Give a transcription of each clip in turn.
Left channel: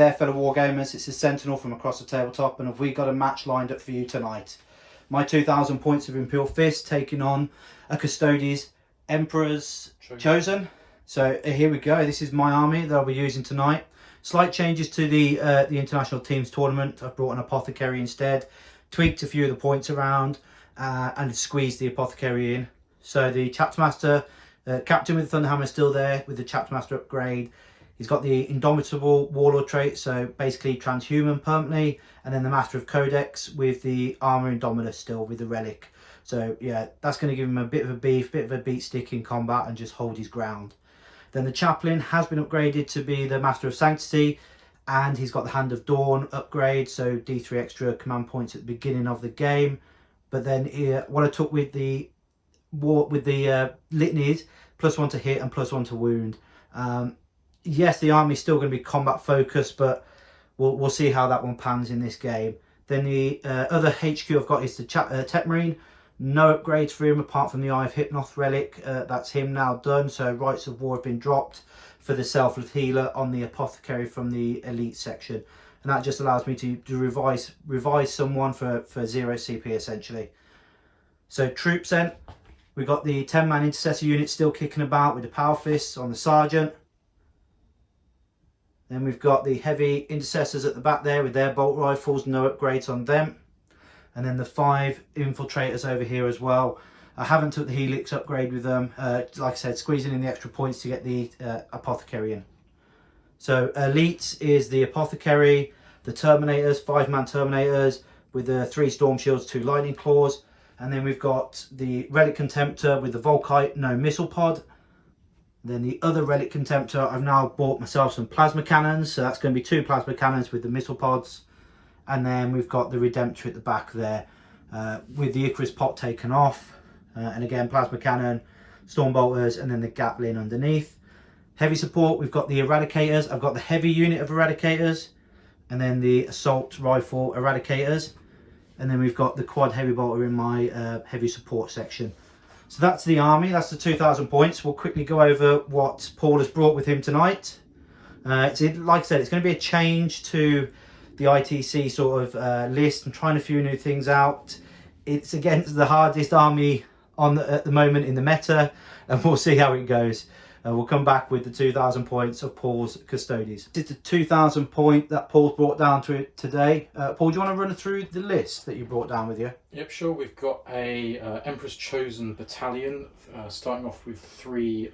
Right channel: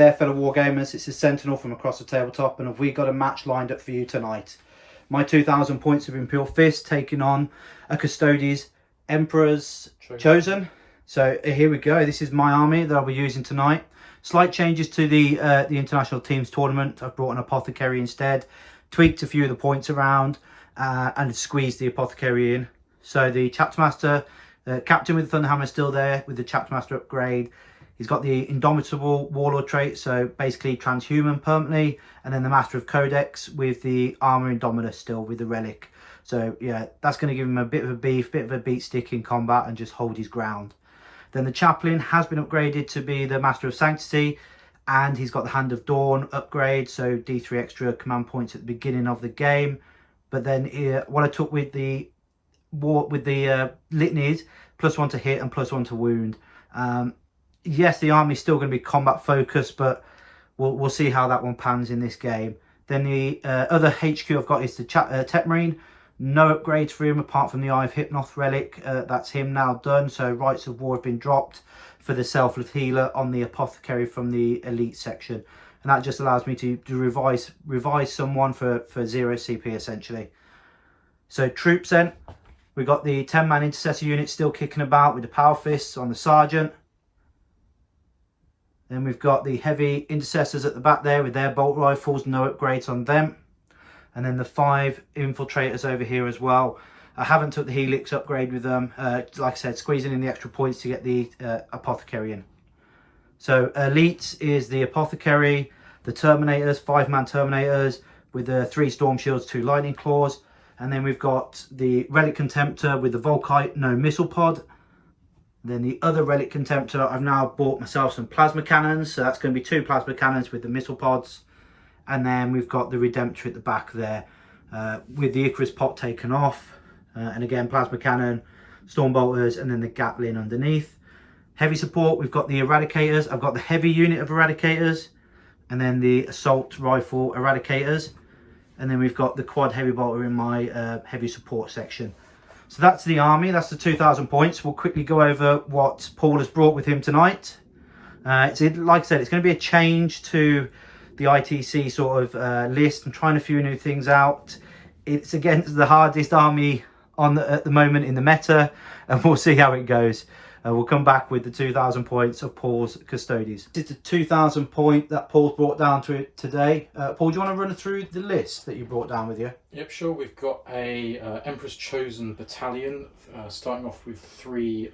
there, fellow Wargamers, it's a Sentinel from across the tabletop, and have we got a match lined up for you tonight. My 2,000 points of Imperial Fists taking on a Custodes Emperor's Chosen. So here we go, this is my army that I'll be using tonight. Slight changes to the International Teams Tournament. I've brought an Apothecary instead, tweaked a few of the points around, and squeezed the Apothecary in. So the Chapter Master, Captain with the Thunderhammer is still there with the Chapter Master upgrade. He's got the Indomitable Warlord trait, so basically transhuman permanently, and then the Master of Codex with the Armor Indomitus still with the Relic. So yeah, that's going to give him a bit of a beef, bit of a beat stick in combat and just hold his ground. Then the Chaplain has been upgraded to be the Master of Sanctity, and he's got the Hand of Dawn upgrade, so D3 extra command points at the beginning of the game. But then what I took with the litanies, +1 to hit and +1 to wound. Yes, the army's still going to be combat focused, but we'll see how that one pans in this game. Then the other HQ I've got is the Tech Marine. No upgrades for him apart from the Eye of Hypnoth relic. That's him now done. So Rites of War have been dropped for the Selfless Healer on the Apothecary from the Elite section. And that just allows me to revise someone for 0 CP essentially. So troops then. We've got the 10-man Intercessor unit still kicking about with the Power Fists on the Sergeant. Then we've got the heavy intercessors at the back there with their bolt rifles, no upgrades on them. And then the 5 infiltrators over here as well. I haven't took the Helix upgrade with them. Like I said, squeezing in the extra points to get the Apothecary in. So Elites is the Apothecary, the Terminators, 5-man Terminators with the 3 Storm Shields, 2 Lightning Claws. And then we've got the Relic Contemptor with the Volkite, no Missile Pod. Then the other Relic Contemptor, I've now bought myself some Plasma Cannons. So that's going to be 2 Plasma Cannons with the Missile Pods. And then we've got the Redemptor at the back there with the Icarus pot taken off. And again, Plasma Cannon, Storm Bolters, and then the Gatling underneath. Heavy support, we've got the Eradicators. I've got the heavy unit of Eradicators. And then the Assault Rifle Eradicators. And then we've got the Quad Heavy Bolter in my heavy support section. So that's the army, that's the 2,000 points. We'll quickly go over what Paul has brought with him tonight. Like I said, it's going to be a change to the ITC sort of list. I'm trying a few new things out. It's against the hardest army at the moment in the meta, and we'll see how it goes. We'll come back with the 2,000 points of Paul's Custodes. It's the 2,000 point that Paul's brought down to it today. Paul, do you want to run through the list that you brought down with you? Yep, sure. We've got a Emperor's Chosen battalion, starting off with 3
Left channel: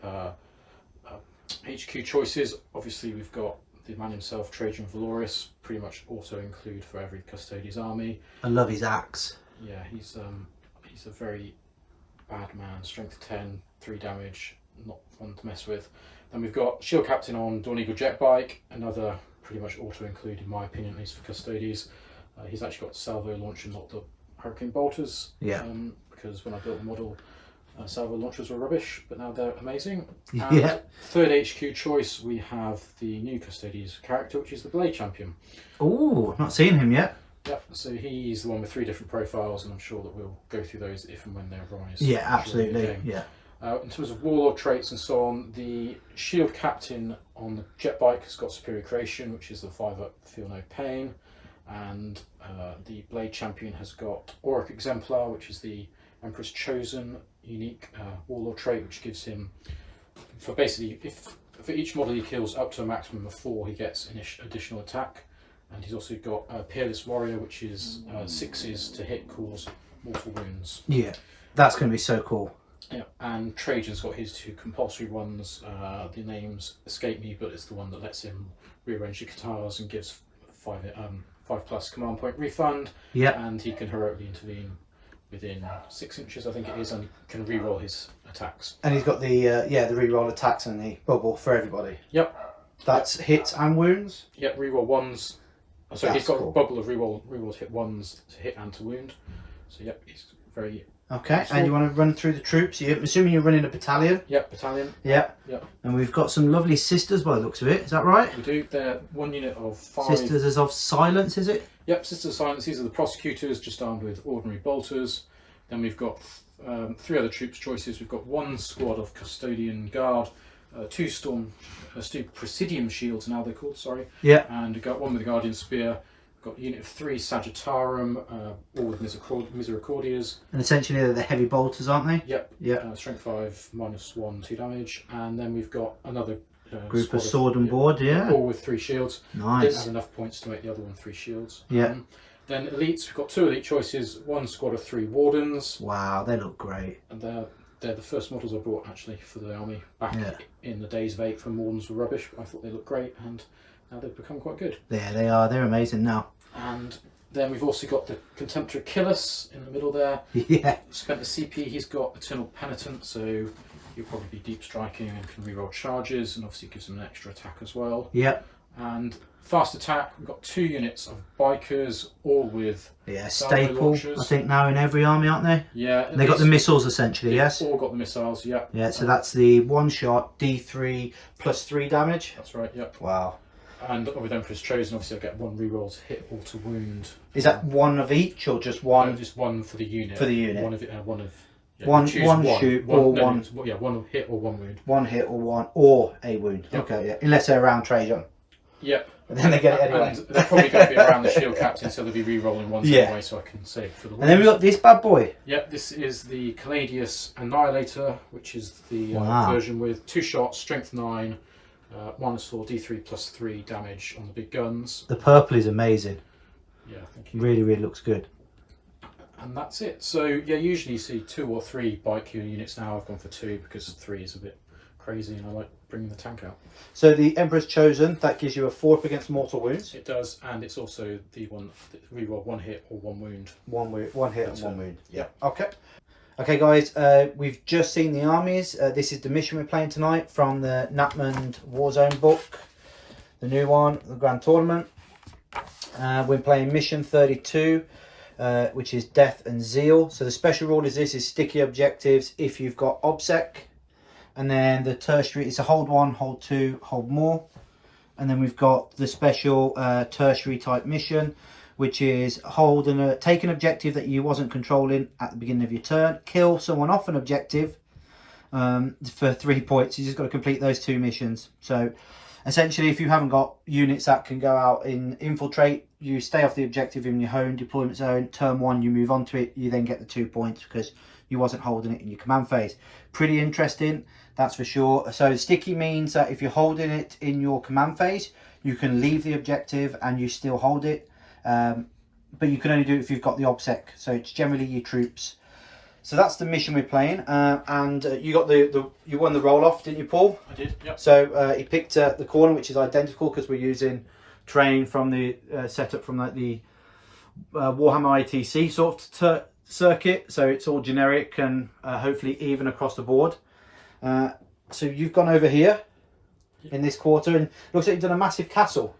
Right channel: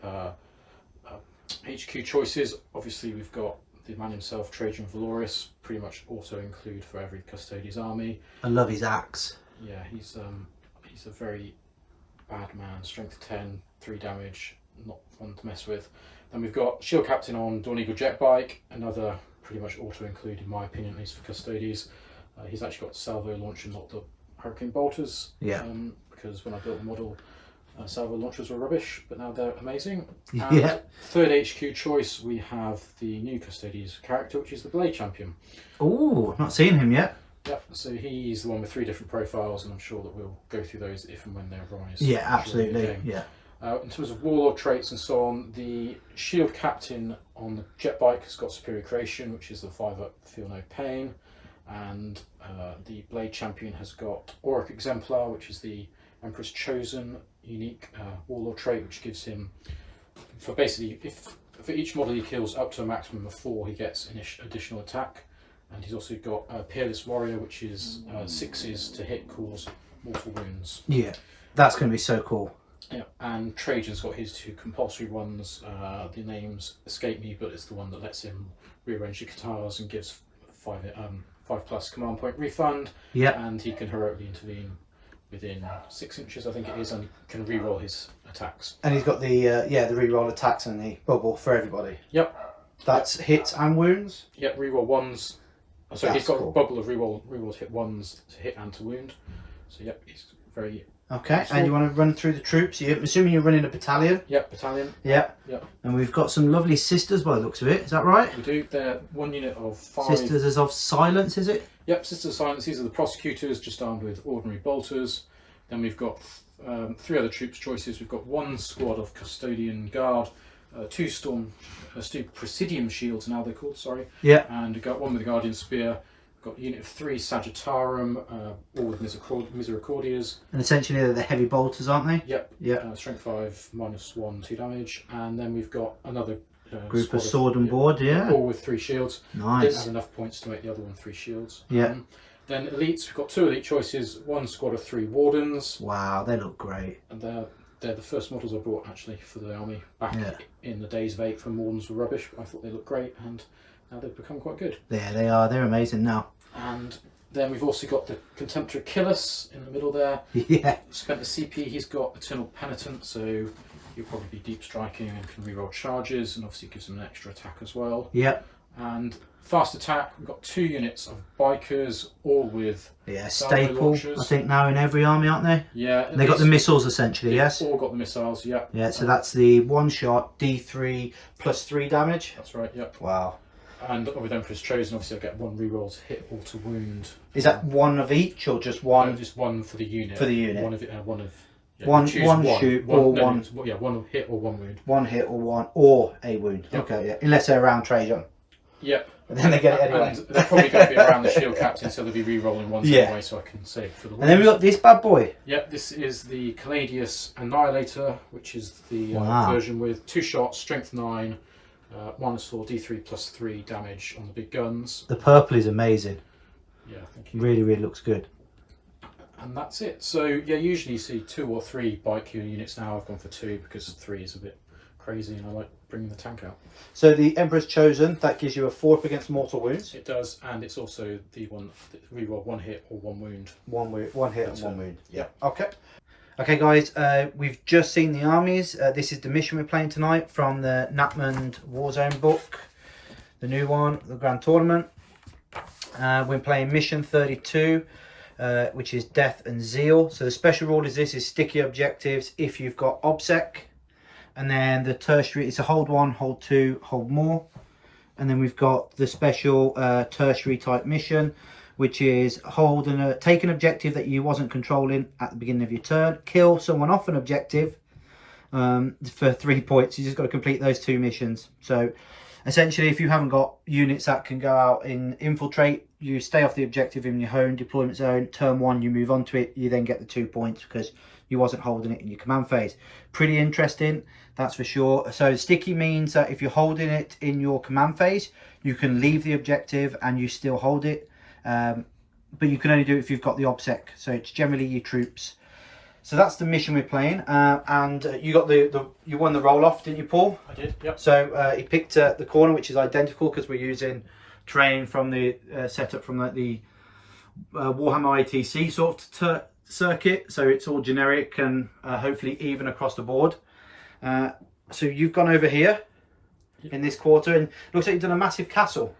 HQ choices. Obviously, we've got the man himself, Trajan Valorous, pretty much auto include for every Custodes army. I love his axe. Yeah, he's a very bad man. Strength 10, 3 damage. Not fun to mess with. Then we've got Shield Captain on Dawn Eagle Jet Bike, another pretty much auto include in my opinion, at least for Custodes. He's actually got salvo launcher, not the Hurricane Bolters. Yeah. Because when I built the model, salvo launchers were rubbish, but now they're amazing. And yeah. Third HQ choice, we have the new Custodes character, which is the Blade Champion. Oh, I've not seen him yet. Yep, so he's the one with 3 different profiles, and I'm sure that we'll go through those if and when they arise. Yeah, absolutely. Yeah. In terms of warlord traits and so on, the Shield Captain on the Jet Bike has got Superior Creation, which is the 5-up Feel No Pain, and the Blade Champion has got Auric Exemplar, which is the Emperor's Chosen unique warlord trait, which gives him, for basically, for each model he kills up to a maximum of 4, he gets an additional attack. And he's also got Peerless Warrior, which is 6s to hit, cause mortal wounds. Yeah, that's going to be so cool. Yeah, and Trajan's got his 2 compulsory ones. The names escape me, but it's the one that lets him rearrange the guitars and gives 5+ command point refund. Yeah, and he can heroically intervene within 6 inches, I think it is, and can re-roll his attacks. And he's got the the re-roll attacks and the bubble for everybody. Yep, that's hits and wounds. Yep, re-roll 1s. So he's got cool. a bubble of re-roll to hit 1s to hit and to wound. So yep, he's very. Okay, useful. And you want to run through the troops? I'm assuming you're running a battalion? Yep, battalion. Yep. Yep. And we've got some lovely sisters by the looks of it, is that right? We do. They're 1 unit of 5. Sisters as of Silence, is it? Yep, Sisters of Silence. These are the prosecutors, just armed with ordinary bolters. Then we've got 3 other troops choices. We've got 1 squad of Custodian Guard, two Presidium shields now they're called, sorry. Yeah. And we've got one with the Guardian Spear. We've got a unit of 3 Sagittarum, all with Misericordias. And essentially they're the heavy bolters, aren't they? Yep. Yeah. Strength 5, -1, 2 damage. And then we've got another group of sword and board, yeah. All with 3 shields. Nice. Didn't have enough points to make the other one 3 shields. Yeah. Then elites, we've got 2 elite choices, 1 squad of 3 wardens. Wow, they look great. And they're the first models I brought actually for the army back in the days of 8 when wardens were rubbish. I thought they looked great, and now they've become quite good. Yeah, they are. They're amazing now. And then we've also got the Contemptor Achilles in the middle there. Yeah. Spent the CP, he's got Eternal Penitent, so you'll probably be deep striking and can reroll charges, and obviously gives them an extra attack as well. Yeah. And fast attack, we've got 2 units of bikers, all with staple. launchers. I think now in every army, aren't they? Yeah. They got the missiles essentially. Yes. All got the missiles. Yeah. Yeah. So that's the one shot D3 +3 damage. That's right. Yep. Wow. And with Emperor's Chosen, obviously I get 1 reroll to hit or to wound. Is that one of each or just one? No, just 1 for the unit. For the unit. One of it. One of. Yeah, one shoot or one. Yeah, 1 hit or 1 wound. 1 hit or a wound. Yep. Okay. Yeah. Unless they're around Trajan. Yep. But then they get it anyway. And they're probably going to be around the shield captain, so they'll be re-rolling ones anyway, so I can save for the wounds. And then we've got this bad boy. Yep, this is the Caladius Annihilator, which is the version with 2 shots, strength 9, -4, D3 +3 damage on the big guns. The purple is amazing. Yeah, thank you. Really, really looks good. And that's it. So yeah, usually you see 2 or 3 bike units now. I've gone for 2 because 3 is a bit crazy, and I like bringing the tank out. So the Emperor's Chosen, that gives you a 4 up against mortal wounds. It does, and it's also the one that reroll 1 hit or 1 wound. 1 hit and 1 wound. Yeah. Okay. Okay, guys. We've just seen the armies. This is the mission we're playing tonight from the Nachmund Warzone book, the new one, the Grand Tournament. We're playing mission 32, which is Death and Zeal. So the special rule is this: is sticky objectives if you've got OBSEC. And then the tertiary, it's a hold 1, hold 2, hold more. And then we've got the special tertiary type mission, which is hold and take an objective that you wasn't controlling at the beginning of your turn. Kill someone off an objective for 3 points. You just got to complete those 2 missions. So essentially, if you haven't got units that can go out and infiltrate, you stay off the objective in your home deployment zone. Turn 1, you move on to it. You then get the 2 points because you wasn't holding it in your command phase. Pretty interesting. That's for sure. So sticky means that if you're holding it in your command phase, you can leave the objective and you still hold it. But you can only do it if you've got the OBSEC. So it's generally your troops. So that's the mission we're playing. And you got you won the roll off, didn't you, Paul? I did. Yep. So he picked the corner, which is identical because we're using terrain from the setup from like the Warhammer ITC sort of circuit. So it's all generic and hopefully even across the board. So you've gone over here in this quarter, and looks like you've done a massive castle.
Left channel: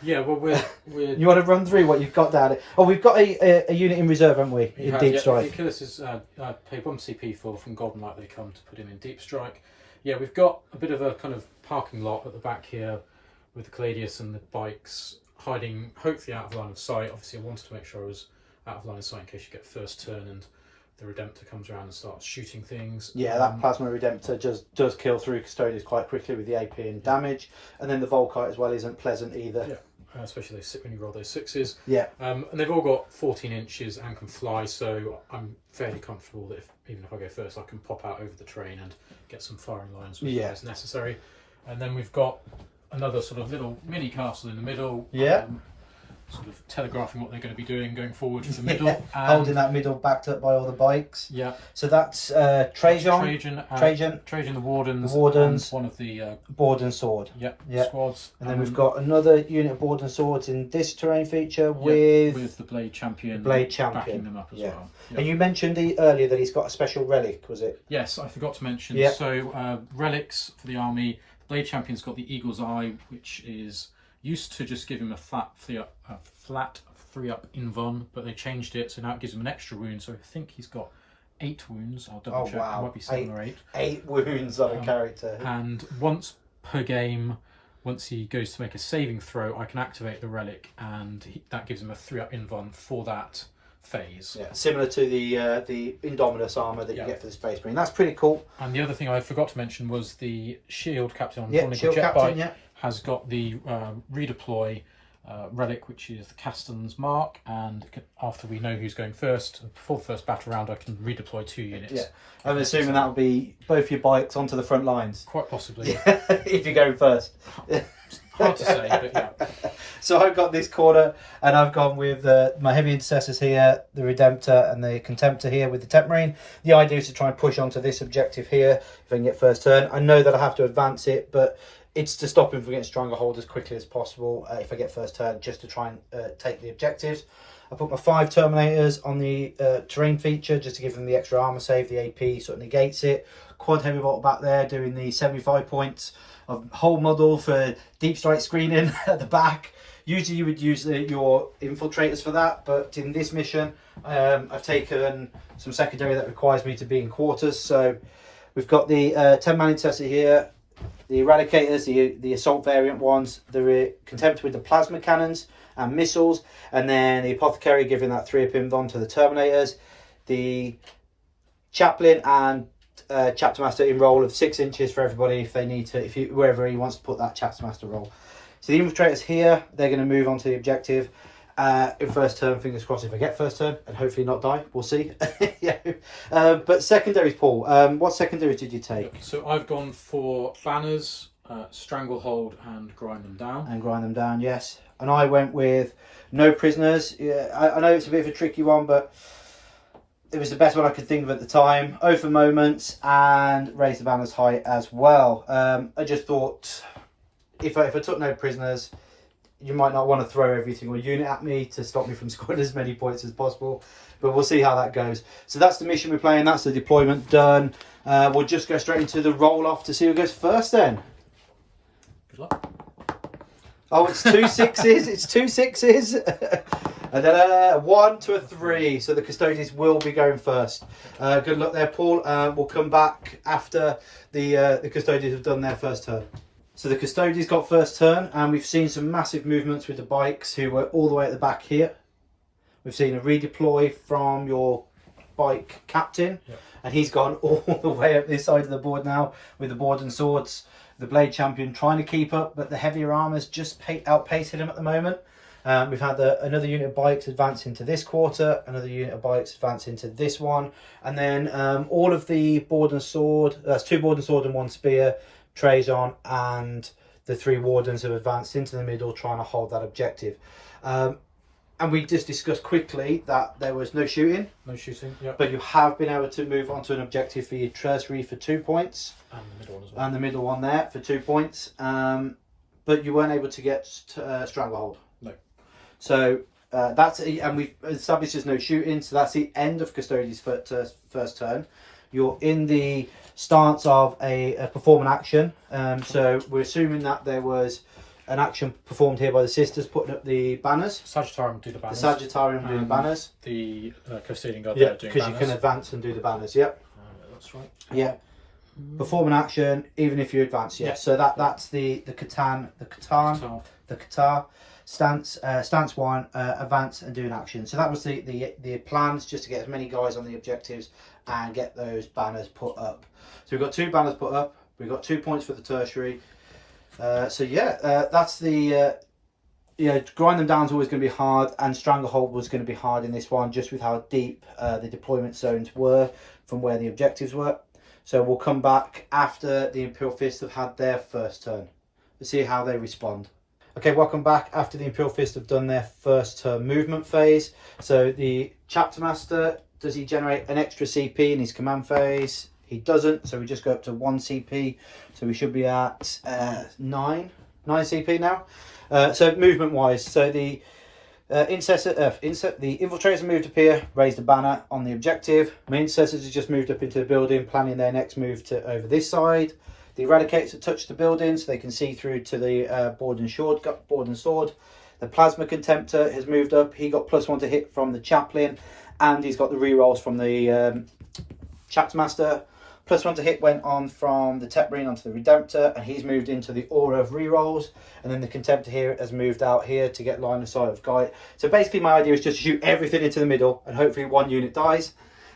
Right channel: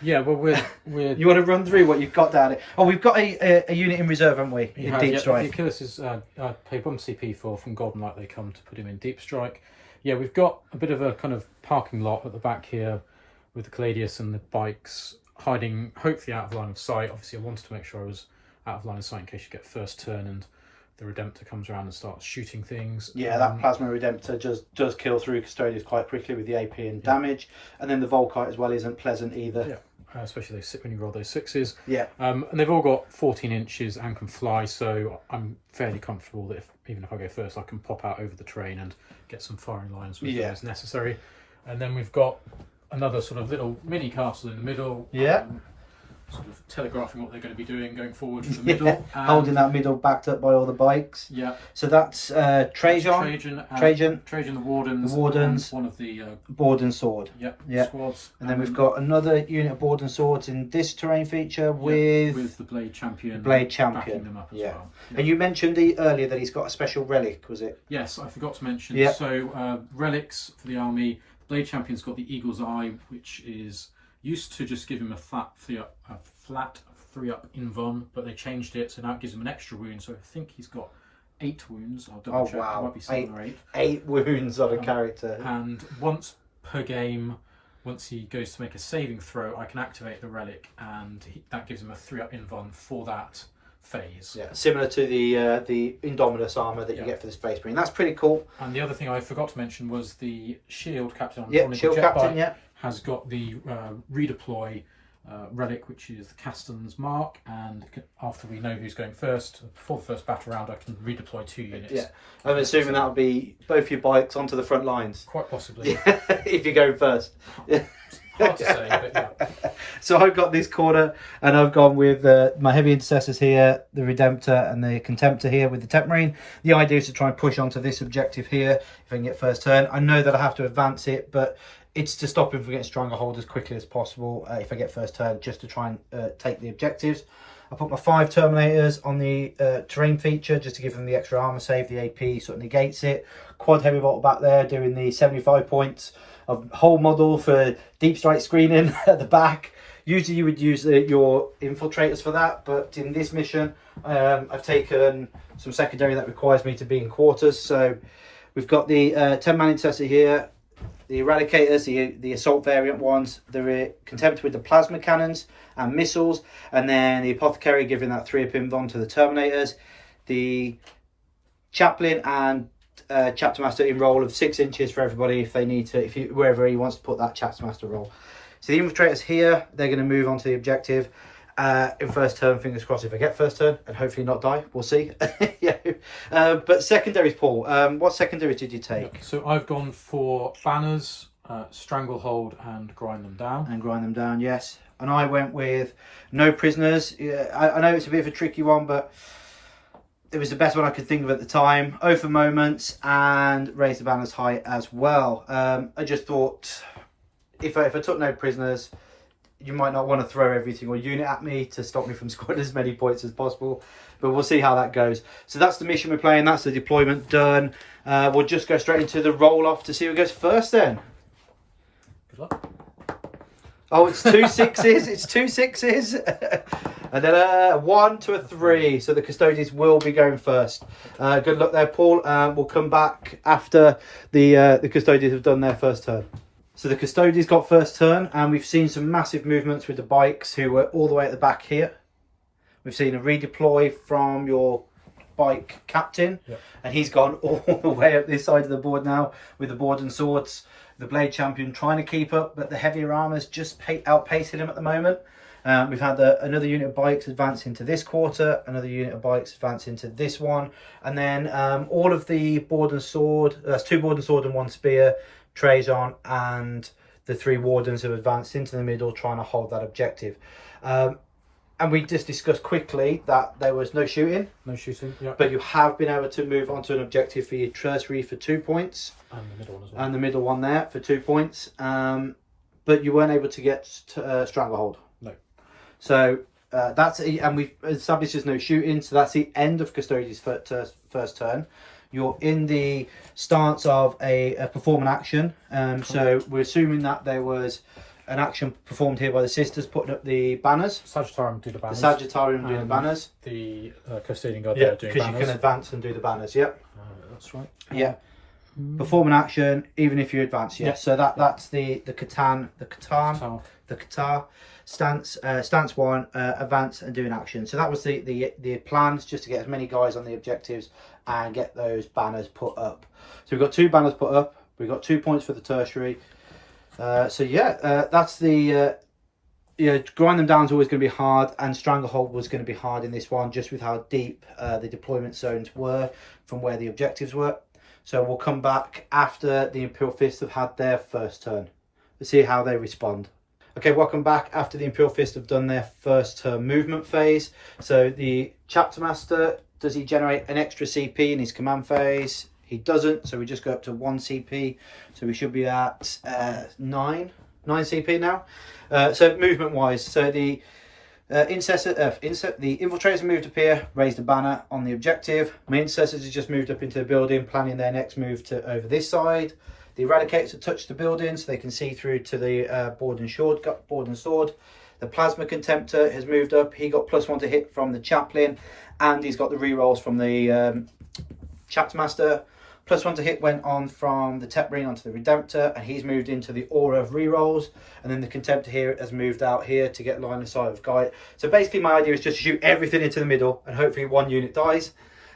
Yeah, well, we're You want to run through what you've got down here? Oh, we've got a unit in reserve, haven't we? In deep strike. The Achilles is I paid 1 CP for from Golden Light. They come to put him in deep strike. Yeah, we've got a bit of a kind of parking lot at the back here with the Caladius and the bikes hiding, hopefully out of line of sight. Obviously, I wanted to make sure I was out of line of sight in case you get first turn and the Redemptor comes around and starts shooting things. Yeah, that Plasma Redemptor does kill through Custodians quite quickly with the AP and damage. And then the Volkite as well isn't pleasant either. Yeah, especially when you roll those 6s. Yeah. And they've all got 14 inches and can fly, so I'm fairly comfortable that even if I go first, I can pop out over the terrain and get some firing lines as necessary. And then we've got another sort of little mini castle in the middle. Yeah. Sort of telegraphing what they're going to be doing going forward from the middle. Holding that middle backed up by all the bikes. Yeah. So that's Trajan the Wardens. One of the Board and Sword. Squads. And then we've got another unit of Board and Swords in this terrain feature with the Blade Champion. Backing them up as well. And you mentioned earlier that he's got a special relic, was it? Yes, I forgot to mention. So relics for the army. Blade Champion's got the Eagle's Eye, which is used to just give him a flat 3-up invuln, but they changed it, so now it gives him an extra wound. So I think he's got 8 wounds. I'll double check. It might be 7 or 8. 8 wounds on a character. And once per game, once he goes to make a saving throw, I can activate the relic, and that gives him a 3-up invuln for that phase. Yeah, similar to the Indominus armor that you get for the Space Marine. That's pretty cool. And the other thing I forgot to mention was the Shield Captain on the Shield Captain, has got the redeploy relic, which is the Custodes mark, and after we know who's going first, before the first battle round, I can redeploy 2 units. Yeah, I'm assuming that'll be both your bikes onto the front lines. Quite possibly. If you go first. Hard to say, but yeah. So I've got this corner, and I've gone with my heavy intercessors here, the Redemptor and the Contemptor here with the Temp Marine. The idea is to try and push onto this objective here if I can get first turn. I know that I have to advance it, but it's to stop him from getting Stranglehold as quickly as possible if I get first turn, just to try and take the objectives. I put my 5 Terminators on the terrain feature just to give them the extra armor save. The AP sort of negates it. Quad Heavy Bolt back there doing the 75 points of whole model for deep strike screening at the back. Usually you would use your infiltrators for that, but in this mission I've taken some secondary that requires me to be in quarters. So we've got the 10-man intercessor here, the Eradicators, the assault variant ones, the Contemptor with the plasma cannons and missiles, and then the Apothecary giving that 3-up invuln to the Terminators, the Chaplain and Chapter Master in roll of 6 inches for everybody if they need to, wherever he wants to put that Chapter Master roll. So the Infiltrators here, they're going to move on to the objective in first turn. Fingers crossed if I get first turn, and hopefully not die. We'll see. Yeah. But secondaries, Paul. What secondaries did you take? So I've gone for banners, stranglehold, and grind them down. And grind them down, yes. And I went with no prisoners. Yeah, I know it's a bit of a tricky one, but it was the best one I could think of at the time. Oath for moments and raise the banners high as well. I just thought if I took no prisoners, you might not want to throw every single unit at me to stop me from scoring as many points as possible. But we'll see how that goes. So that's the mission we're playing. That's the deployment done. We'll just go straight into the roll-off to see who goes first then. Good luck. Oh, it's 2 6s. It's 2 6s. And then a 1 to a 3. So the Custodians will be going first. Good luck there, Paul. We'll come back after the Custodians have done their first turn. So the Custodians got first turn, and we've seen some massive movements with the bikes who were all the way at the back here. We've seen a redeploy from your bike captain, and he's gone all the way up this side of the board now with the board and swords. The Blade Champion trying to keep up, but the heavier armor's just outpacing him at the moment. We've had another unit of bikes advance into this quarter, another unit of bikes advance into this one, and then all of the board and sword, that's 2 board and sword and 1 spear, Trazon and the 3 wardens have advanced into the middle trying to hold that objective. And we just discussed quickly that there was no shooting. No shooting, yeah. But you have been able to move on to an objective for your tertiary for 2 points. And the middle one as well. And the middle one there for 2 points. But you weren't able to get Stranglehold. No. So that's and we've established there's no shooting, so that's the end of Custodian's first turn. You're in the stance of a perform an action. So we're assuming that there was an action performed here by the sisters putting up the banners. Sagittarium do the banners. The Sagittarium doing the banners. The Custodian guard there doing banners. Because you can advance and do the banners, yep. That's right. Yeah. Perform an action even if you advance, yeah. So that's the Qatar stance 1, advance and do an action. So that was the plans, just to get as many guys on the objectives and get those banners put up. So we've got 2 banners put up. We've got 2 points for the tertiary. So yeah, that's the grind them down is always going to be hard, and Stranglehold was going to be hard in this one, just with how deep the deployment zones were from where the objectives were. So we'll come back after the Imperial Fists have had their first turn. Let's see how they respond. Okay, welcome back after the Imperial Fists have done their first turn movement phase. So the Chapter Master, does he generate an extra CP in his command phase? He doesn't, so we just go up to 1 CP. So we should be at 9 CP now. So movement wise, so the the infiltrators moved up here, raised a banner on the objective. My intercessors have just moved up into the building, planning their next move to over this side. The eradicators have touched the building, so they can see through to the board and sword. The plasma contemptor has moved up. He got +1 to hit from the chaplain, and he's got the rerolls from the chapter master. +1 to hit went on from the Tech Marine onto the Redemptor, and he's moved into the aura of rerolls. And then the Contemptor here has moved out here to get line of sight of Guy. So basically my idea is just to shoot everything into the middle and hopefully one unit dies.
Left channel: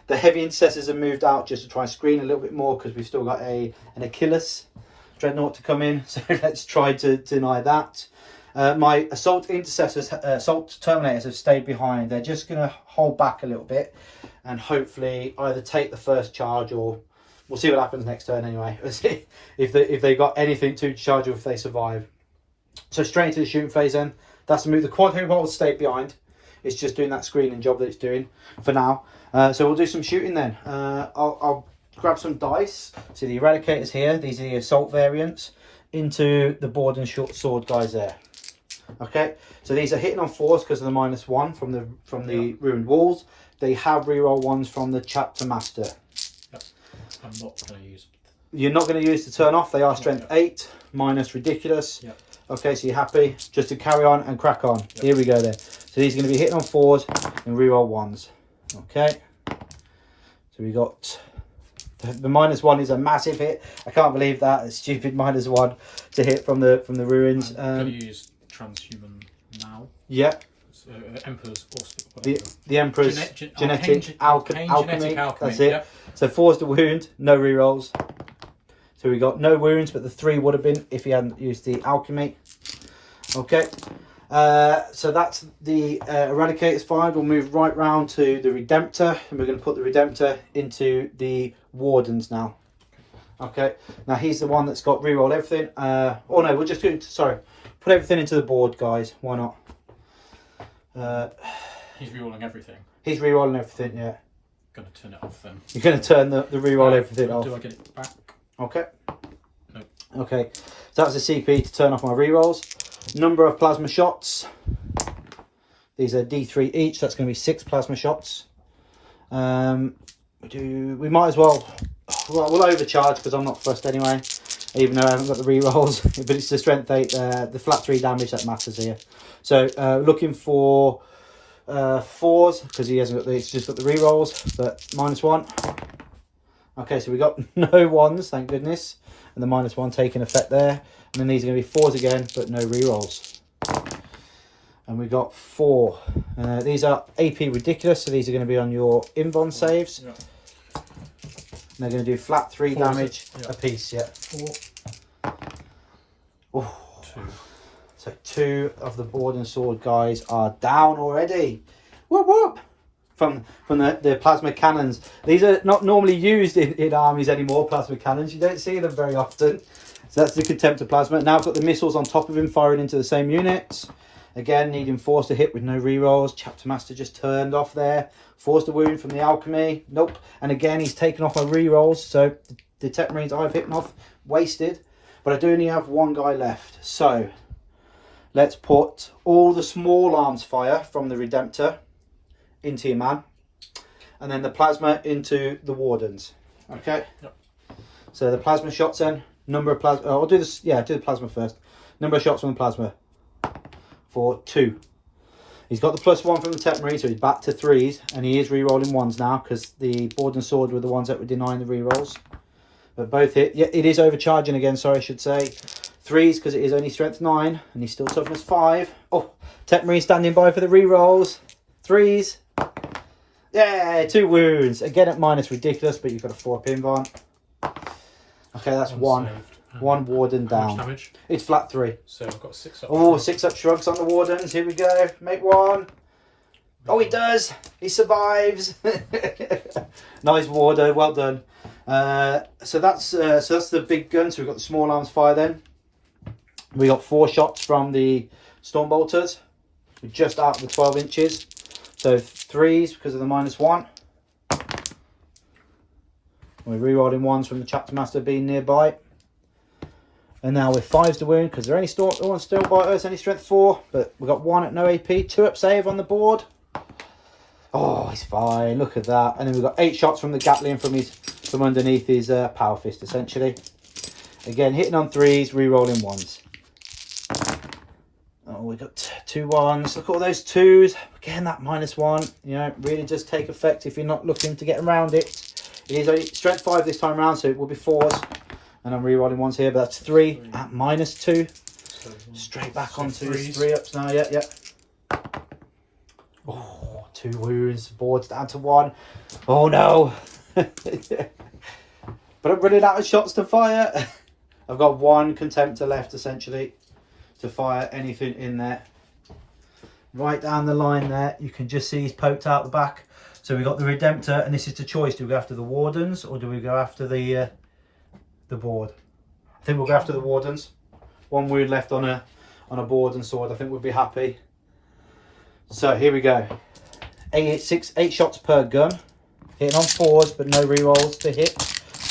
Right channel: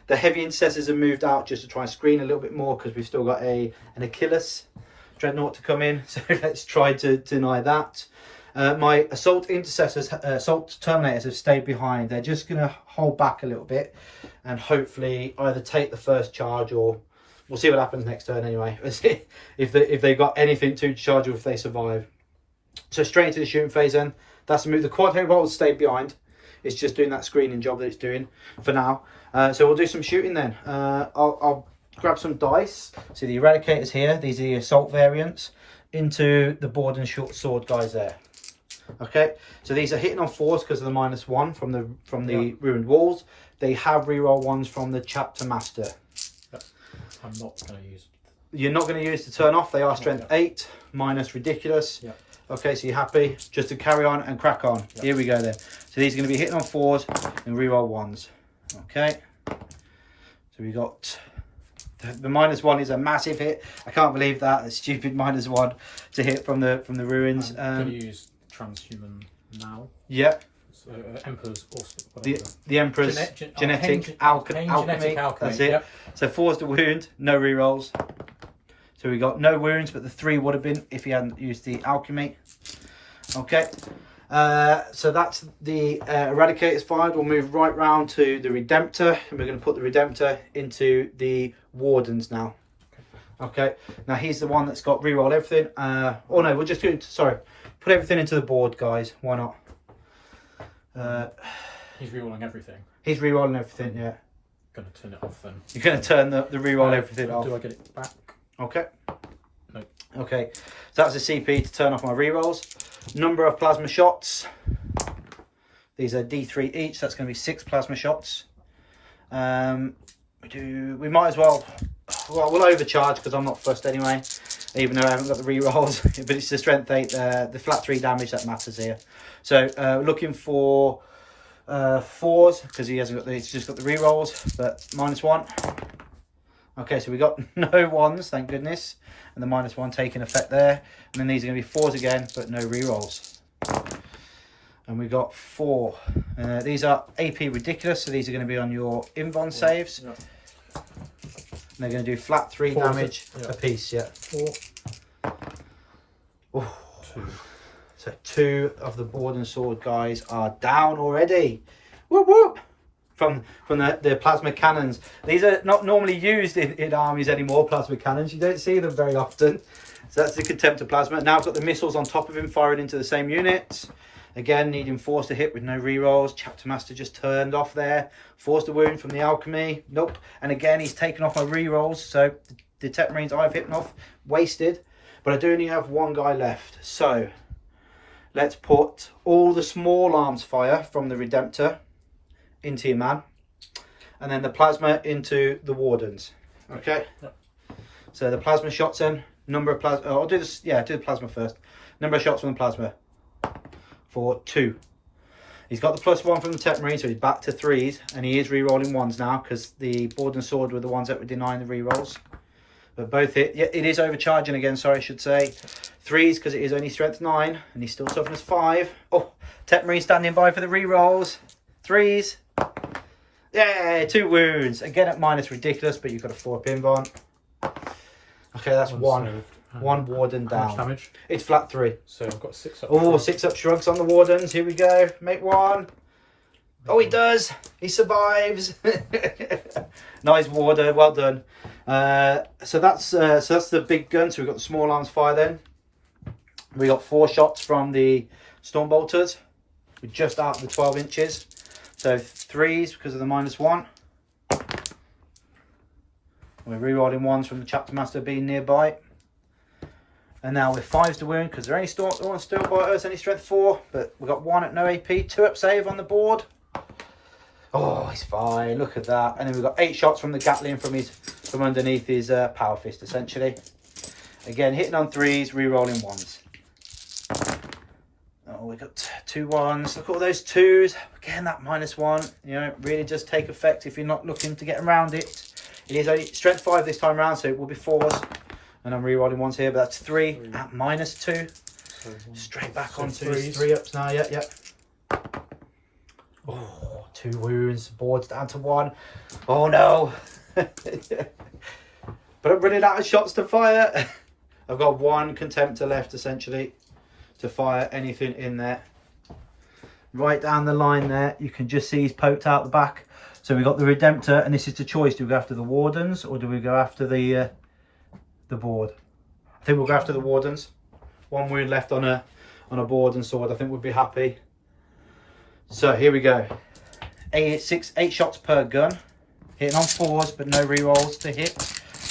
The heavy intercessors have moved out just to try and screen a little bit more because we've still got an Achilles Dreadnought to come in. So let's try to deny that. My assault intercessors, assault terminators have stayed behind. They're just going to hold back a little bit and hopefully either take the first charge, or we'll see what happens next turn anyway. if they've got anything to charge or if they survive. So straight into the shooting phase then. That's the move. The quad heavy bolt will stay behind. It's just doing that screening job that it's doing for now. So we'll do some shooting then. I'll grab some dice. See the Eradicators here. These are the assault variants into the board and short sword guys there. Okay, so these are hitting on 4s because of the -1 from the ruined walls. They have reroll 1s from the chapter master. I'm not going to use. You're not going to use to turn off. They are strength 8 minus ridiculous. Yeah. Okay, so you're happy just to carry on and crack on. Yep. Here we go then. So these are going to be hitting on 4s and reroll 1s. Okay. So we got the -1 is a massive hit. I can't believe that. It's stupid -1 to hit from the ruins. I'm going to use transhuman now. Yeah. So Emperor's also the Emperor's genetic alchemy. That's it. Yep. So 4's the wound, no rerolls. So we got no wounds, but the 3 would have been if he hadn't used the alchemy. Okay. So that's the Eradicators fired. We'll move right round to the Redemptor, and we're going to put the Redemptor into the Wardens now. Okay. Now he's the one that's got reroll everything. Oh no, we're just going to, sorry, put everything into the board, guys. Why not? He's rerolling everything. He's rerolling everything, yeah. Going to turn it off then. You're going to turn the reroll everything off. Do I get it back? Okay. No. Okay. So that's a CP to turn off my rerolls. Number of plasma shots. These are D3 each. So that's going to be 6 plasma shots. We might as well. We'll overcharge because I'm not fussed anyway. Even though I haven't got the rerolls, but it's the strength 8, the flat 3 damage that matters here. So looking for 4s because he hasn't got. He's just got the rerolls, but -1. Okay, so we got no 1s, thank goodness, and the -1 taking effect there. And then these are going to be 4s again, but no rerolls. And we got 4. These are AP ridiculous, so these are going to be on your invuln saves. Yeah. And they're going to do flat 3 damage a piece. Yeah. 4. Ooh. 2. So 2 of the board and sword guys are down already. Whoop whoop! From the plasma cannons. These are not normally used in armies anymore, plasma cannons. You don't see them very often. So that's the Contemptor plasma. Now I've got the missiles on top of him firing into the same units. Again, needing 4s to hit with no rerolls. Chapter Master just turned off there. 4s to wound from the alchemy. Nope. And again, he's taken off my rerolls. So the Tech Marines I've hit off, wasted. But I do only have 1 guy left. So let's put all the small arms fire from the Redemptor into your man. And then the plasma into the Wardens. Okay? Yep. So the plasma shots in. Number of plasma. I'll do this. Yeah, do the plasma first. Number of shots from the plasma. For 2. He's got the +1 from the Tech Marine, so he's back to 3s, and he is re-rolling 1s now because the board and sword were the ones that were denying the re-rolls. But both hit. Yeah, it is overcharging again, sorry, I should say. 3s because it is only strength 9, and he's still toughness 5. Oh, Tech Marine standing by for the re-rolls. 3s. Yeah, 2 wounds. Again at minus ridiculous, but you've got a 4 pinbon. Okay, that's 1. 1 warden down. How much damage? It's flat 3. So I've got 6 up. Oh, 6 up shrugs on the wardens. Here we go. Make 1. Oh, he does. He survives. Nice warder. Well done. So that's the big gun. So we've got the small arms fire then. We got 4 shots from the storm bolters. We're just out of the 12 inches. So 3s because of the -1. We're rerolling 1s from the chapter master being nearby. And now with 5s to wound because they're only still biters, only strength 4. But we've got 1 at no AP, 2 up save on the board. Oh, he's fine. Look at that. And then we've got 8 shots from the Gatling from underneath his power fist essentially. Again, hitting on 3s, rerolling 1s. Oh, we got 2 1s. Look at all those 2s. Again, that -1. You know, really does take effect if you're not looking to get around it. It is only strength 5 this time around, so it will be 4s. And I'm re-rolling ones here, but that's 3 at -2. So Straight back so onto threes. 3 ups now, yeah. Oh, 2 wounds, board's down to 1. Oh no. But I'm running out of shots to fire. I've got 1 contemptor left essentially to fire anything in there. Right down the line there, you can just see he's poked out the back. So we've got the Redemptor, and this is the choice. Do we go after the Wardens or do we go after the board? I think we'll go after the Wardens. 1 wound left on a board and sword. I think we'll be happy. So here we go. 8 shots per gun. Hitting on 4s, but no rerolls to hit.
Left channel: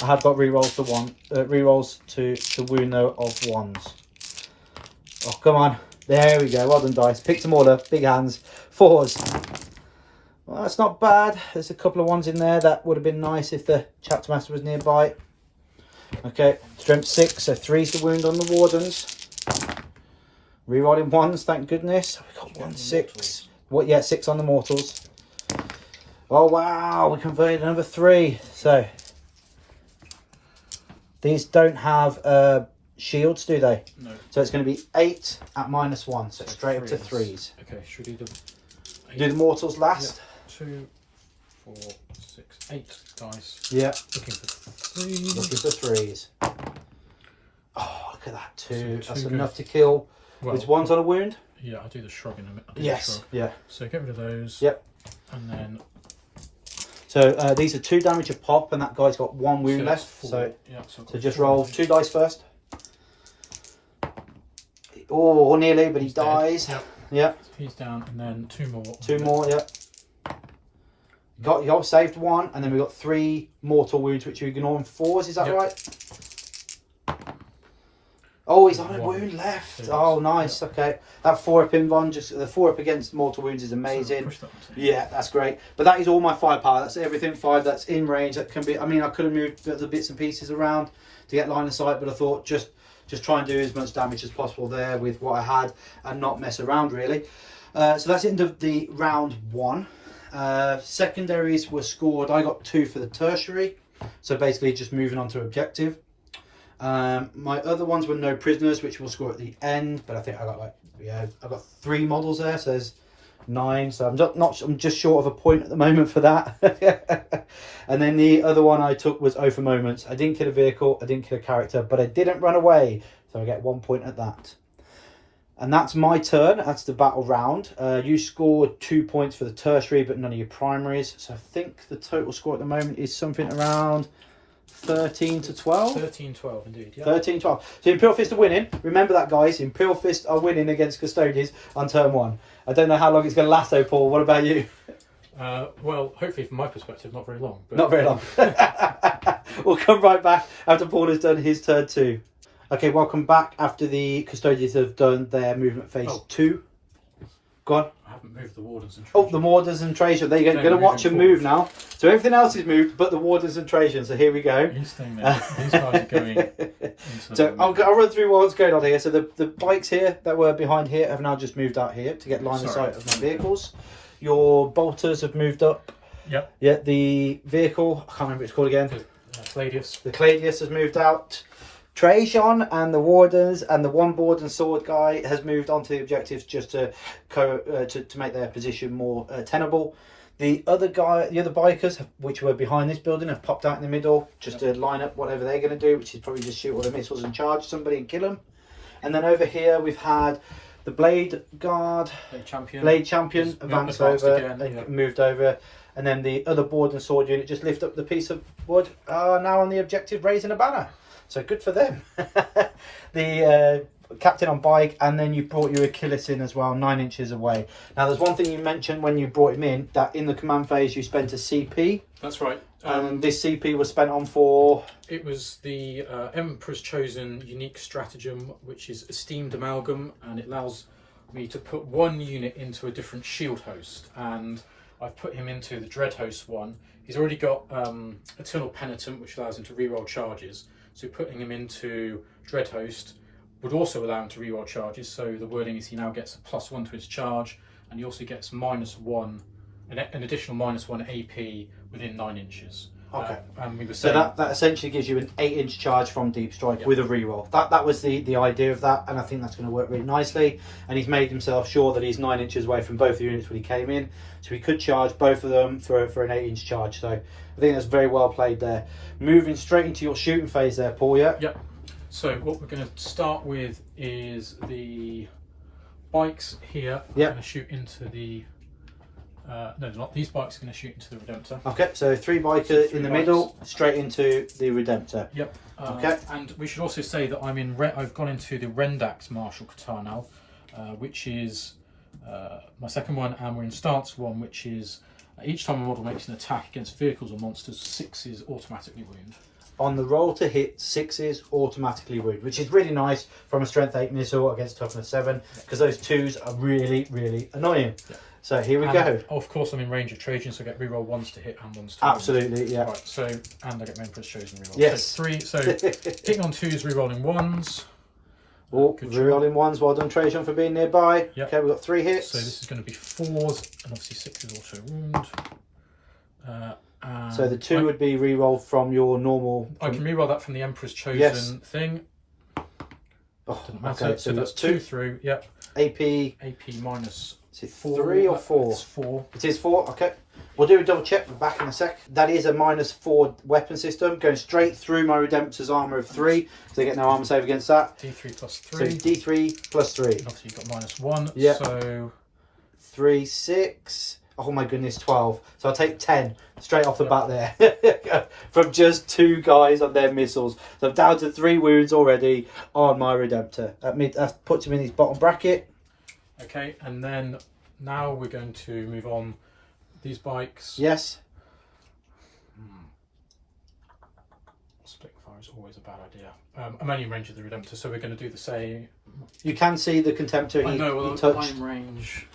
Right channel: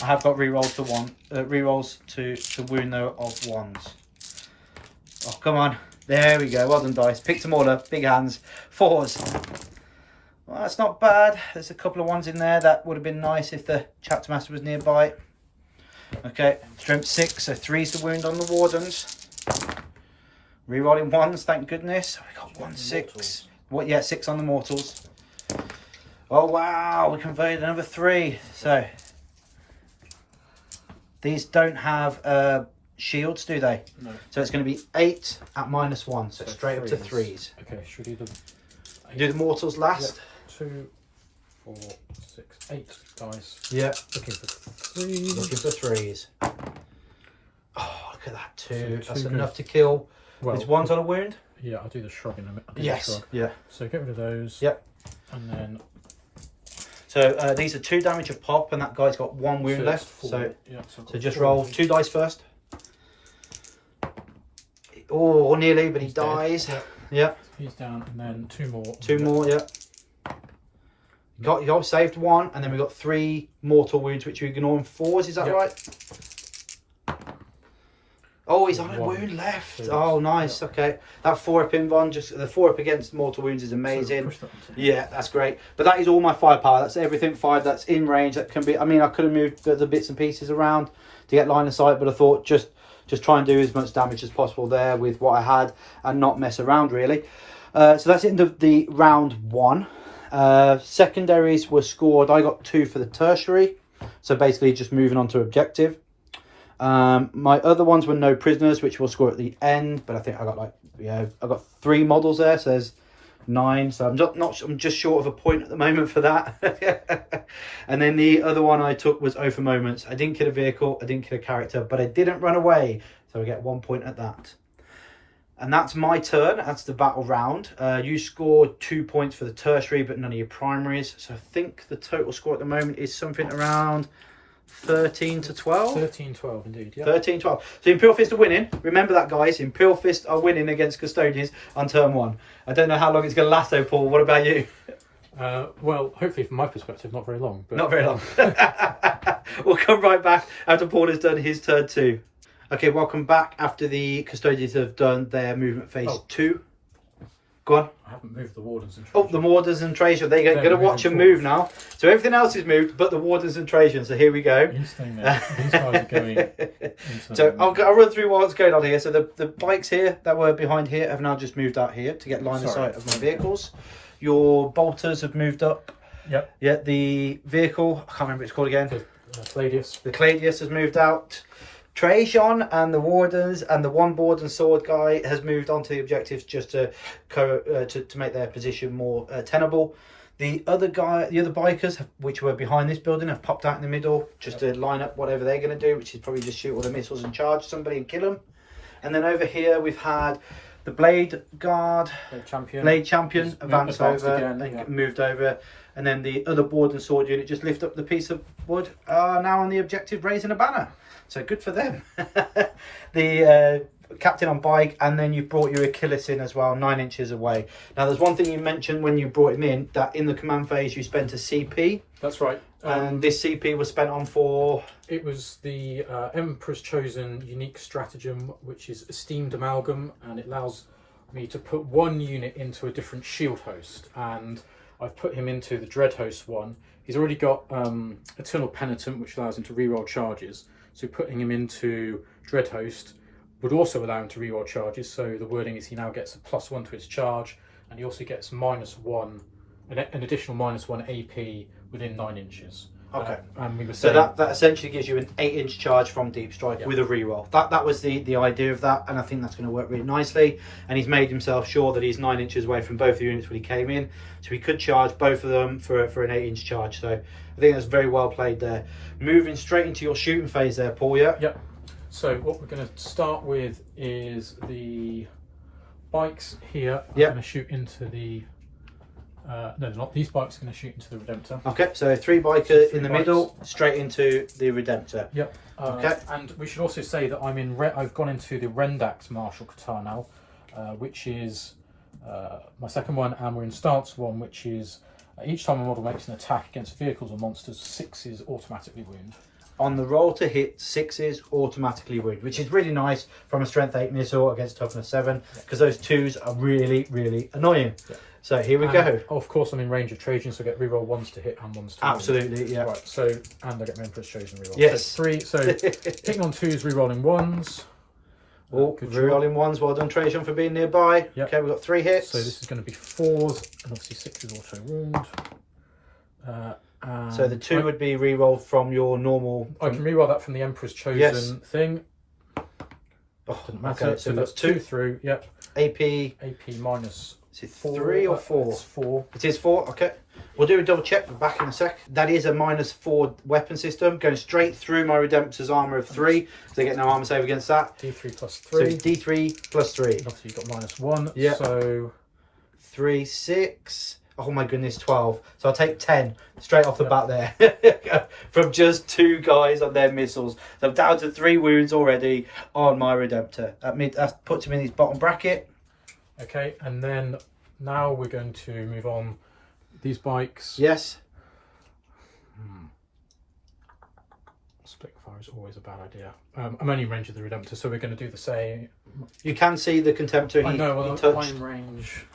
I have got rerolls to wound though of 1s. Oh, come on. There we go. Well done, dice. Picked them all up. Big hands. 4s. Well, that's not bad. There's a couple of ones in there that would have been nice if the chapter master was nearby. Okay, strength 6, so 3's the wound on the Wardens. Rerolling 1s, thank goodness. We got 1 6. What? Yeah, 6 on the Mortals. Oh wow, we converted another 3. So these don't have shields, do they? No. So it's going to be 8 at -1, so straight up to 3s. Okay, should we do the Do the Mortals last? Yep. 2, 4, 6, 8 dice. Yeah. Looking for 3s. Looking for 3s. Oh, look at that, 2. So That's 2 enough to kill. Well, Is 1's on a wound? Yeah, I'll do the shrug in a minute. Yes. Yeah. So get rid of those. Yep. And then So these are 2 damage a pop, and that guy's got 1 wound that's left. 4. So, yeah, so just 4 roll damage. 2 dice first. Oh, nearly, but he He's dead. dies. Yep. Yeah. He's down, and then 2 more. 2 more. Yeah. You got saved 1, and then we got 3 mortal wounds, which you ignore in 4s. Is that Yep. right? Oh, he's on a 1. wound left. Yes. Oh, nice. Yep. Okay, that 4-up invuln, just the 4-up against mortal wounds is amazing. So push that onto Yeah, that's great. But that is all my firepower. That's everything 5 that's in range. That can be. I mean, I could have moved the bits and pieces around to get line of sight, but I thought just try and do as much damage as possible there with what I had and not mess around really. So that's the end of the round 1. Secondaries were scored. I got 2 for the tertiary. So basically just moving on to objective. My other ones were no prisoners, which we'll score at the end. But I think I got I got 3 models there. So there's 9. So I'm just short of a point at the moment for that. And then the other one I took was O for moments. I didn't kill a vehicle. I didn't kill a character, but I didn't run away. So I get 1 point at that. And that's my turn. That's the battle round. You scored 2 points for the tertiary, but none of your primaries. So I think the total score at the moment is something around 13 to 12. 13-12 indeed. Yeah. 13-12. So Imperial Fists are winning. Remember that, guys. Imperial Fists are winning against Custodians on turn 1. I don't know how long it's going to last, though, Paul. What about you? Well, hopefully from my perspective, not very long. But, Not very long. We'll come right back after Paul has done his turn 2. Okay, welcome back after the Custodians have done their movement phase 2. Go on. I haven't moved the Wardens and Oh, the Wardens and Trajan. They're going to They're watch them moving move now. So everything else is moved, but the Wardens and Trajan. So here we go. He's staying there. These guys are going into So I'll run through what's going on here. So the bikes here that were behind here have now just moved out here to get line of sight of my vehicles. Your bolters have moved up. Yep. Yeah, the vehicle, I can't remember what it's called again. Cladius. The Cladius has moved out. Trajan and the Wardens and the 1 board and sword guy has moved on to the objectives just to make their position more tenable. The other bikers, which were behind this building, have popped out in the middle just to line up whatever they're going to do, which is probably just shoot all the missiles and charge somebody and kill them. And then over here we've had the Blade Guard, Blade Champion advanced over, again, moved over. And then the other board and sword unit just lift up the piece of wood, are now on the objective raising a banner. So good for them. The captain on bike, and then you brought your Achilles in as well, 9 inches away. Now there's one thing you mentioned when you brought him in, that in the command phase you spent a CP. That's right. And this CP was spent on for... It was the Emperor's Chosen unique stratagem, which is Esteemed Amalgam, and it allows me to put 1 unit into a different shield host. And I've put him into the Dread Host one. He's already got Eternal Penitent, which allows him to reroll charges. So putting him into Dread Host would also allow him to reroll charges. So the wording is he now gets a +1 to his charge, and he also gets -1, an additional -1 AP within 9 inches. Okay. And we were So saying, that essentially gives you an 8-inch charge from Deep Strike with a reroll. That was the idea of that, and I think that's going to work really nicely. And he's made himself sure that he's 9 inches away from both the units when he came in, so he could charge both of them for an 8-inch charge. So I think that's very well played there. Moving straight into your shooting phase there, Paul. Yeah. Yep. So what we're going to start with is the bikes here. We're going to shoot into the. No, they're not. These bikes are going to shoot into the Redemptor. Okay, so 3 biker in the middle, straight into the Redemptor. Yep. Okay. And we should also say that I've gone into the Rendax Martial Qatar now, which is my second one, and we're in stance 1, which is each time a model makes an attack against vehicles or monsters, 6s automatically wound. On the roll to hit, 6s automatically wound, which is really nice from a strength 8 missile against toughness 7, because those 2s are really, really annoying. Yeah. So here we go. Of course, I'm in range of Trajan, so I get reroll 1s to hit and 1s to Absolutely, yeah. Right, so, and I get my Emperor's Chosen reroll. Yes. So 3, so hitting on 2s, rerolling 1s. Oh, rerolling 1s, well done Trajan for being nearby. Yep. Okay, we've got 3 hits. So this is going to be 4s, and obviously 6 is auto wound. So the 2 would be re-rolled from your normal. I can re-roll that from the Emperor's Chosen thing. Oh, doesn't matter. Okay, so that's 2 through. Yep. AP minus. Is it 3 or 4? It's 4. It is 4. Okay. We'll do a double check. We're back in a sec. That is a -4 weapon system going straight through my Redemptor's armor of 3, so they get no armor save against that. D3 plus 3. So D3 plus 3. And obviously you've got -1. Yeah. So 3, 6. Oh my goodness, 12. So I'll take 10 straight off the bat there. From just 2 guys on their missiles. So I'm down to 3 wounds already on my Redemptor. That puts him in his bottom bracket. Okay, and then now we're going to move on. These bikes. Yes. Split fire is always a bad idea. I'm only in range of the Redemptor, so we're going to do the same. You can see the Contemptor I know, he touched. I'm in range.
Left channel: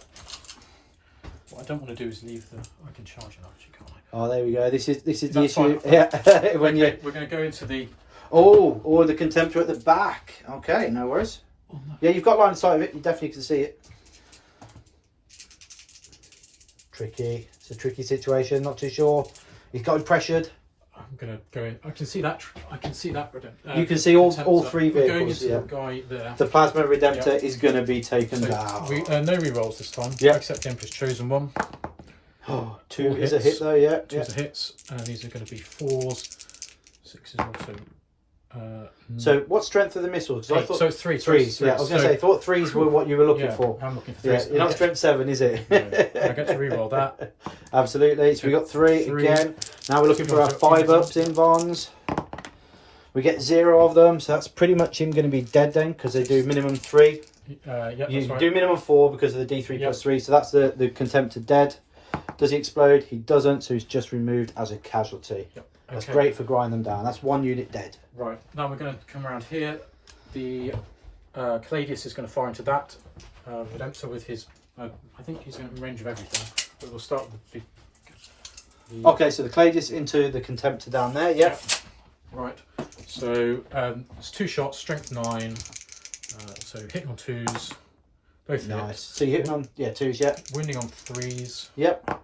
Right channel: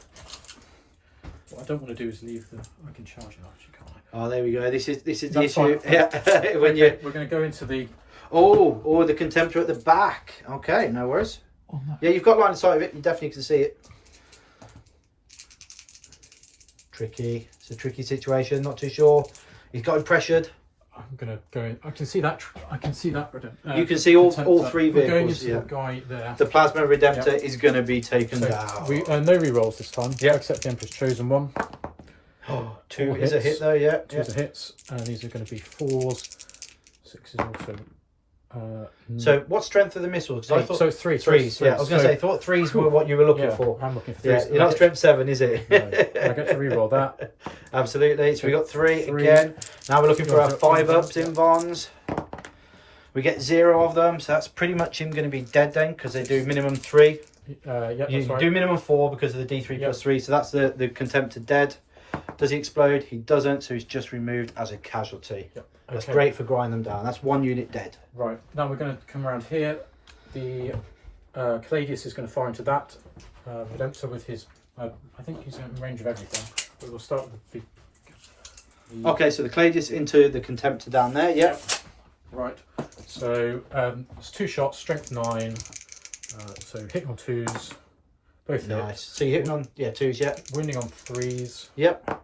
What I don't want to do is leave the. I can charge it actually, can't I? Oh, there we go. This is the That's issue. fine. Yeah. When okay, we're going to go into the. Oh, the Contemptor at the back. Okay, no worries. Oh, no. Yeah, you've got line of sight of it. You definitely can see it. Tricky. It's a tricky situation. Not too sure. He's got him pressured. I'm going to go in. I can see that. I can see that. You can see all 3 We're going vehicles. into Yeah. the guy there. The Plasma Redemptor is going to be taken down. No rerolls this time. Yeah. Except the Emperor's Chosen one. Oh, 2 is a hit though. Yeah. 2 is a hits, and these are going to be 4s. 6 is also. So what strength are the missiles? I thought so. 3. 3s. Yeah, I was going to say. I thought 3s were what you were looking for. I'm looking for 3s. Yeah, you're not strength 7, is it? No, I get to reroll that. Absolutely. So we got 3 again. Now we're looking for our 5-ups in Vons. We get 0 of them, so that's pretty much him going to be dead then, because they do minimum 3. Yeah, You that's right. do minimum 4 because of the D3 plus 3, so that's the Contemptor dead. Does he explode? He doesn't, so he's just removed as a casualty. Yep. That's great for grinding them down. That's 1 unit dead. Right, now we're going to come around here. The Cladius is going to fire into that. Redemptor with his. I think he's in range of everything. But we'll start with the Okay, so the Cladius into the Contemptor down there. Yep. Right. So it's 2 shots, strength 9. So hitting on 2s, both Nice. hits. So you're hitting on 2s, yeah. Wounding on 3s. Yep.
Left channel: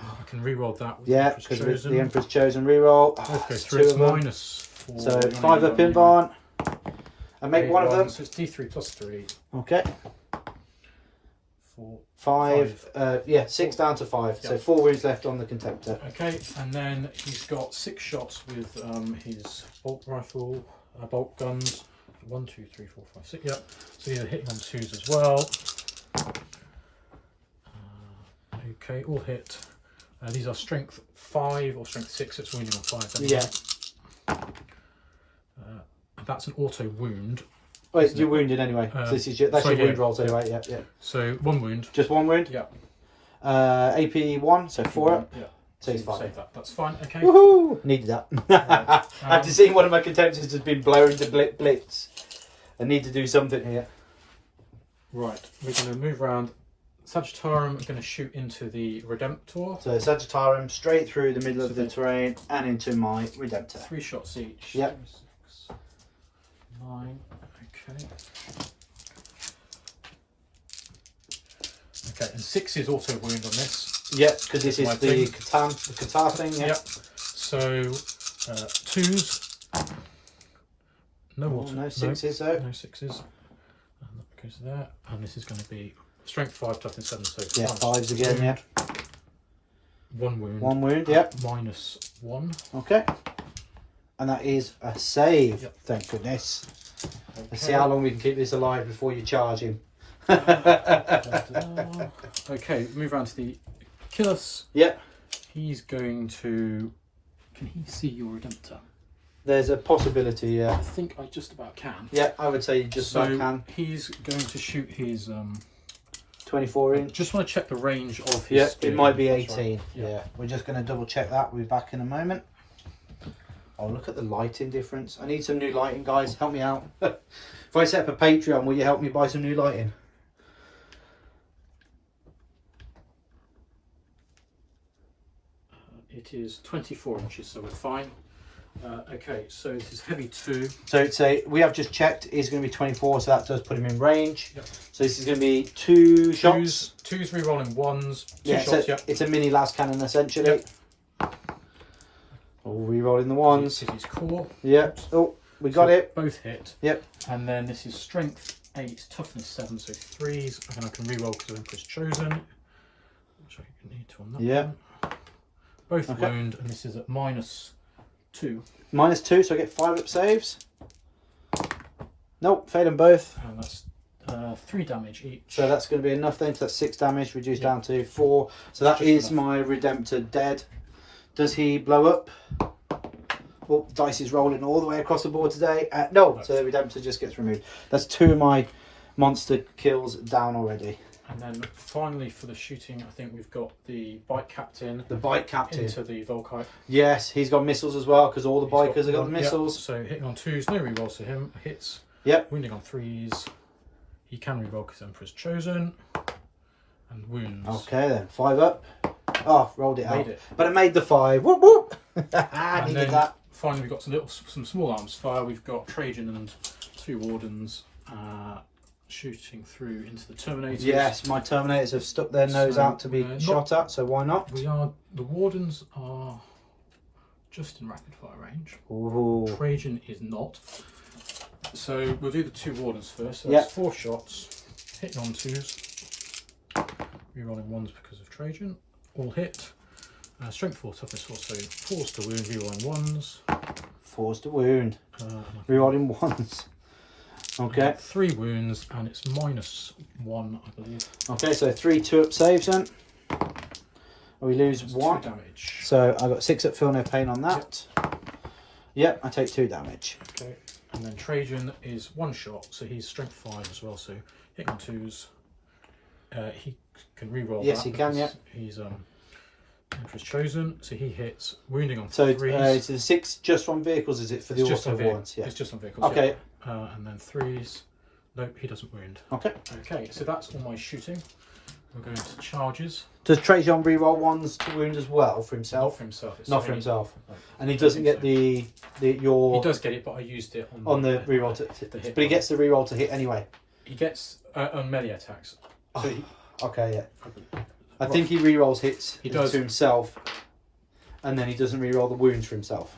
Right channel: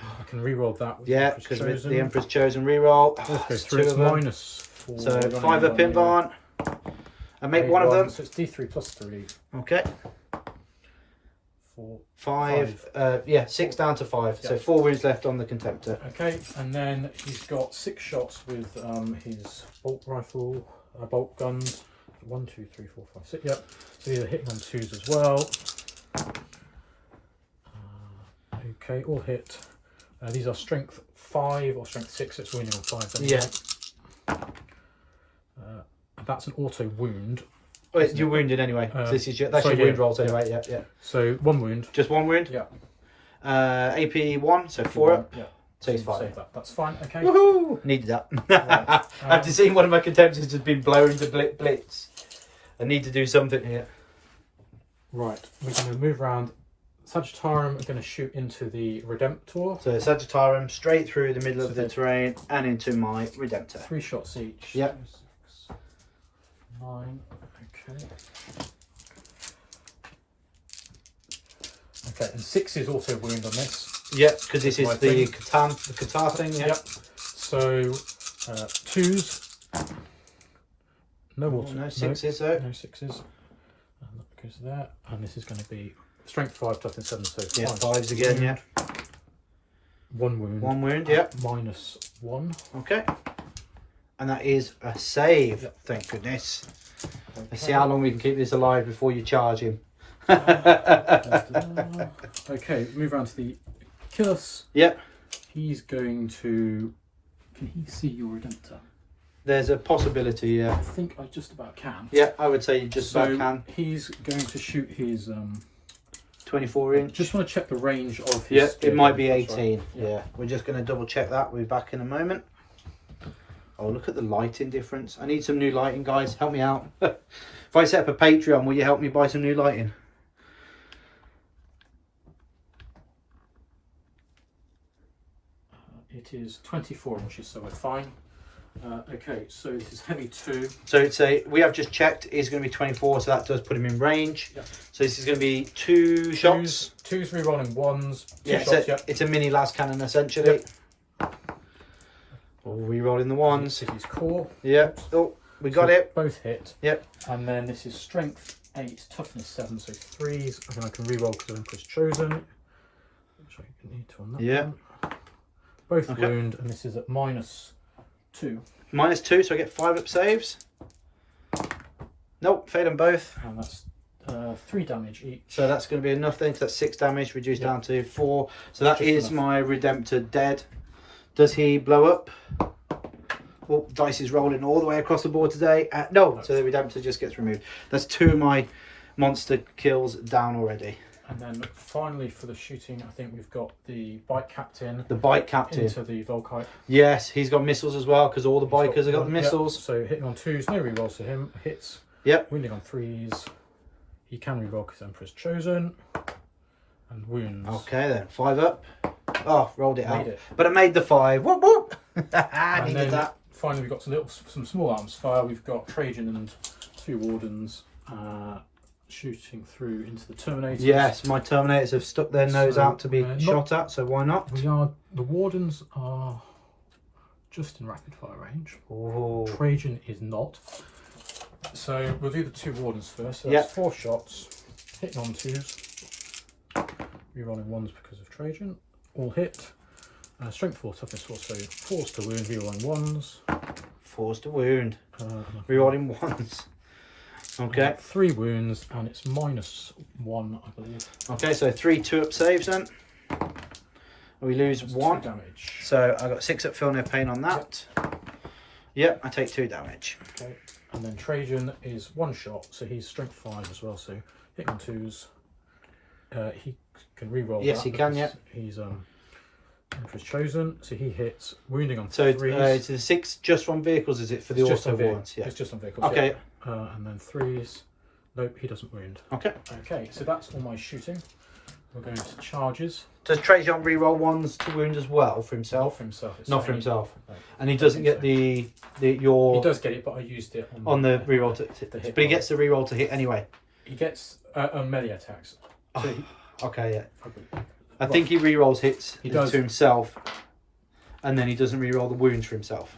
I can reroll that with Yeah, because with the Emperor's Chosen reroll. Both go through. It's -4. So 5-up in Varn. And make one of them. So it's D3 plus 3. Okay. 4. 5. Yeah, 6 down to 5. Yeah. So 4 wounds left on the Contemptor. Okay, and then he's got 6 shots with his bolt rifle, bolt guns. 1, 2, 3, 4, 5, 6. Yep. So these are hitting on 2s as well. Okay, all hit. These are strength 5 or strength 6. It's wounding on 5. Yeah. That's an auto wound. Wait, you're wounded anyway. So this is that's your wound rolls anyway. Yeah, yeah. So 1 wound. Just 1 wound. Yeah. AP 1, so 4 up. Yeah. So he's fine. Save that. That's fine. Okay. Woohoo! Needed that. Right. After seeing one of my Contemptors has been blown to blitz, I need to do something here. Right. We're going to move around. Sagittarium are going to shoot into the Redemptor. So Sagittarium straight through the middle of the terrain and into my Redemptor. 3 shots each. Yep. 6, 9. Okay. Okay, and 6 is also wound on this. Yep, because this is My the thing. Qatar thing. Yeah. Yep. So 2s. No water. No 6s though. No 6s. And that goes there. And this is going to be strength 5, toughness 7. So Yeah, 5s again, yeah. 1 wound. 1 wound, yeah. -1. Okay. And that is a save, Yep. thank goodness. Okay. Let's see how long we can keep this alive before you charge him. Okay, move around to the Achilles. Yep. He's going to... Can he see your Redemptor? There's a possibility, yeah. I think I just about can. Yeah, I would say you just about can. He's going to shoot his... 24 inch. Just want to check the range of his... Yeah, spear. it might be That's 18. right. Yeah, we're just going to double check that. We'll be back in a moment. Oh, look at the lighting difference. I need some new lighting, guys. Help me out. If I set up a Patreon, will you help me buy some new lighting? It is 24 inches, so we're fine. Okay, so this is heavy 2. So it's we have just checked, is going to be 24, so that does put him in range. Yep. So this is going to be 2 shots. 2s re-rolling 1s, 2 Yeah, shots, it's a mini las cannon essentially. Yep. We'll re-roll in the 1s. This is core. Yeah. Oh, we got it. Both hit. Yep. And then this is strength 8, toughness 7, so 3s. And then I can re-roll because Emperor's chosen. Which I need to on that one. Both Okay. wound, and this is at -2. -2, so I get 5 up saves. Nope, failed them both. And that's 3 damage each. So that's going to be enough then, because that's 6 damage, reduced Yep. down to 4. So that Just is enough. my Redemptor dead. Does he blow up? Well, dice is rolling all the way across the board today. No, so the Redemptor just gets removed. That's 2 of my monster kills down already. And then finally for the shooting, I think we've got the bike captain The bike captain. into the Volkite. Yes, he's got missiles as well, because all the bikers have got the Yep. missiles. So hitting on 2s, no rerolls to him. Hits. Yep. Wounding on 3s. He can reroll because Emperor's chosen. And wounds. Okay then, 5 up. Oh, rolled it out. Made it. But I made the 5. Whoop whoop. I And needed then that. finally we've got some small arms fire. We've got Trajan and 2 wardens shooting through into the Terminators. Yes, my Terminators have stuck their nose So, out to be not- shot at, so why not? The wardens are just in rapid fire range. Ooh. Trajan is not. So we'll do the 2 wardens first. So Yep. that's 4 shots. Hitting on 2s. Rerolling 1s because of Trajan. All hit. Strength 4, toughness 4, so 4s to wound, rerolling 1s. 4s to wound. Rerolling 1s. Okay. 3 wounds, and it's -1, I believe. Okay, so 3 2-up saves then. We lose That's 1. 2 damage. So I got 6 up, feel no pain on that. Yep, I take 2 damage. Okay. And then Trajan is 1 shot, so he's strength 5 as well, so hitting on 2s. He can reroll. Yes, that he can, because He's Emperor's chosen, so he hits, wounding on So 3s. is the 6 just on vehicles? Is it for the It's just auto on vehicles. warrants? Yeah. It's just on vehicles. Okay. Yeah. And then 3s. Nope, he doesn't wound. Okay. Okay, so that's all my shooting. We're going to charges. Does Trajan reroll 1s to wound as well for Not himself? for himself. It's Not for only- himself. No. And he doesn't get think your He does get it, but I used it on the reroll to the hit but he die. gets the reroll to hit anyway. He gets on melee attacks. So he, Okay, yeah. I I think he rerolls hits He does. to himself, and then he doesn't reroll the wounds for himself.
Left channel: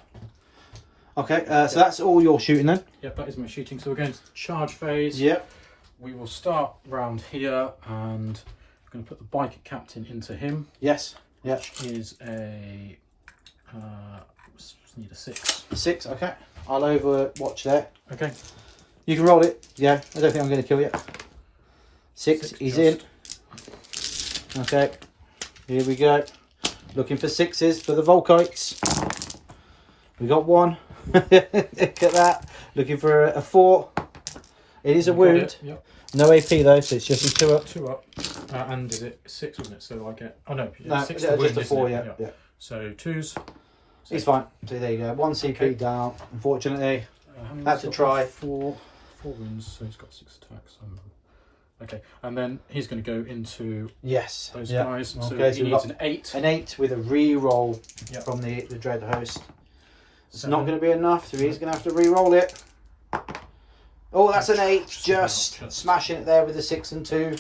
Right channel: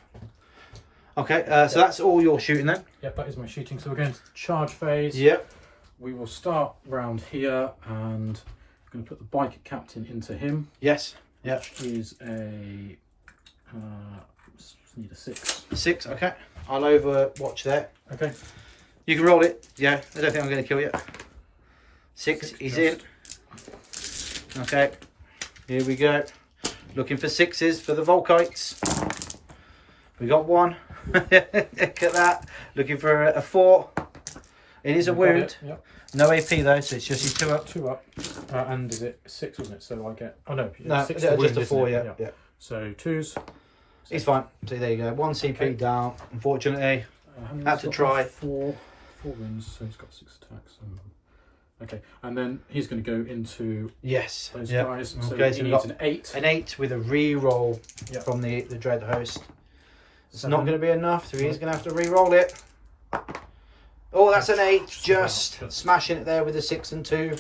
Okay, so that's all your shooting then. Yep, that is my shooting. So we're going to the charge phase. Yep. We will start round here, and I'm going to put the biker captain into him. Yes. Yep. Which is a need a 6. 6. Okay. I'll overwatch there. Okay. You can roll it. Yeah. I don't think I'm going to kill you. 6. He's in. Okay. Here we go. Looking for 6s for the Volkites. We got 1. Look at that. Looking for a 4. It is a wound. Yep. No AP though, so it's just a 2 up. 2 up. And is it 6, wasn't it? So I get... Oh no, No, 6 just to wound, a isn't 4, it? yeah. Yeah. So 2s. He's fine. So there you go. 1 CP Okay. down, unfortunately. How many Had has to he got? try. 4 wounds, so he's got 6 attacks. Okay, and then he's going to go into Yes. those Yeah. guys. So Okay, he so we've needs got an 8. An 8 with a re-roll Yep. from the Dread Host. It's 7. not going to be enough, so he's going to have to re-roll it. Oh, that's an 8. Just Just. smashing it there with a 6 and 2.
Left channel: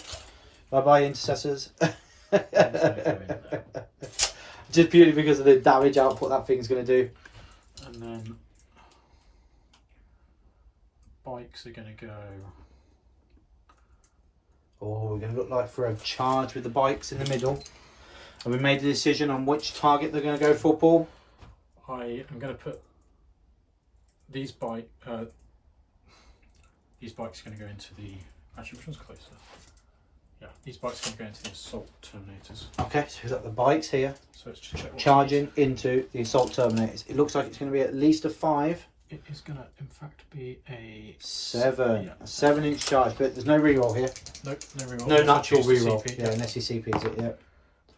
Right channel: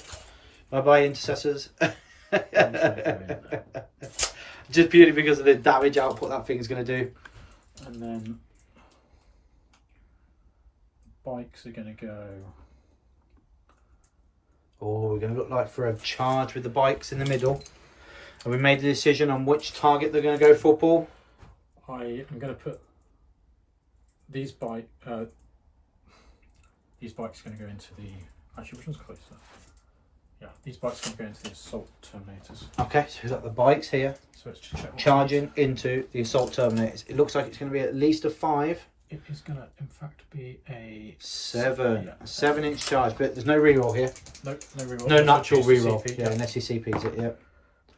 Bye-bye, intercessors. Just purely because of the damage output that thing is going to do. And then bikes are going to go. Oh, we're going to look like for a charge with the bikes in the middle. Have we made a decision on which target they're going to go for, Paul? I am going to put these bikes are going to go into the. Actually, which one's closer? Yeah, these bikes are going to go into the assault terminators. Okay, so we've got the bikes here. So let's just check. Charging into the assault terminators. It looks like it's going to be at least a 5. It is going to, in fact, be a 7. Yeah, a 7-inch charge, but there's no reroll here. Nope, no reroll. No natural choose the reroll. CP, Yeah, unless he CPs it, yeah.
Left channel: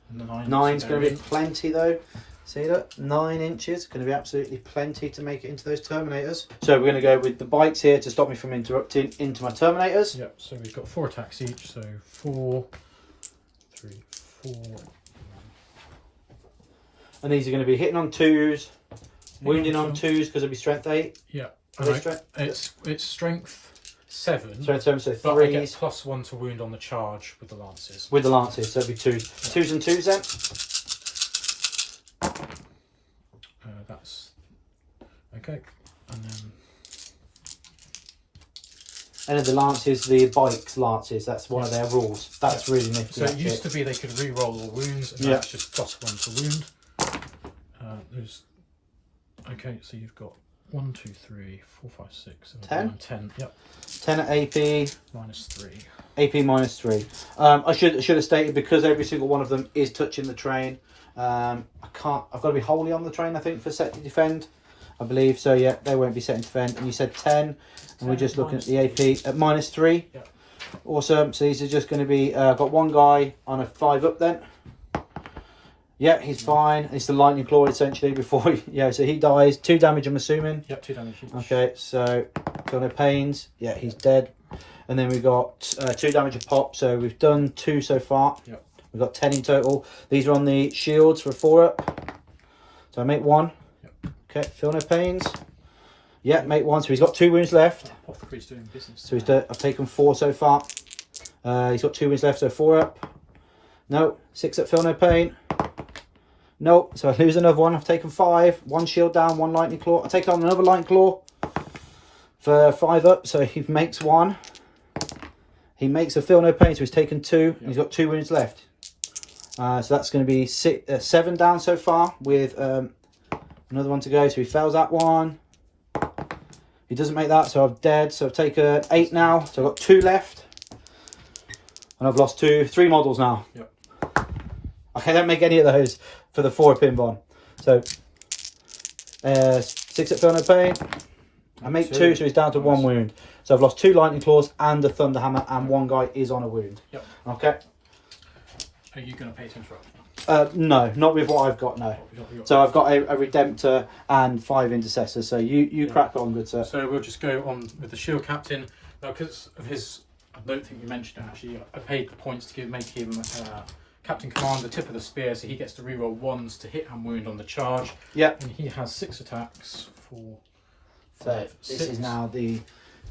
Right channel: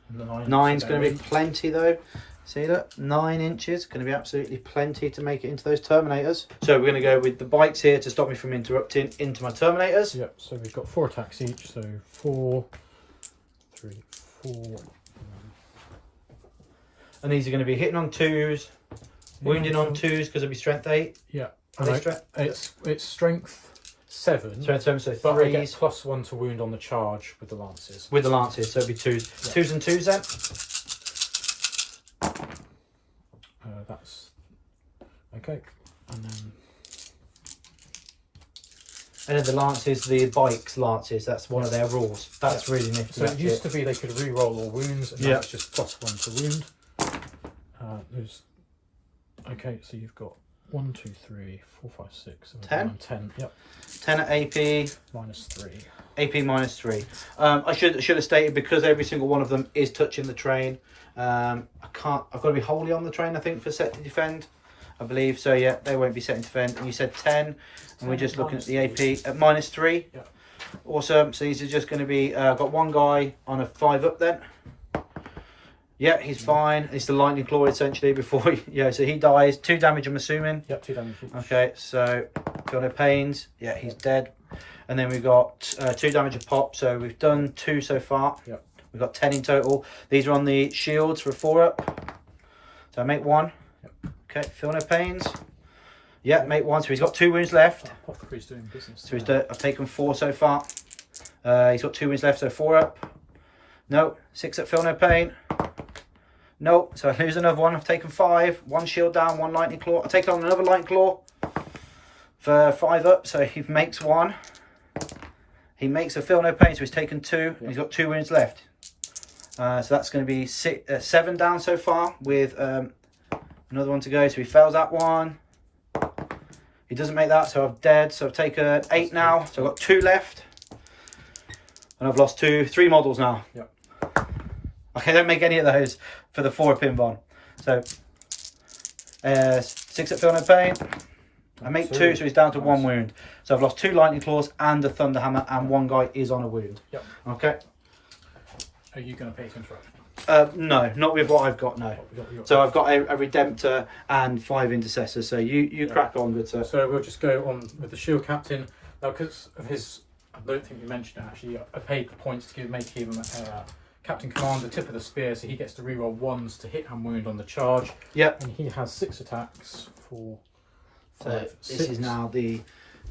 And the 9's going to be in. plenty though. See that? 9 inches, going to be absolutely plenty to make it into those terminators. So we're going to go with the bikes here to stop me from interrupting into my terminators. Yep, so we've got 4 attacks each, so 4, 3, 4. And these are going to be hitting on 2s, wounding on 2s because it'll be strength 8. Yeah, it's strength 7. Strength 7, so but I get 3s. +1 to wound on the charge with the lances. With the lances, so it'll be 2s. Yeah. 2s and 2s then? That's okay, and then the lances, the bikes lances, that's one of their rules. That's really nifty. So it used to be they could re-roll all wounds, and now it's just +1 to wound. Okay, so you've got 1, 2, 3, 4, 5, 6, 7, 8, 9, 10. Yep. 10 at AP. -3. AP -3. I should have stated, because every single one of them is touching the train. I've got to be wholly on the train, I think, for set to defend, I believe. So yeah, they won't be set to defend. And you said 10, and we're just looking at the AP at -3. Yeah. Awesome. So these are just going to be. Got one guy on a 5 up then. Yeah, he's fine. It's the lightning claw essentially before. So he dies. 2 damage, I'm assuming. Yep, 2 damage each. Okay, so feel no pains. Yeah, he's dead. And then we've got 2 damage a pop. So we've done 2 so far. Yep. We've got 10 in total. These are on the shields for a 4 up. So I make 1. Yep. Okay, feel no pains. Yeah, make 1. So he's got 2 wounds left. Apothecary's doing business. So I've taken 4 so far. He's got 2 wounds left, so 4 up. No, 6 up, feel no pain. Nope, so I lose another 1. I've taken 5. 1 shield down, 1 lightning claw. I take on another lightning claw for 5 up, so he makes 1. He makes a feel no pain, so he's taken 2. Yep. And he's got 2 wounds left. So that's going to be 7 down so far with another one to go. So he fails that one. He doesn't make that, so I'm dead. So I've taken 8 now. So I've got 2 left. And I've lost 3 models now. Yep. Okay, don't make any of those for the 4 pin bond. So 6 at feel no pain. I make 2, so he's down to 1 wound. So I've lost 2 lightning claws and a thunder hammer, and 1 guy is on a wound. Yep. Okay. Are you going to pay to interrupt? No, not with what I've got. No. So I've got a Redemptor and 5 intercessors. So you crack on, good sir. So we'll just go on with the shield captain. Because of his, I don't think you mentioned it actually. I paid the points to make him captain command, the tip of the spear, so he gets to reroll 1s to hit and wound on the charge. Yep. And he has 6 attacks for. So this is now the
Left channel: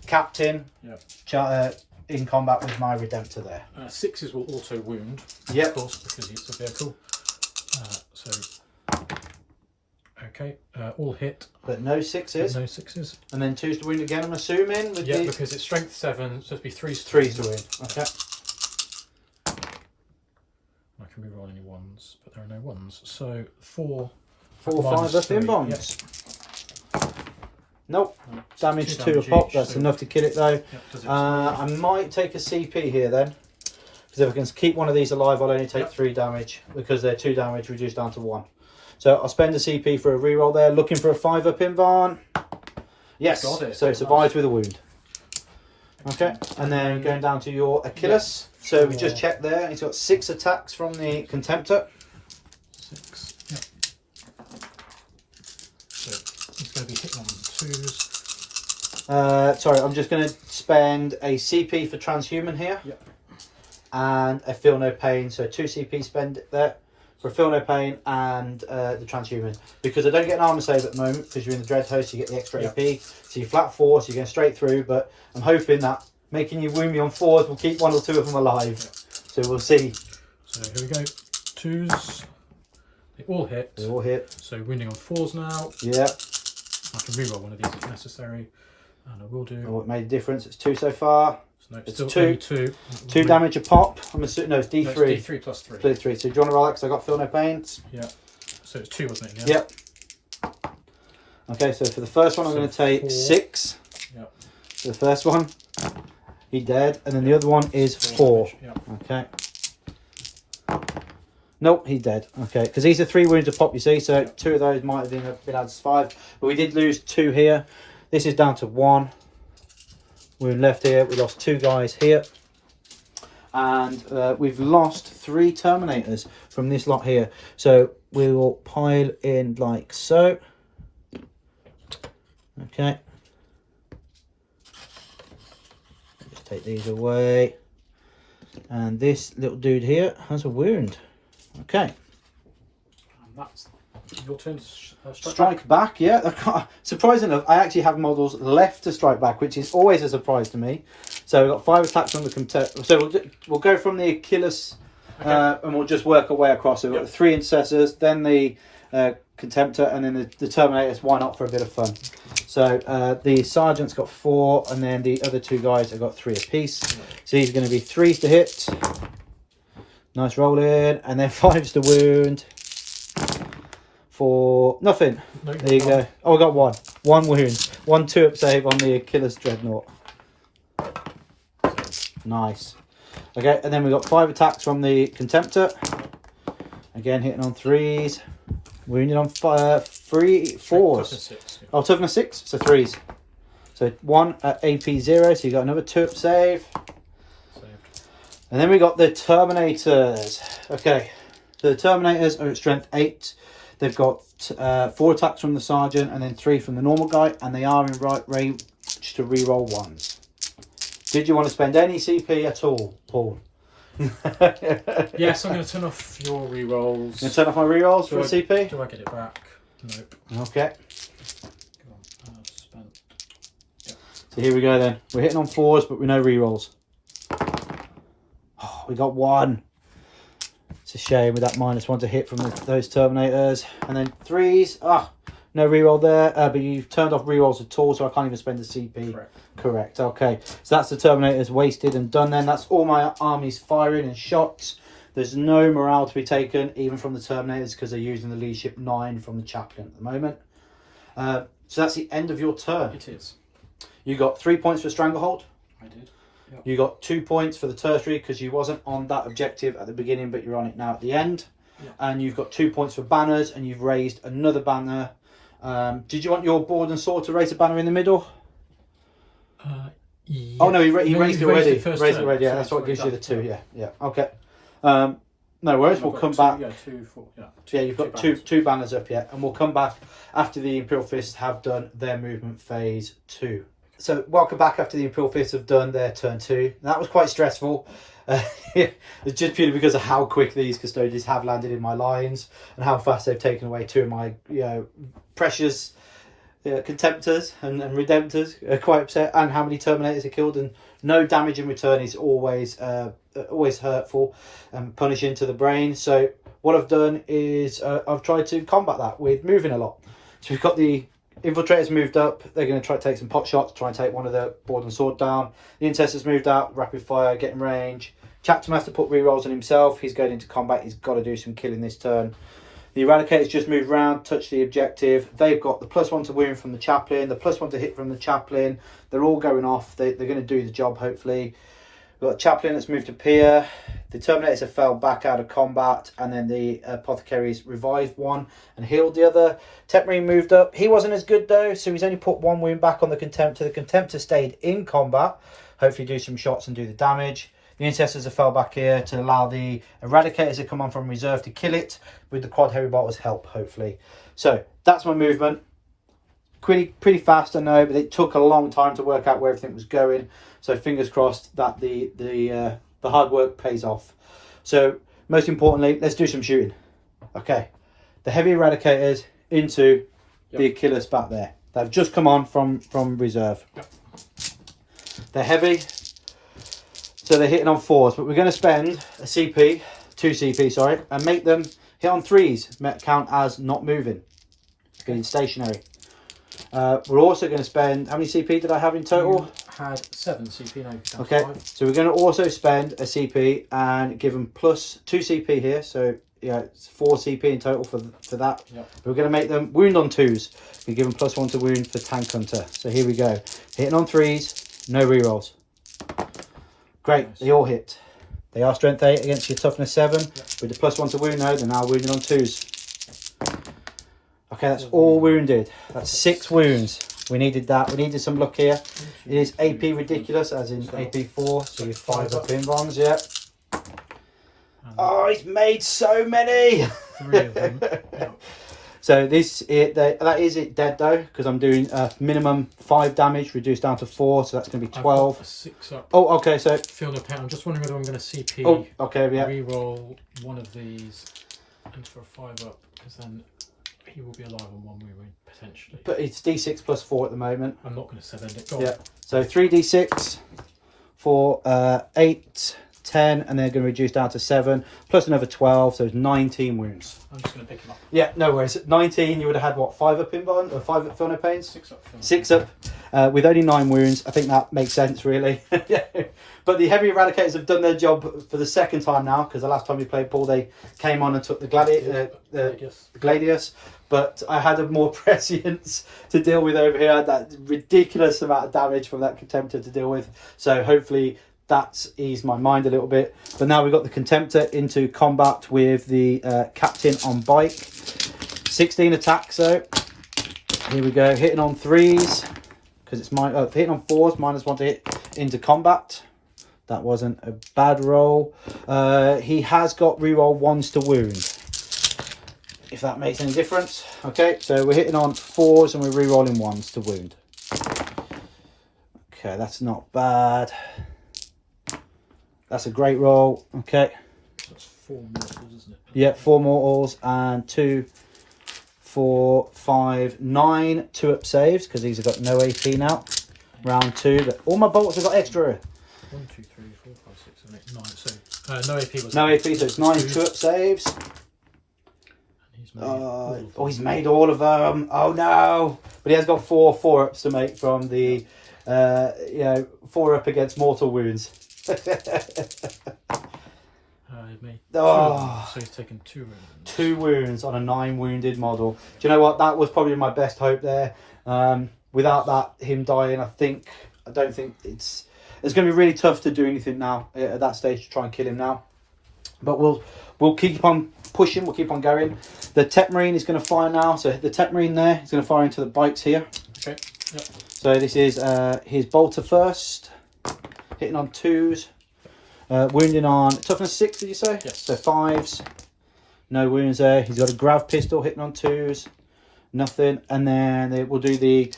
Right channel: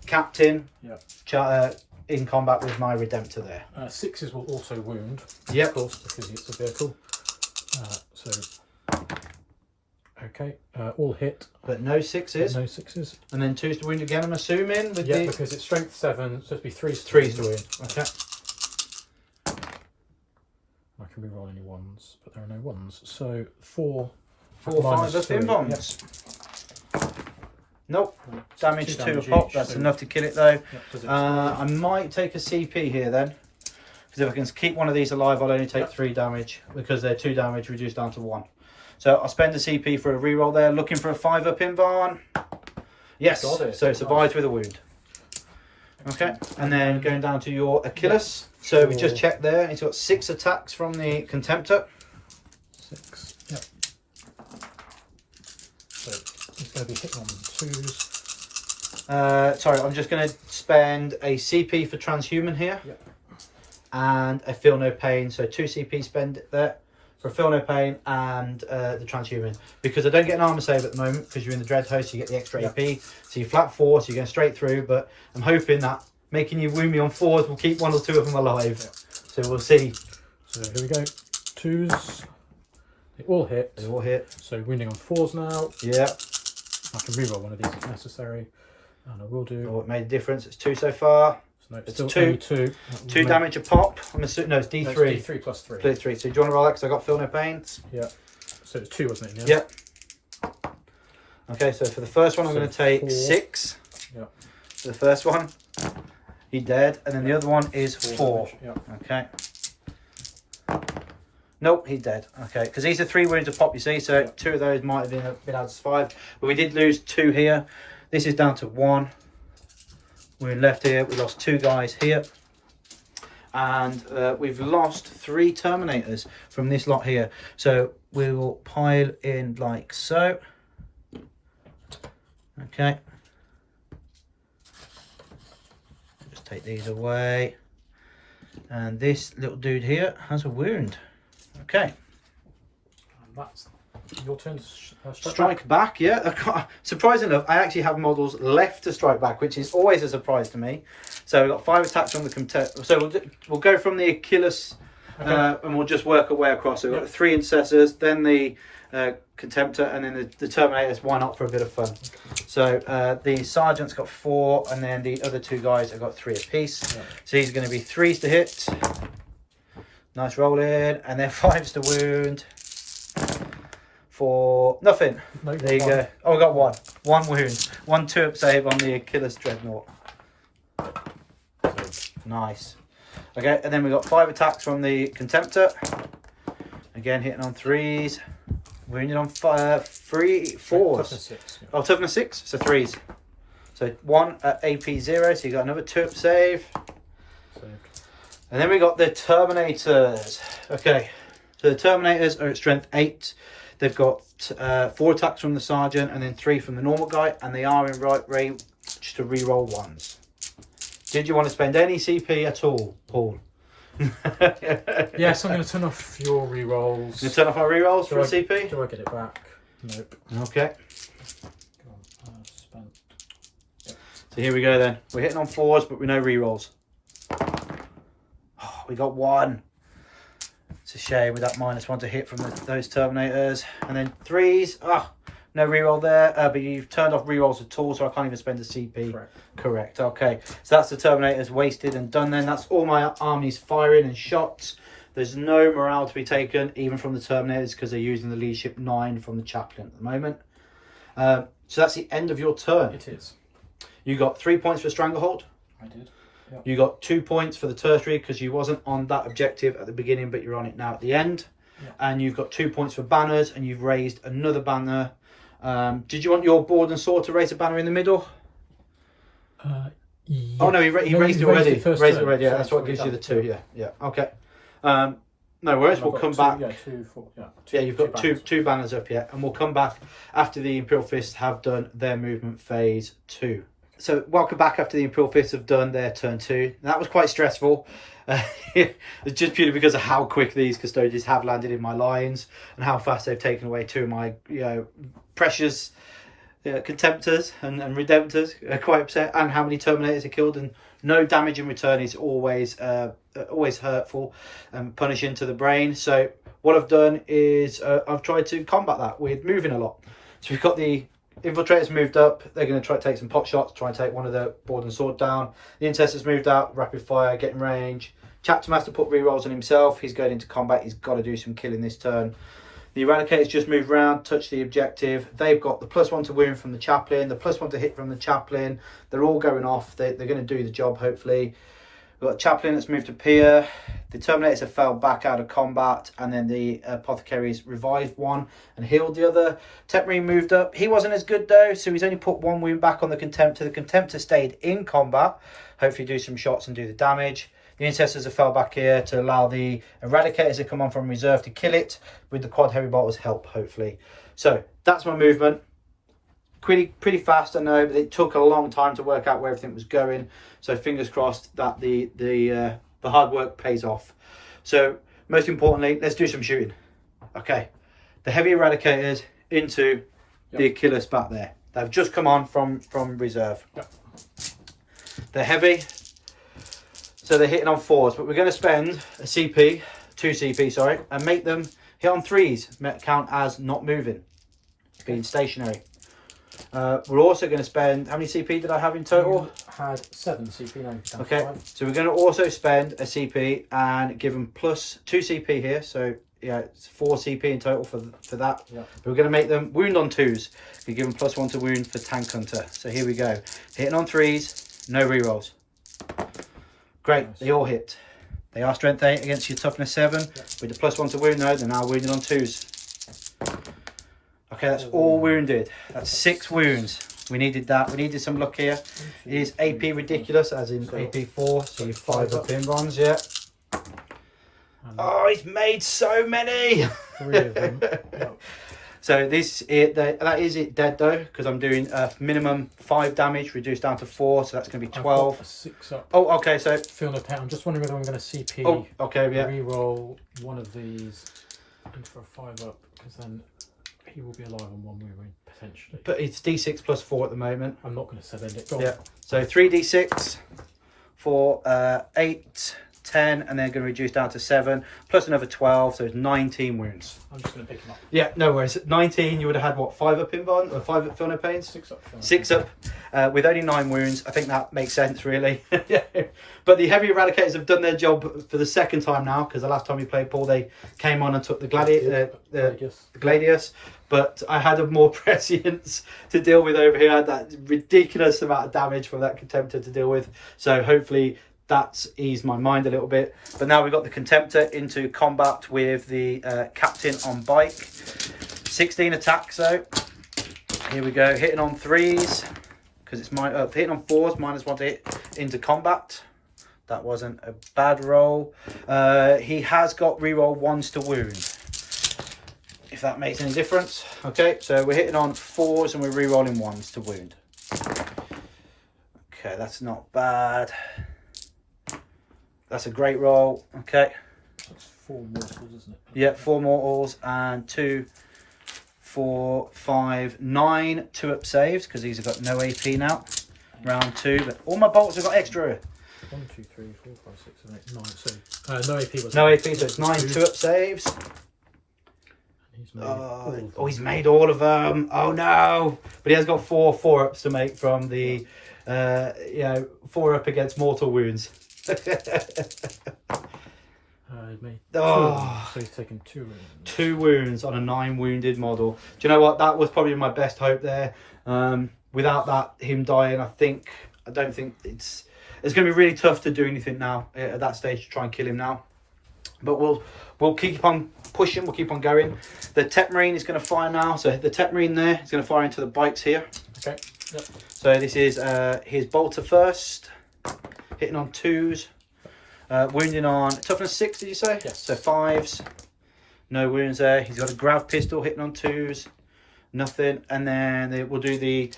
captain. Yeah. In combat with my Redemptor there. 6s will auto wound. Yep. Of course, because it's a vehicle. Okay, all hit. But no 6s. No 6s. And then 2s to wound again, I'm assuming. Yeah, because it's strength 7, so it'd be 3s. 3s to wound. Okay. I can re-roll any 1s, but there are no 1s. So 4 5 up in bombs. Nope. Damage 2 a pop. That's enough to kill it though. Yep, I might take a CP here then. Because if I can keep one of these alive, I'll only take 3 damage. Because they're 2 damage reduced down to 1. So I'll spend a CP for a reroll there. Looking for a 5 up in Varn. Yes. So it survives with a wound. Okay. And then going down to your Achilles. So we just checked there. He's got 6 attacks from the Contemptor. 6. Yep. So he's going to be hitting on 2s. Sorry, I'm just going to spend a CP for Transhuman here. Yep. And a Feel No Pain. So 2 CP spend there for Feel No Pain and the Transhuman. Because I don't get an armor save at the moment because you're in the Dread Host, you get the extra AP. So you're flat 4, so you're going straight through. But I'm hoping that making you wound me on 4s will keep 1 or 2 of them alive. So we'll see. So here we go. 2s. They all hit. They all hit. So wounding on 4s now. Yeah. I can reroll one of these if necessary, and I will do. Oh, it made a difference. It's 2 so far. So no, It's still 2. only 2. 2 damage a pop. I'm assuming, no, it's D3. No, it's D3 plus 3. D3. So do you want to roll that? Because I got feel no pains. Yeah. So it's 2, wasn't it? Yeah. Yep. Okay, so for the first one, I'm going to take 4. 6. Yeah. For the first one, he dead, and then the other one is 4. Yeah. Okay. Nope, he's dead. Okay, because these are 3 wounds a pop, you see, so 2 of those might have been added to 5. But we did lose 2 here. This is down to 1 wound left here. We lost 2 guys here. And we've lost 3 Terminators from this lot here. So we will pile in like so. Okay. Just take these away. And this little dude here has a wound. Okay. And that's your turn to strike back. Yeah. Surprising enough, I actually have models left to strike back, which is always a surprise to me. So we've got 5 attacks on the contemptor. So we'll go from the Achilles, and we'll just work our way across. So we've got the 3 intercessors, then the contemptor, and then the Terminators. Why not for a bit of fun? Okay. So the sergeant's got 4, and then the other 2 guys have got 3 apiece. Yeah. So these are going to be 3s to hit. Nice roll in, and then 5s to wound. For nothing. No, there you go. Oh, I got 1. 1 wound. 1 2-up save on the Achilles Dreadnought. Nice. Okay, and then we got 5 attacks from the contemptor. Again, hitting on 3s. Wounded on 4s. Toughness 6. Yeah. Oh, toughness 6. So 3s. So 1 at AP 0. So you got another 2-up save. And then we got the Terminators. Okay, so the Terminators are at strength 8. They've got 4 attacks from the sergeant and then 3 from the normal guy, and they are in right range to reroll 1s. Did you want to spend any CP at all, Paul? Yes, I'm going to turn off your rerolls. Going to turn off my rerolls for CP? Do I get it back? Nope. Okay. Go on, spent. Yep. So here we go then. We're hitting on 4s, but with no rerolls. Oh, we got 1. It's a shame with that -1 to hit from those Terminators. And then 3s. Ah, no reroll there. But you've turned off rerolls at all, so I can't even spend the CP. Correct. Okay. So that's the Terminators wasted and done then. That's all my armies firing and shots. There's no morale to be taken, even from the Terminators, because they're using the leadership 9 from the chaplain at the moment. So that's the end of your turn. It is. You got 3 points for Stranglehold. I did. Yep. You got 2 points for the tertiary because you wasn't on that objective at the beginning, but you're on it now at the end. Yep. And you've got 2 points for banners, and you've raised another banner. Did you want your board and sword to raise a banner in the middle? Yeah. Oh no, he raised it already. Raised it already. Yeah, So that's what gives you the 2. Yeah. Okay. No worries. We'll come back. Yeah, 2, 4. Yeah. Yeah, you've got two banners up yet, and we'll come back after the Imperial Fists have done their movement phase 2. So welcome back after the Imperial Fists have done their turn 2. That was quite stressful. It's just purely because of how quick these Custodians have landed in my lines and how fast they've taken away 2 of my precious Contemptors and Redemptors. Are quite upset, and how many Terminators are killed, and no damage in return is always hurtful and punishing to the brain. So what I've done is I've tried to combat that with moving a lot. So we've got the Infiltrators moved up. They're going to try to take some pot shots, try and take one of the board and sword down. The Intercessors moved out, rapid fire, getting range. Chapter Master put rerolls on himself. He's going into combat. He's got to do some killing this turn. The Eradicators just moved around, touched the objective. They've got the +1 to wound from the chaplain, the +1 to hit from the chaplain. They're all going off. They're going to do the job, hopefully. We've got a chaplain that's moved to pier. The Terminators have fell back out of combat, and then the Apothecaries revived one and healed the other. Tepmarine moved up. He wasn't as good though, so he's only put 1 wound back on the Contemptor. The Contemptor stayed in combat. Hopefully do some shots and do the damage. The Intercessors have fell back here to allow the Eradicators to come on from reserve to kill it with the quad heavy bolters help, hopefully. So that's my movement. Pretty fast, I know, but it took a long time to work out where everything was going. So fingers crossed that the hard work pays off. So most importantly, let's do some shooting. Okay, the heavy Eradicators into the Achilles back there. They've just come on from reserve. Yep. They're heavy, so they're hitting on 4s, but we're going to spend a CP 2 CP, sorry, and make them hit on 3s, count as not moving, being stationary. We're also going to spend, how many CP did I have in total? You had 7 CP, now you're down to Okay, 5. so we're going to also spend a CP and give them plus 2 CP here, so yeah, it's 4 CP in total for that. Yeah. We're going to make them wound on 2s. We give them plus 1 to wound for Tank Hunter. So here we go. Hitting on 3s, no rerolls. Great, nice. They all hit. They are strength 8 against your toughness 7. Yeah. With the plus 1 to wound, no, they're now wounded on 2s. Okay, that's all wounded. That's 6 wounds. We needed that. We needed some luck here. It is AP ridiculous, as in AP 4. So with 5 up in bronze, yeah. Oh, he's made so many. 3 of them. Yeah. So that is it dead though, because I'm doing minimum 5 damage reduced down to 4, so that's going to be 12. I've got a 6 up. Oh, okay. So Feel no pain. I'm just wondering whether I'm going to CP. Oh, okay, yeah. Reroll one of these and for a 5 up, because then he will be alive on 1 wound potentially. But it's D6 plus 4 at the moment. I'm not going to send it. Yeah. So 3D6 for 8. 10, and they're going to reduce down to 7 plus another 12, so it's 19 wounds. I'm just going to pick him up. Yeah, no worries. 19, you would have had what, 5 up in bond or 5 up Feel No Pains? 6 up. 6 up with only 9 wounds. I think that makes sense, really. Yeah. But the heavy eradicators have done their job for the second time now, because the last time we played Paul, they came on and took the Gladius. But I had a more prescience to deal with over here. I had that ridiculous amount of damage from that Contemptor to deal with. So hopefully that's eased my mind a little bit. But now we've got the Contemptor into combat with the Captain on bike. 16 attacks though. Here we go, hitting on 3s, because it's hitting on 4s, -1 to hit into combat. That wasn't a bad roll. He has got reroll 1s to wound, if that makes any difference. Okay, so we're hitting on 4s and we're rerolling 1s to wound. Okay, that's not bad. That's a great roll. Okay. That's 4 mortals, isn't it? Yeah, 4 mortals and 2, 4, 5, 9 2-up saves, because these have got no AP now. Round 2, but all my bolts have got extra. 1, 2, 3, 4, 5, 6, 7, 8, 9. So no AP was. No AP, so it's 9 2-up saves. And he's made all of them. Oh, he's made all of them. Oh no! But he has got 4 4-ups to make from the 4-up against mortal wounds. He made 2, so he's taken 2 wounds. 2 wounds on a 9 wounded model. Do you know what? That was probably my best hope there. Without that, him dying, I don't think it's going to be really tough to do anything now at that stage to try and kill him now. But we'll keep on pushing. We'll keep on going. The Tech Marine is going to fire now. So the Tech Marine there is going to fire into the bikes here. Okay. Yep. So this is his bolter first. Hitting on 2s, wounding on toughness 6, did you say? Yes. So 5s, no wounds there. He's got a grav pistol hitting on 2s, nothing. And then we'll do the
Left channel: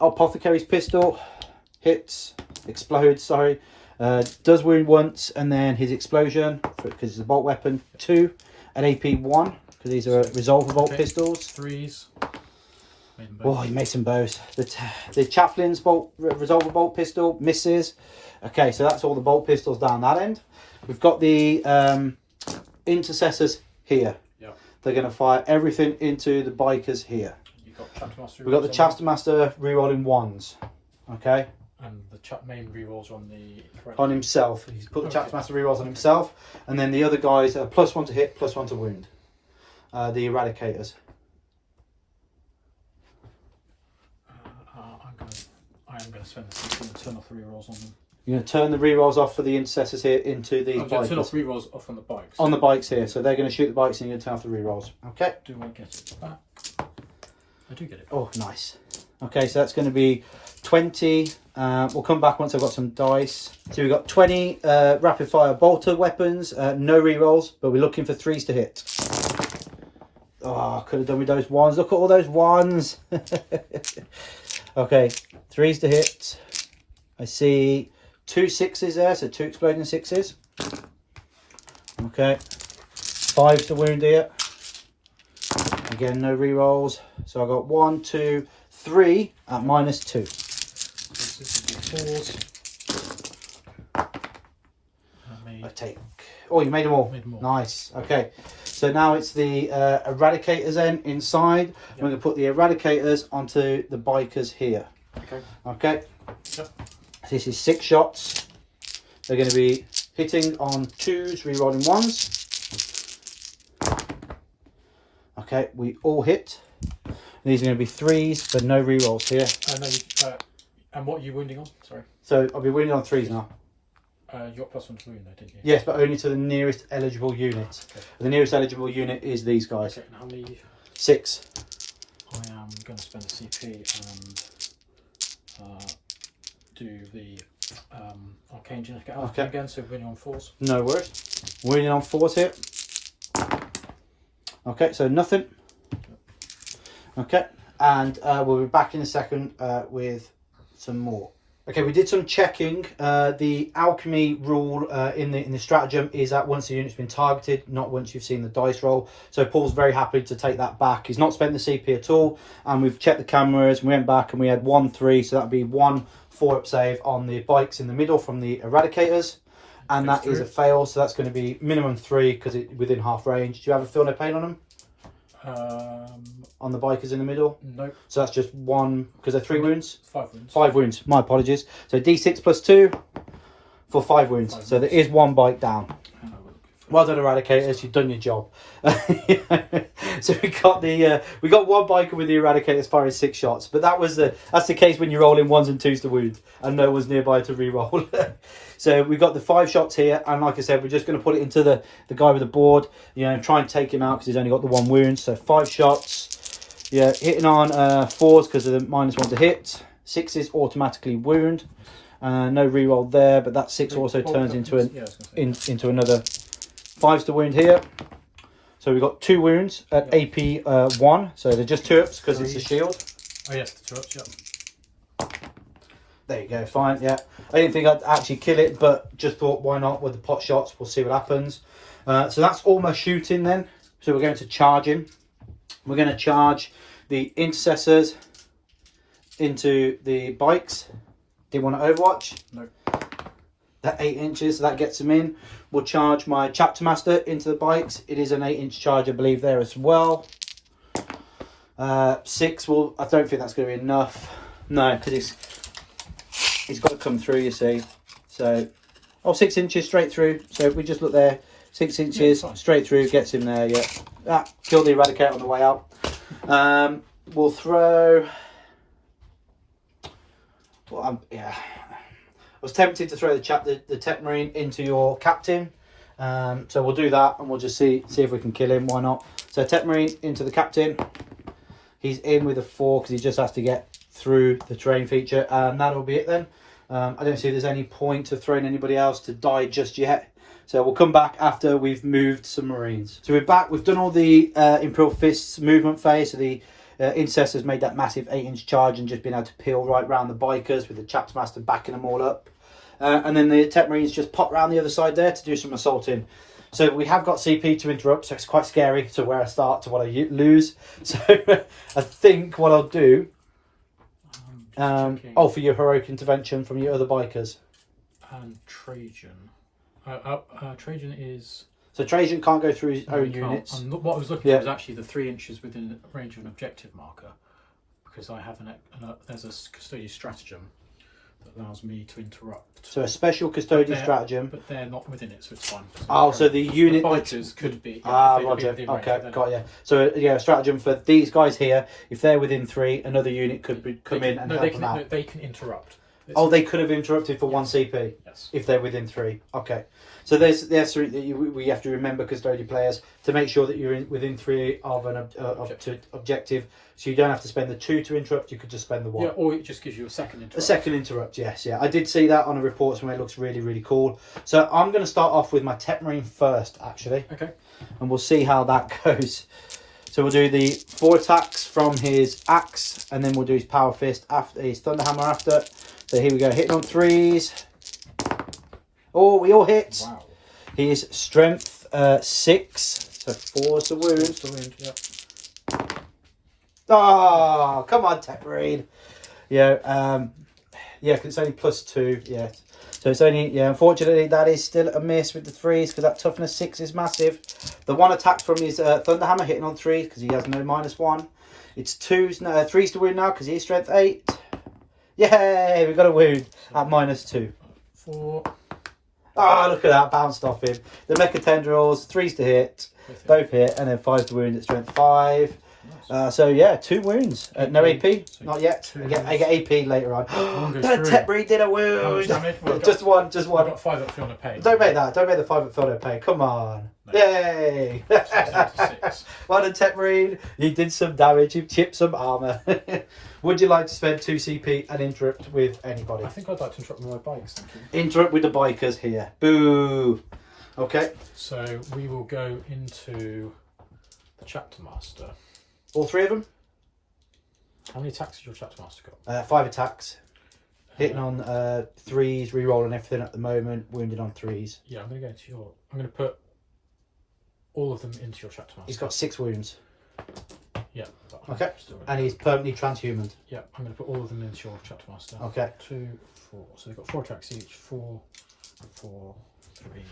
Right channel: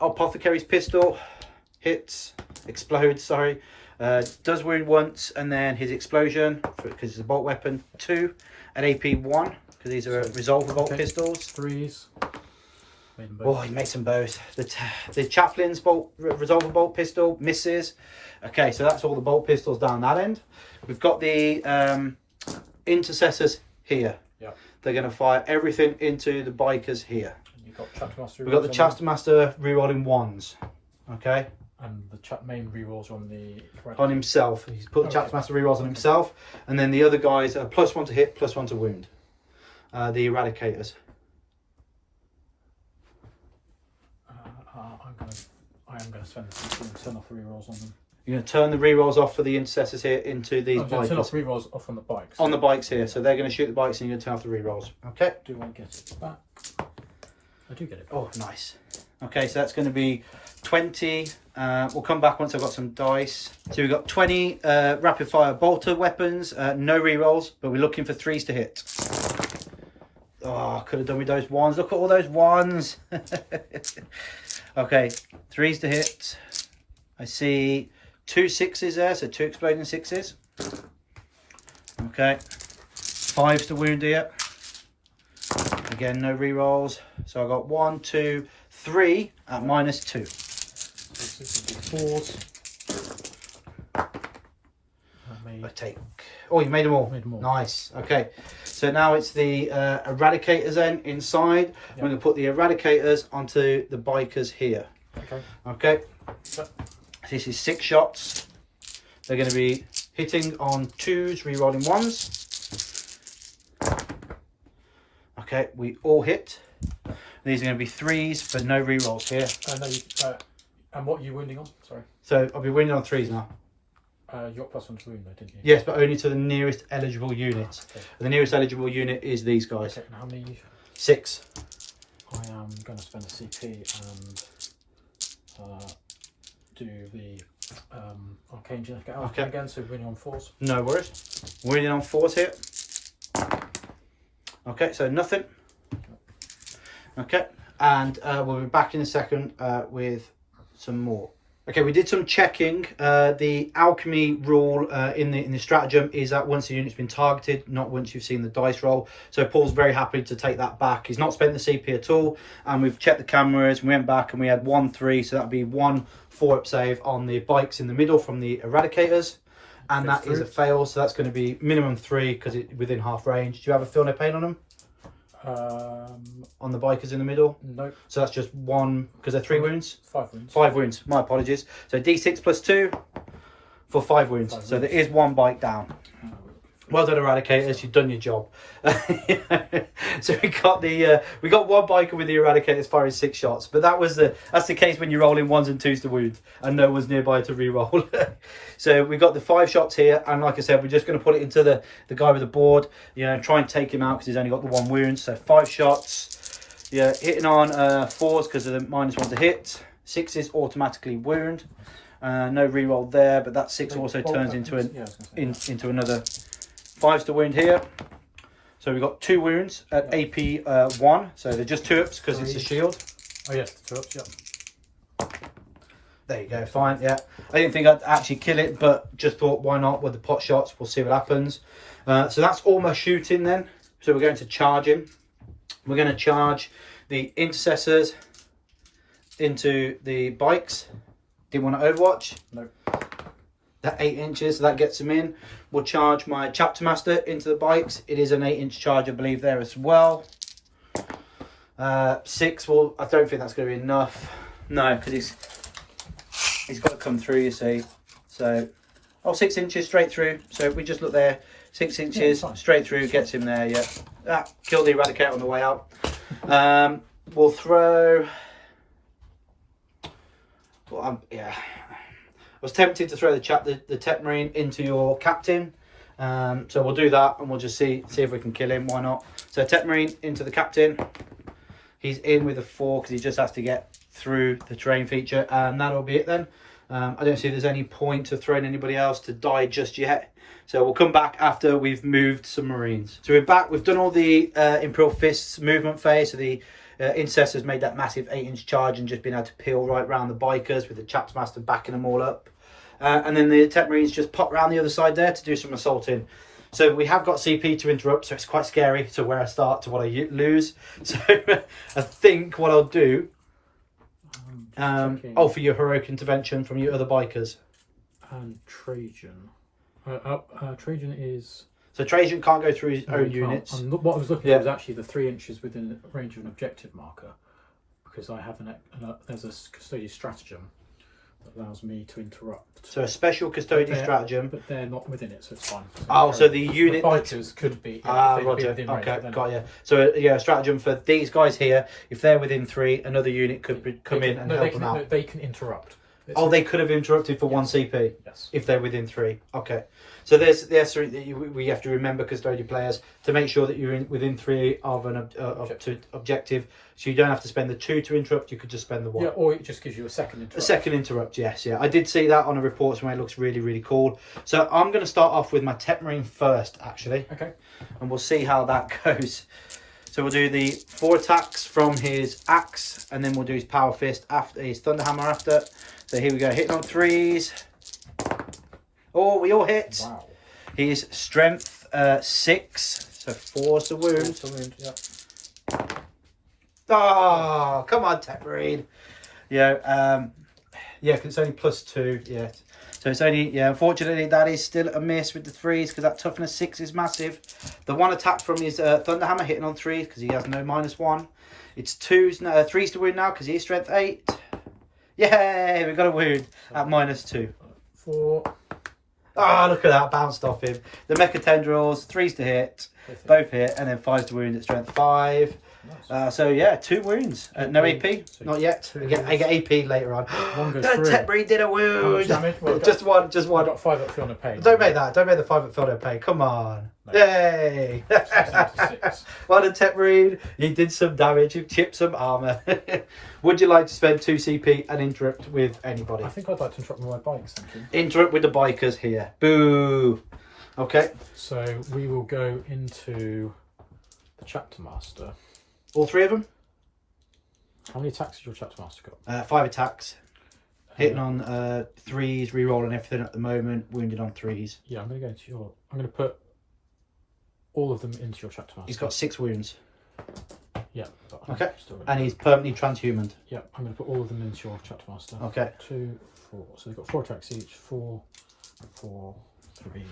apothecary's pistol, hits, explodes. Sorry, does wound once, and then his explosion because it's a bolt weapon 2, an AP 1 because these are resolver bolt pistols. 3s. Oh, he made some bows. The Chaplain's resolver bolt pistol misses. Okay, so that's all the bolt pistols down that end. We've got the intercessors here. Yeah. They're going to fire everything into the bikers here. We've got the Chapter Master rerolling 1s. Okay. And the main rerolls on the on himself. He's put the Chapter Master rerolls on himself, and then the other guys are +1 to hit, +1 to wound. The Eradicators. I am going to spend the CP and turn off the rerolls on them. You're going to turn the rerolls off for the intercessors here into the bikes. Turn off rerolls off on the bikes. On the bikes here, so they're going to shoot the bikes and you're going to turn off the rerolls. Okay. Do I get it back? I do get it back. Oh, nice. Okay, so that's going to be 20. We'll come back once I've got some dice. So we've got 20 rapid fire bolter weapons, no rerolls, but we're looking for 3s to hit. Oh, I could have done with those 1s. Look at all those 1s. Okay, 3s to hit. I see 2 6s there, so 2 exploding 6s. Okay, 5s to wound here. Again, no rerolls. So I got 1, 2, 3 at -2. So this would be 4s. take. Oh, you made them all. Made them all. Nice. Okay. So now it's the eradicators then inside. I'm going to put the eradicators onto the bikers here. Okay. Okay. Yep. This is 6 shots. They're going to be hitting on 2s, re-rolling 1s. Okay, we all hit. These are going to be 3s, but no re-rolls here. And what are you wounding on? Sorry. So I'll be winning on 3s now. You got +1 to wound though, didn't you? Yes, but only to the nearest eligible unit. Okay. The nearest eligible unit is these guys. Okay, and how many? 6. I am going to spend a CP and do the arcane genetic Okay. again, so winning on 4s. No worries. Winning on 4s here. Okay, so nothing. Okay, and we'll be back in a second with some more. Okay, we did some checking. The alchemy rule in the stratagem is that once the unit's been targeted, not once you've seen the dice roll. So Paul's very happy to take that back. He's not spent the CP at all, and we've checked the cameras. We went back and we had 1-3, so that'd be 1 4-up save on the bikes in the middle from the eradicators, and that is a fail. So that's going to be minimum 3 because it's within half range. Do you have a feel no pain on them? On the bikers in the middle? No. So that's just 1, because they're 3 wounds? 5 wounds. 5 wounds, my apologies. So D6 plus 2 for 5 wounds. So there is 1 bike down. Well done, Eradicators, you've done your job. So we got 1 biker with the Eradicator as far as 6 shots, but that's the case when you're rolling 1s and 2s to wound and no one's nearby to re-roll. So we've got the 5 shots here, and like I said, we're just going to put it into the guy with the board, try and take him out because he's only got the 1 wound. So 5 shots, hitting on 4s because of the -1 to hit. 6s automatically wound. No re-roll there, but that 6 also turns into another 5s to wound here. So we've got 2 wounds at AP 1. So they're just 2-ups because it's a shield. Oh yes, the 2-ups, yeah. There you go, fine, yeah. I didn't think I'd actually kill it, but just thought, why not with the pot shots? We'll see what happens. So that's almost shooting then. So we're going to charge him. We're going to charge the intercessors into the bikes. Didn't want to overwatch? No. That 8 inches, so that gets him in. We'll charge my chapter master into the bikes. It is an 8-inch charge, I believe, there as well. 6, well, I don't think that's going to be enough. No, because he's got to come through, you see. So, 6 inches straight through. So if we just look there, 6 inches straight through, gets him there, yeah. Kill the Eradicator on the way out. We'll throw... Well, I was tempted to throw the Tech Marine into your captain. So we'll do that and we'll just see if we can kill him. Why not? So Tech Marine into the captain. He's in with a 4 because he just has to get through the terrain feature. And that'll be it then. I don't see there's any point of throwing anybody else to die just yet. So we'll come back after we've moved some Marines. So we're back. We've done all the Imperial Fists movement phase. So the Incestors made that massive 8-inch charge and just been able to peel right round the bikers with the Chaps Master backing them all up. And then the Tech Marines just pop round the other side there to do some assaulting. So we have got CP to interrupt, so it's quite scary to where I start to what I lose. So I think what I'll do... for your heroic intervention from your other bikers. And Trajan. Trajan is... So Trajan can't go through his own units. What I was looking at was actually the 3 inches within range of an objective marker, because I have there's a custodian stratagem that allows me to interrupt. So a special custodian stratagem, but they're not within it, so it's fine. So the unit the bikers could be. Roger. Okay, got you. So a stratagem for these guys here. If they're within 3, another unit could come in and help them out. No, they can interrupt. They could have interrupted for 1 CP. Yes. If they're within 3. Okay. So there's 3 that we have to remember, custodian players, to make sure that you're within 3 of an objective. So you don't have to spend the 2 to interrupt. You could just spend the 1. Yeah, or it just gives you a second interrupt. A second interrupt, yes, yeah. I did see that on a report somewhere. It looks really, really cool. So I'm going to start off with my Tech Marine first, actually. Okay. And we'll see how that goes. So we'll do the 4 attacks from his axe, and then we'll do his power fist after, his thunderhammer after. So here we go, hitting on 3s. Oh, we all hit. Wow. He is strength 6, so 4 to wound. Yep. Oh, come on, Tech Marine. Yeah, because it's only +2. Yeah. So it's only, yeah, unfortunately that is still a miss with the 3s because that toughness 6 is massive. The 1 attack from his Thunderhammer hitting on 3s because he has no -1. It's 3s to wound now because he is strength 8. Yay, we got a wound at -2. 4. Ah, look at that, bounced off him. The Mecha Tendrils, 3s to hit, both hit, and then 5s to wound at strength 5. Nice. So yeah, 2 wounds. No AP, so not yet. I get AP later on. One goes The through. Tetbury did a wound. How much damage? Well, just one. I got 5 at Feel No Pain. Don't make that. Don't make the 5 at Feel No Pain. Come on. No. Yay. So it's down to 6. Well done, Tetbury. You did some damage. You chipped some armour. Would you like to spend 2 CP and interrupt with anybody? I think I'd like to interrupt with my bikes, thank you. Interrupt with the bikers here. Boo. Okay. So we will go into the Chapter Master. All 3 of them? How many attacks has your Chapter Master got? 5 attacks. Hitting on 3s, re-rolling everything at the moment. Wounded on 3s. Yeah, I'm going to go into your... I'm going to put all of them into your Chapter Master. He's got 6 wounds. Yeah. Okay. And he's permanently transhumaned. Yeah, I'm going to put all of them into your Chapter Master. Okay. 2, 4. So they've got 4 attacks each. 4, 4, 3.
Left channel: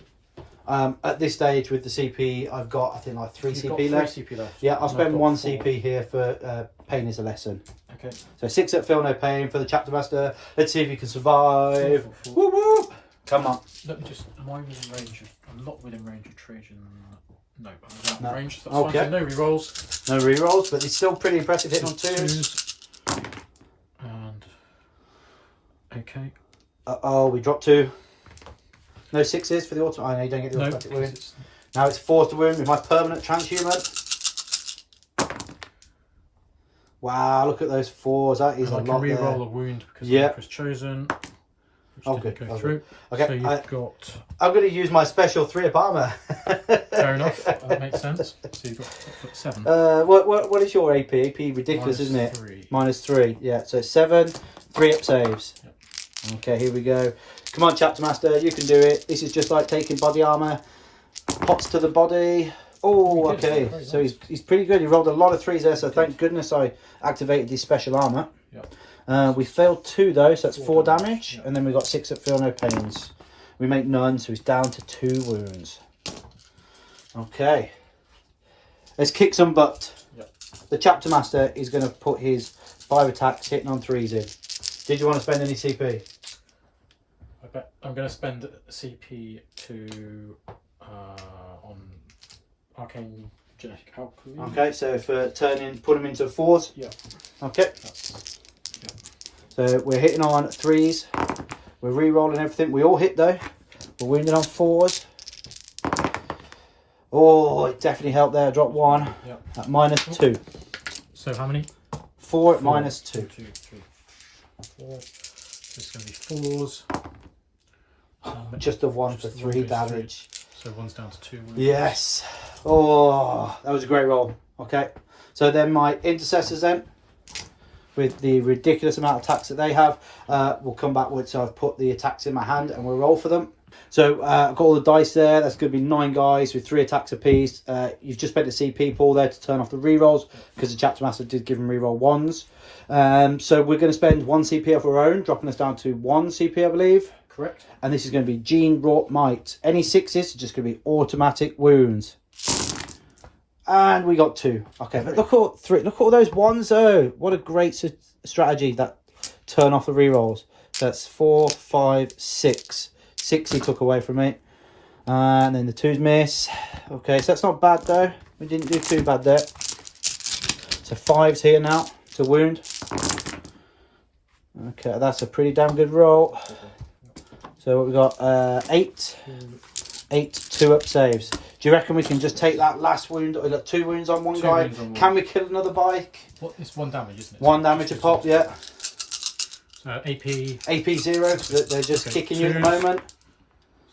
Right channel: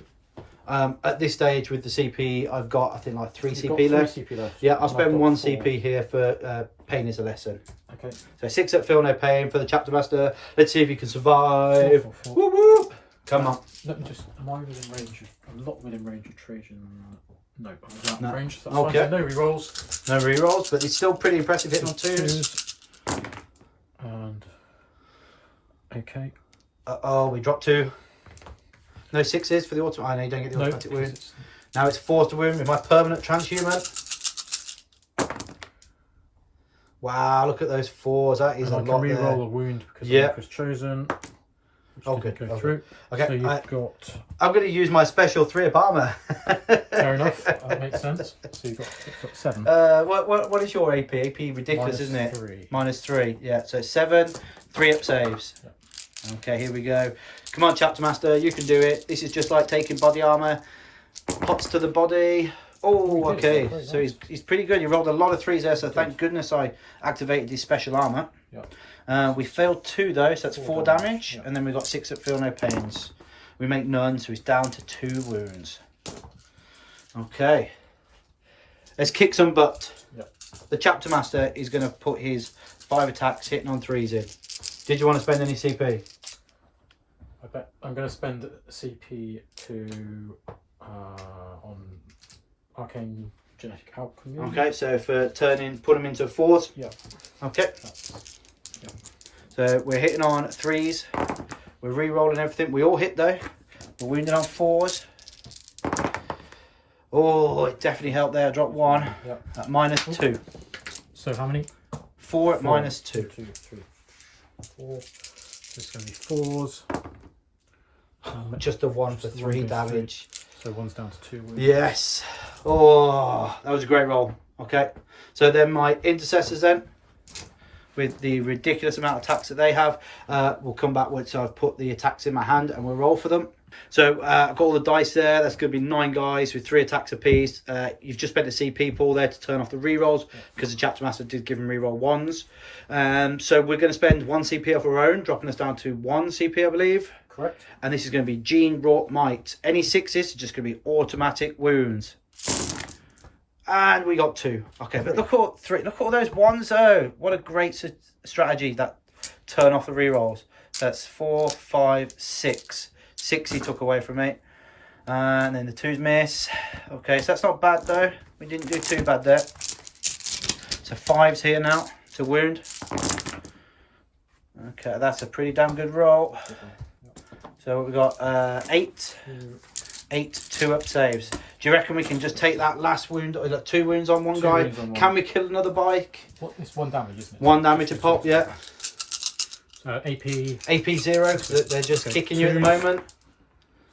At this stage with the CP, I've got, I think, like 3 You've CP got 3 left. CP left. Yeah, I'll And spend I've got 1 4. CP here for Pain is a Lesson. Okay. So 6 at Feel No Pain for the Chapter Master. Let's see if he can survive. 4, 4, 4. Woo woo! Come on. Let me just... Am I within range of... I'm not within range of Trajan... No, I'm without No. range. So that's Okay. fine. So no rerolls. No re-rolls, but it's still pretty impressive hitting on 2s. 2s. And... Okay. Uh-oh, we dropped 2. No 6s for the auto. I know you don't get the No, automatic wound. it's... Now it's 4 to wound with my permanent transhuman. Wow, look at those 4s. That is And a I can lot there. re-roll a wound because Yeah. the mark was chosen. Which Oh, didn't good. go Oh, through. Okay, So you've got... I'm going to use my special 3 up armour. Fair enough. That makes sense. So you've got 7. What is your AP? AP ridiculous, isn't it? -3. -3. Yeah, so 7, 3 up saves. Yeah. Okay, here we go. Come on, Chapter Master, you can do it. This is just like taking body armour. Pots to the body. Oh, He did. okay. Very So nice. he's pretty good. He rolled a lot of 3s there, so thank goodness I activated this special armour. Yeah. We failed 2 though, so that's 4 damage. Yeah. And then we got 6 at Feel No Pains. We make none, so he's down to 2 wounds. Okay. Let's kick some butt. Yeah. The Chapter Master is going to put his 5 attacks hitting on 3s in. Did you want to spend any CP? I bet I'm going to spend CP to on Arcane Genetic Alchemy. Okay, so for put them into 4s. Yeah. Okay. Yeah. So we're hitting on 3s. We're re-rolling everything. We all hit though. We're wounded on 4s. Oh, it definitely helped there. Drop 1 Yeah. at -2. So how many? 4 at 4, -2. 2, 3, 4. So it's going to be 4s. Just a 1 for Just 3 goes damage. So 1's down to 2 wounds. Yes. Oh, that was a great roll. Okay. So then my intercessors then, with the ridiculous amount of attacks that they have, will come back with. So I've put the attacks in my hand and we'll roll for them. So I've got all the dice there. That's going to be 9 guys with 3 attacks apiece. You've just spent a CP pool there to turn off the rerolls because the Chapter Master did give them reroll 1s. So we're going to spend 1 CP of our own, dropping us down to 1 CP, I believe. Correct. And this is going to be Gene Wrought Might. Any 6s are just going to be automatic wounds. And we got 2. Okay, but look at 3. Look at all those 1s though. What a great strategy, that turn off the rerolls. So that's 4, 5, 6. 6 he took away from me. And then the 2s miss. Okay, so that's not bad though. We didn't do too bad there. So 5's here now to wound. Okay, that's a pretty damn good roll. So we got 8 2 up saves. Do you reckon we can just take that last wound? We got 2 wounds on one 2 guy. wounds on one. Can we kill another bike? What? It's 1 damage, isn't it? 1 damage a pop, yeah. So AP. AP 0. They're just Okay, kicking you at the 2s. moment.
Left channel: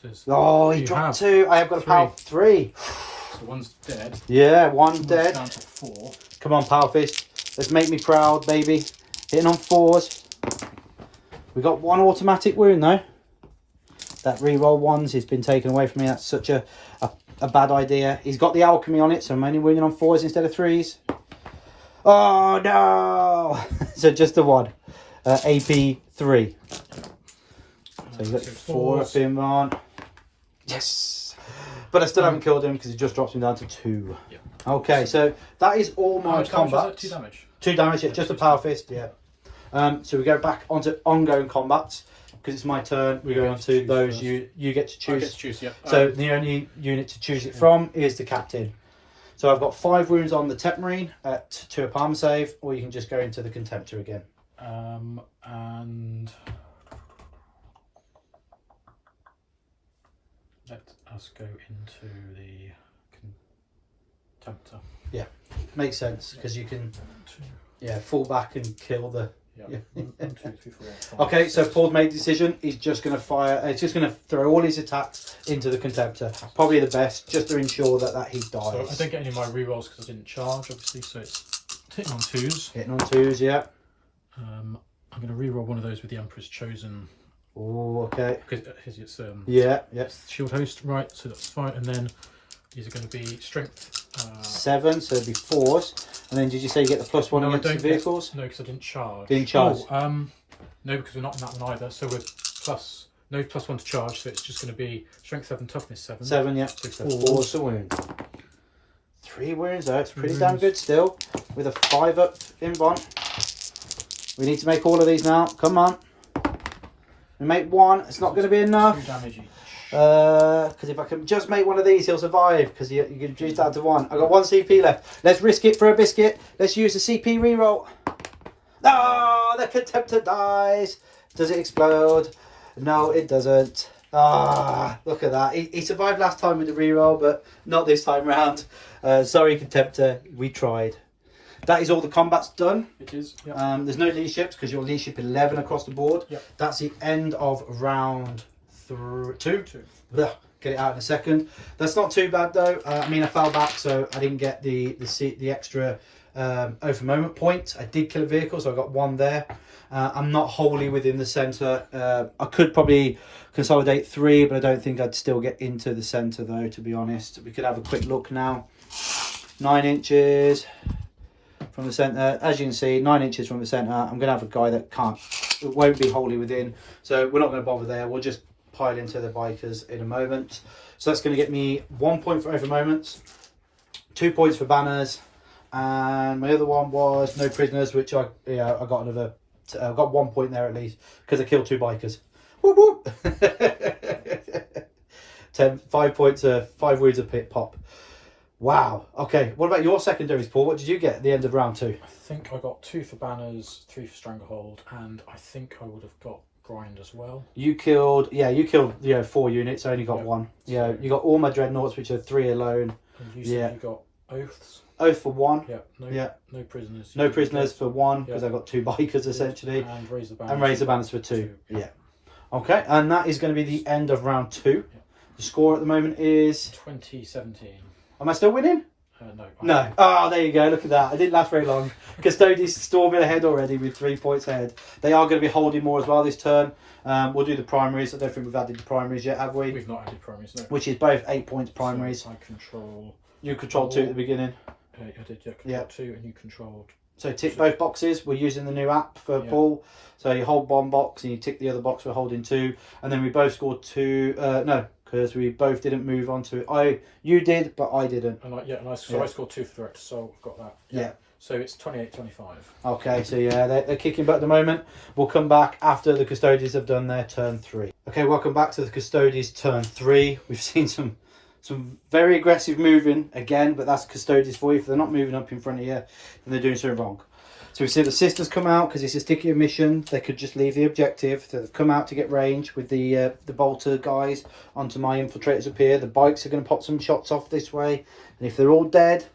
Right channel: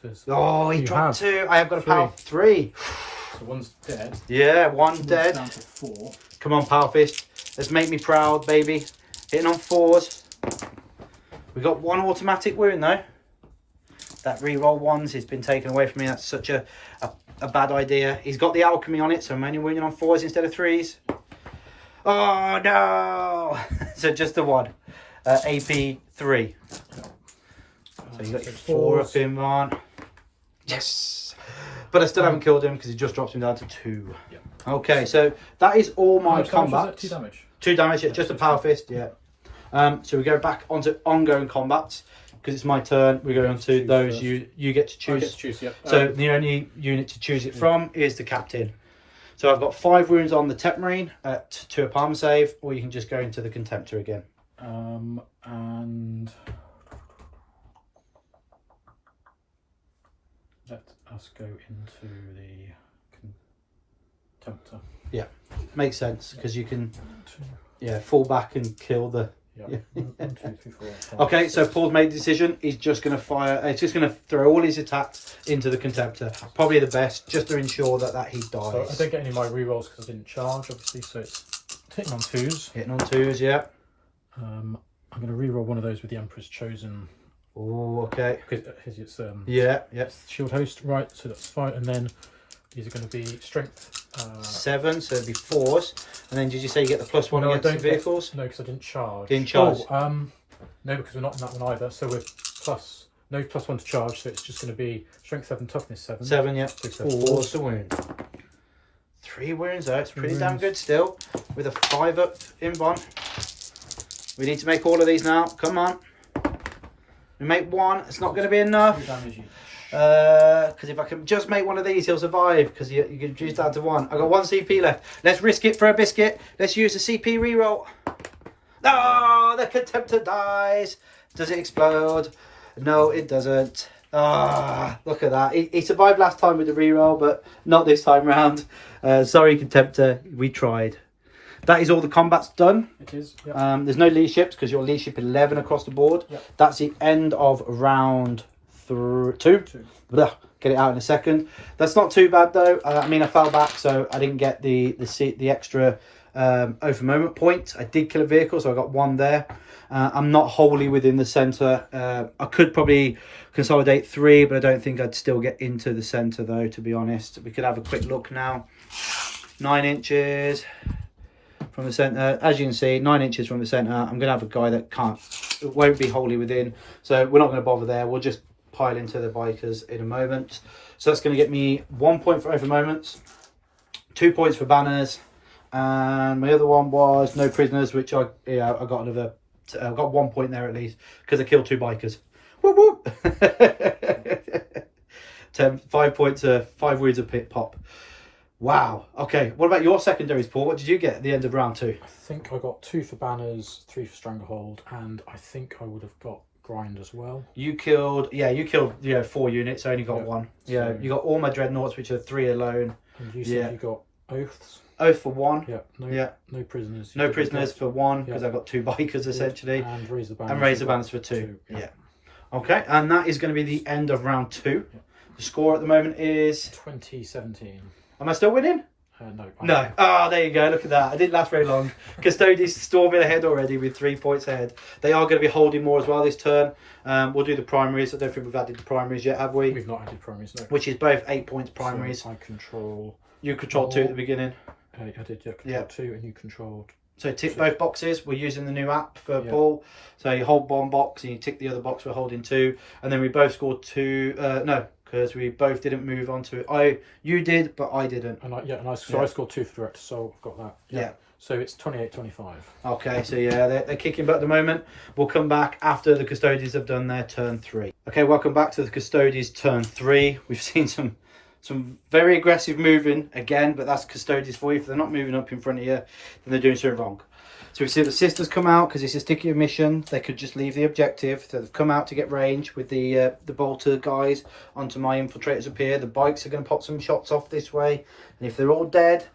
Says, Oh, he You dropped have 2. I have got a 3. power 3. so 1's dead. Yeah, 1 2's dead. down to 4. Come on, Power Fist. Let's make me proud, baby. Hitting on 4s. We got 1 automatic wound though. That reroll 1s has been taken away from me. That's such a bad idea. He's got the alchemy on it, so I'm only wounding on 4s instead of 3s. Oh no! So just the 1. AP 3. So you got your 4 up in one. Yes! But I still haven't killed him because he just drops me down to 2. Yeah. Okay, so that is all my combat. 2 damage. 2 damage, yeah, just a power fist, yeah. So we go back onto ongoing combats because it's my turn. We go on to those. You get to choose. I get to choose, yeah. So the only unit to choose it from is the captain. So I've got 5 wounds on the Tech Marine at 2 a palm save, or you can just go into the Contemptor again. And let us go into the Contemptor. Yeah, makes sense because you can, fall back and kill the. Yeah. 1, 2, 3, 4, 5, Okay, 6. so Paul's made the decision. He's just going to fire. He's just going to throw all his attacks into the Contemptor. Probably the best, just to ensure that he dies. So I don't get any of my rerolls because I didn't charge, obviously. So it's hitting on 2s. Hitting on 2s, yeah. I'm going to reroll one of those with the Emperor's Chosen. Oh, okay. Because it's yeah. shield host, right? So that's fine. And then these are going to be strength 7, so it'd be 4s. And then did you say you get the +1 against the vehicles? No, because I didn't charge. Didn't charge? Oh, no, because we're not in that one either. So we're no +1 to charge. So it's just going to be strength 7, toughness 7. 7, yeah. So 4 to wound. 3 wounds though. It's pretty damn good still. With a 5 up in one. We need to make all of these now. Come on. We make 1. It's not going to be enough. 2 damage each. Because if I can just make one of these, he'll survive. Because you can reduce down to 1. I've got 1 CP left. Let's risk it for a biscuit. Let's use the CP reroll. Oh, the Contemptor dies. Does it explode? No, it doesn't. Ah, look at that. He survived last time with the reroll, but not this time round. Sorry, Contemptor. We tried. That is all the combat's done. It is. Yep. There's no leaderships because you're leadership 11 across the board. Yep. That's the end of round 2. Blah, get it out in a second. That's not too bad though. I mean, I fell back, so I didn't get the extra over moment point. I did kill a vehicle, so I got 1 there. I'm not wholly within the centre. I could probably consolidate 3, but I don't think I'd still get into the centre though, to be honest. We could have a quick look now. 9 inches from the centre. As you can see, 9 inches from the centre. I'm going to have a guy that won't be wholly within, so we're not going to bother there. We'll just pile into the bikers in a moment. So that's going to get me 1 point for over moments, 2 points for banners, and my other one was no prisoners, which I got another. I got 1 point there at least because I killed 2 bikers. Whoop whoop. 5 points, 5 wounds a pit pop. Wow. Okay. What about your secondaries, Paul? What did you get at the end of round 2? I think I got 2 for banners, 3 for stranglehold, and I think I would have got grind as well. You killed 4 units. I only got 1. Yeah, you got all my dreadnoughts, which are 3 alone. And you said you got oaths. Oath for 1. Yeah. No prisoners. No prisoners for 1 because I got 2 bikers essentially. And raise the banners. And raise the banners for 2. Yeah. Okay, and that is going to be the end of round 2. Yeah. The score at the moment is 2017. Am I still winning? No. No. Oh, there you go. Look at that. I didn't last very long. Custodians storming ahead already with 3 points ahead. They are going to be holding more as well this turn. We'll do the primaries. I don't think we've added the primaries yet, have we? We've not added primaries, no. Which is both 8 points primaries. So I control... You controlled 2 at the beginning. I did, control 2 and you controlled... So tick both boxes. We're using the new app for Paul. So you hold 1 box and you tick the other box for holding 2. And then we both scored 2... no. Because we both didn't move on to you did, but I didn't. And I scored 2 for director, so I've got that. Yeah. So it's 28-25. Okay, so yeah, they're kicking butt at the moment. We'll come back after the Custodians have done their turn 3. Okay, welcome back to the Custodians turn 3. We've seen some very aggressive moving again, but that's Custodians for you. If they're not moving up in front of you, then they're doing something wrong. So we see the sisters come out because it's a sticky mission. They could just leave the objective. So they've come out to get range with the bolter guys onto my infiltrators up here. The bikes are going to pop some shots off this way. And if they're all dead,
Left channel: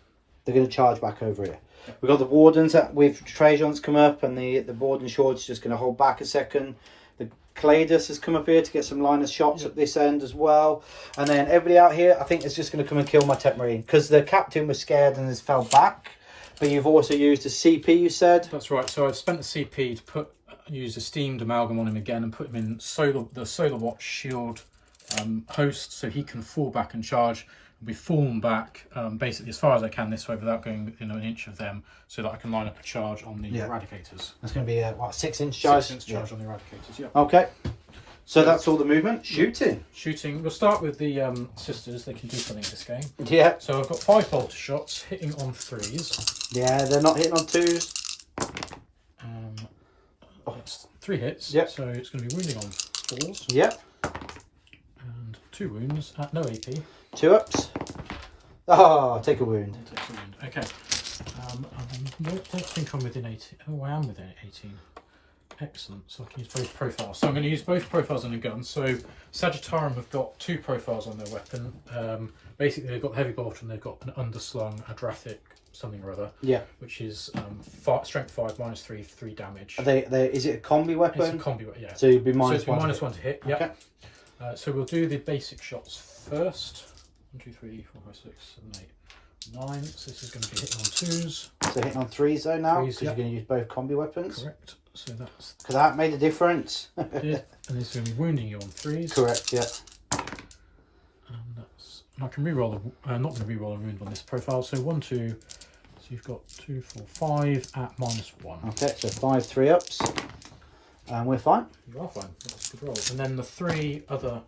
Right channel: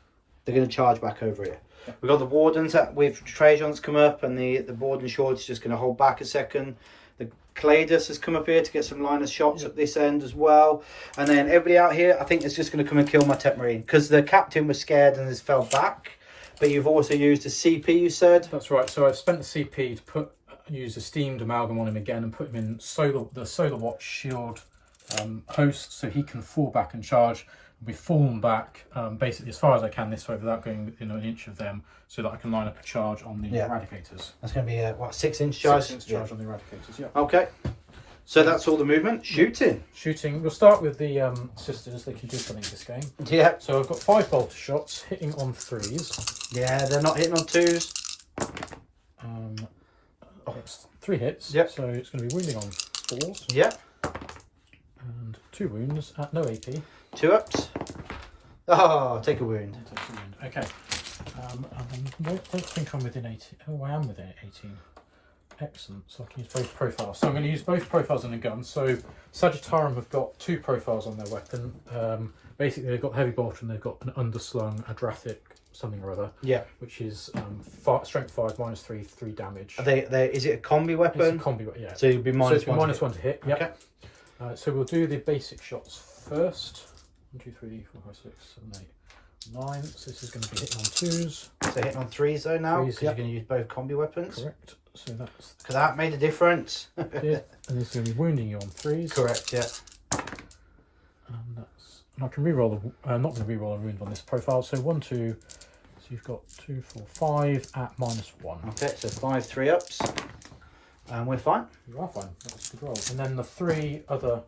they're going to charge back over here. We've got the wardens with Trajans come up, and the warden short's just going to hold back a second. The Cladus has come up here to get some line of shots at this end as well. And then everybody out here, I think, is just going to come and kill my Tech Marine because the captain was scared and has fell back. But you've also used a CP, you said? That's right. So I've spent the CP to use a steamed amalgam on him again and put him in the Solar Watch shield host, so he can fall back and charge. Be fallen back basically as far as I can this way without going within an inch of them, so that I can line up a charge on the eradicators. That's going to be a 6-inch charge? 6-inch charge on the eradicators. Yeah. Okay. So that's all the movement. Shooting. Shooting. We'll start with the sisters. They can do something in this game. Yeah. So I've got 5 bolter shots hitting on 3s. Yeah, they're not hitting on 2s. That's 3 hits. Yep. So it's going to be wounding on 4s. Yep. And 2 wounds at no AP. 2 ups. Oh, take a wound. Takes a wound. Okay. And I don't think I'm within 18. Oh, I am within 18. Excellent. So I can use both profiles. So I'm going to use both profiles on the gun. So Sagittarium have got 2 profiles on their weapon. Basically, they've got heavy bolter and they've got an underslung Adrathic something or other. Yeah. Which is strength 5, -3, 3 damage. Are they? Is it a combi weapon? It's a combi weapon, yeah. So you'd be -1 to hit. Yeah. Okay. So we'll do the basic shots first. 1, 2, 3, 4, 5, 6, 7, 8, 9. So this is going to be hitting on 2s. So hitting on 3s though now, 3s, because you're going to use both combi weapons. Correct. So that's Because that made a difference. it. And this is going to be wounding you on 3s. Correct, yeah. And I can reroll the not going to reroll a wound on this profile. So 1, 2. So you've got 2, 4, 5 at -1. Okay, so 5 3 ups. And we're fine. You are fine. That's a good roll. And then the 3 other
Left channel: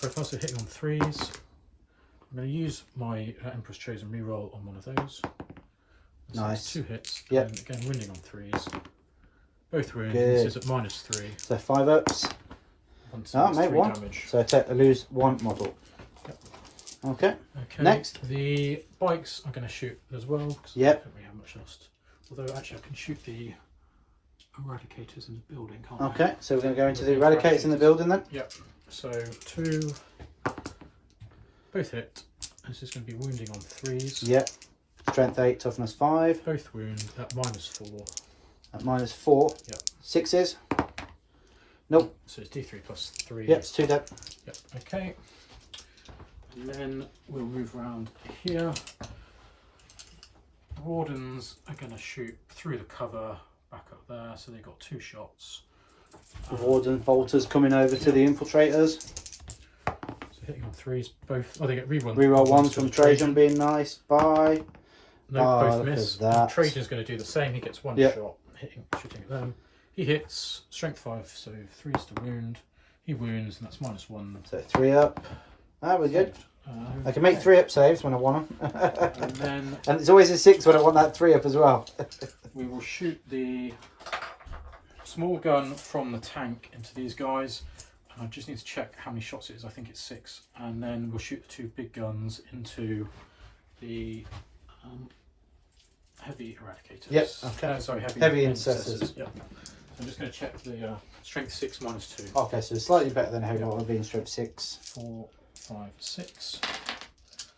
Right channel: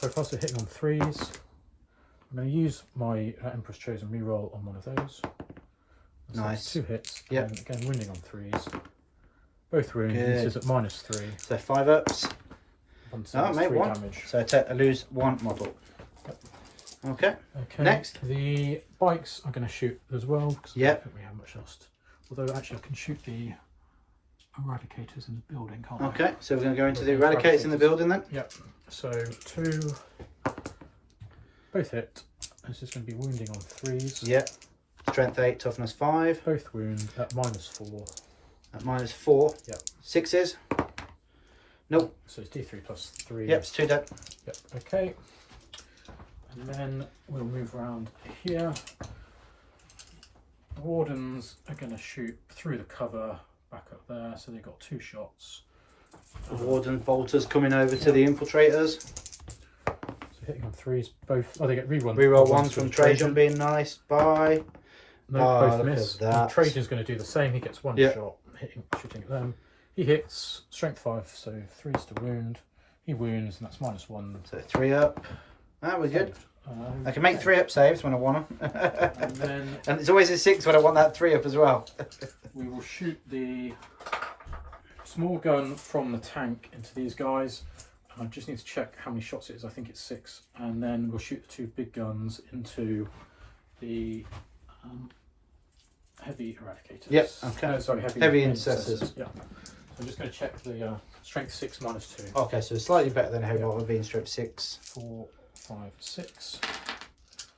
profiles are hitting on 3s. I'm going to use my Emperor's Chosen reroll on one of those. So Nice. 2 hits. Yep. And again, wounding on 3s. Both wounds. Good. This is at -3. So 5 ups. 1, Oh, mate, 3 1. damage. So I lose 1 model. Yep. Okay. Okay. Next. The bikes I'm going to shoot as well. Because Yep. I don't think we have much else. Although actually I can shoot the Eradicators in the building, can't I? Okay, so we're going to go into the Eradicators in the building then. Yep. So 2. Both hit. This is going to be wounding on 3s. Yep. Strength 8, toughness 5. Both wound at -4. At -4. Yep. 6s. Nope. So it's D3 plus 3. Yep, it's 2 dead. Yep. Okay. And then we'll move around here. The Wardens are going to shoot through the cover back up there. So they've got 2 shots. The Warden bolters coming over to the infiltrators. So hitting on 3s, both. Oh, they get reroll. Reroll 1 from Trajan being nice. Bye. No, Oh, both look miss. at that. Trajan's going to do the same. He gets 1 Yep. shot, shooting at them. He hits, strength 5, so 3's to wound. He wounds, and that's -1. So 3 up. That was good. Um, I can make 3 up saves when I want them. And then And it's always a 6 when I want that 3 up as well. we will shoot the small gun from the tank into these guys. I just need to check how many shots it is. I think it's 6. And then we'll shoot the 2 big guns into the heavy Eradicators. Yep, okay. No, sorry, Heavy Intercessors. Yeah. So I'm just going to check the strength 6 -2. Okay, so slightly better than heavy bolter being strength 6. 4, 5, 6.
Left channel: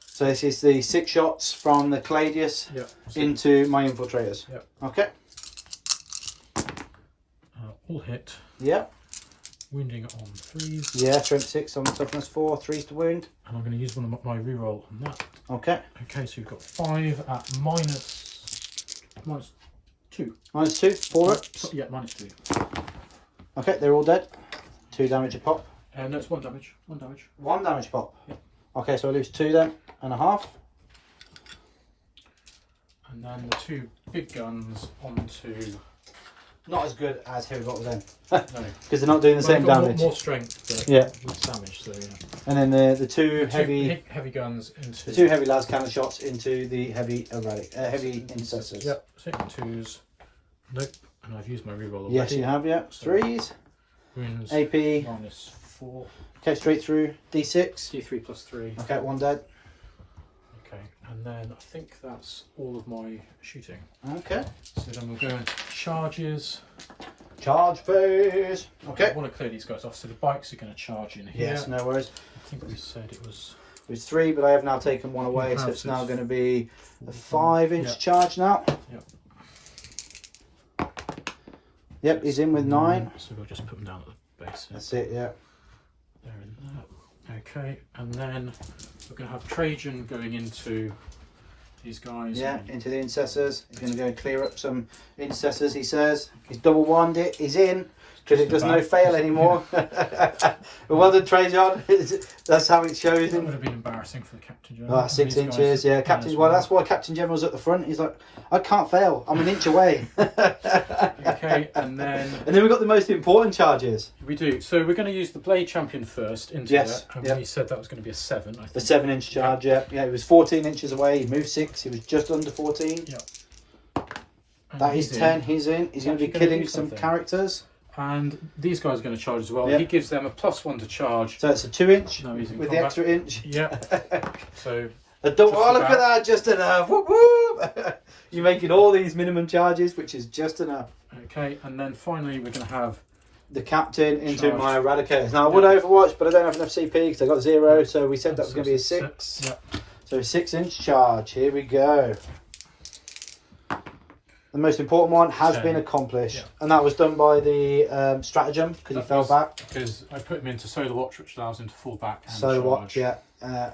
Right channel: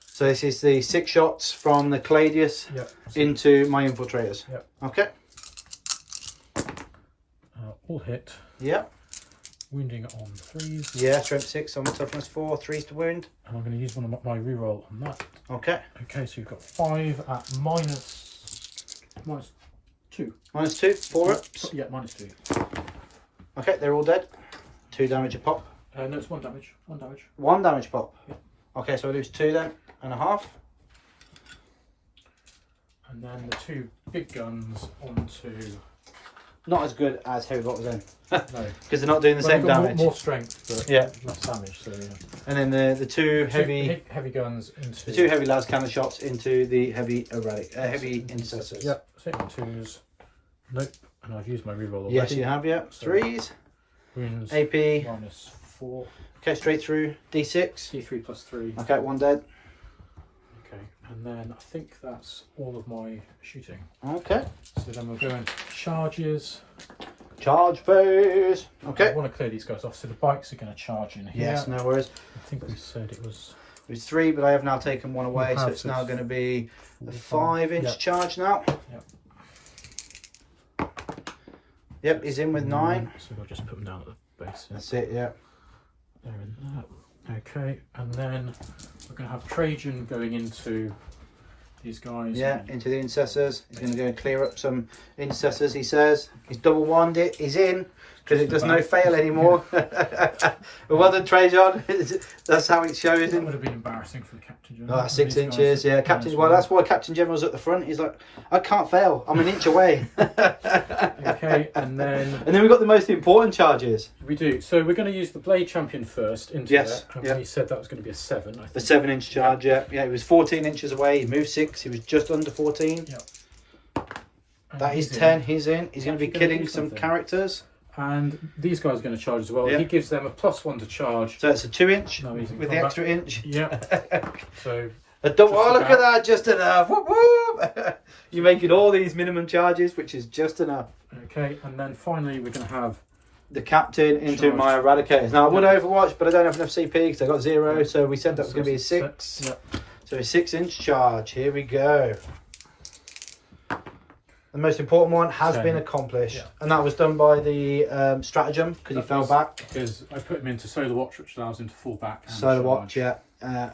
So this is the 6 shots from the Cladius Yep. into my infiltrators. Yep. Okay. All hit. Yep. Wounding on 3s. Yeah, strength 6 on the toughness 4, 3s to wound. And I'm going to use one of my reroll on that. Okay. Okay, so you've got 5 at -2. -2, 4 ups. Yeah, -2. Okay, they're all dead. 2 damage a pop. No, it's 1 damage. 1 damage. 1 damage pop. Yep. Okay, so I lose 2 then, and a half. And then the 2 big guns onto. Not as good as heavy bolter then, No. because they're not doing the same Well, damage. more strength, but Yeah. less damage. So yeah. And then the 2 heavy, heavy guns into. the 2 heavy las cannon shots into the heavy heavy intercessors. Yep. Second 2s. Nope. And I've used my reroll already. Yes, you have. Yeah. So- 3s. Wounds. AP. -4. Okay, straight through. D6. D3 plus 3. Okay, 1 dead. Okay. And then I think that's all of my shooting. Okay. So then we'll go into charges. Charge phase. I Okay. want to clear these guys off. So the bikes are going to charge in here. Yes, no worries. I think we said it was. It was 3, but I have now taken 1 away, so have, it's so now it's going to be a 5. 5-inch Yep. charge now. Yep. Yep, he's in with 9. So we'll just put them down at the base. Yeah. That's it, yeah. They're in there. Okay, and then we're going to have Trajan going into these guys. Yeah, and- into the intercessors. He's going to go and clear up some intercessors, he says. He's double wand it. He's in. because it does no fail anymore. But well done, Trajan. That's how it shows That him. would have been embarrassing for the Captain General. Oh, 6 These inches, guys yeah. Captain. Well, that's why Captain General's at the front. He's like, I can't fail. I'm an inch away. Okay, and then we've got the most important charges. we do. So we're going to use the Blade Champion first into Yes, it. And yep. we said that was going to be a 7. I think. The 7-inch charge, yeah. He was 14 inches away. He moved 6. He was just under 14. Yep. And That is he's 10. in. He's in. He's going to be actually gonna killing do some something. characters. And these guys are going to charge as well. Yep. He gives them a +1 to charge. So it's a 2-inch No, he's in with the combat. extra inch. Yeah. So A double. Just Oh, look about. at that. Just enough. Whoop, whoop. You're making all these minimum charges, which is just enough. okay, and then finally we're going to have The captain into Charge. my eradicators. Now I would Yeah. Overwatch, but I don't have enough CP because I got 0. So we said that was going to be a 6. Yep. So a 6-inch charge. Here we go. The most important one has 10. been accomplished, Yeah. and that was done by the stratagem because he That fell was back. Because I put him into Solar Watch, which allows him to fall back and Solar charge. Watch, yeah.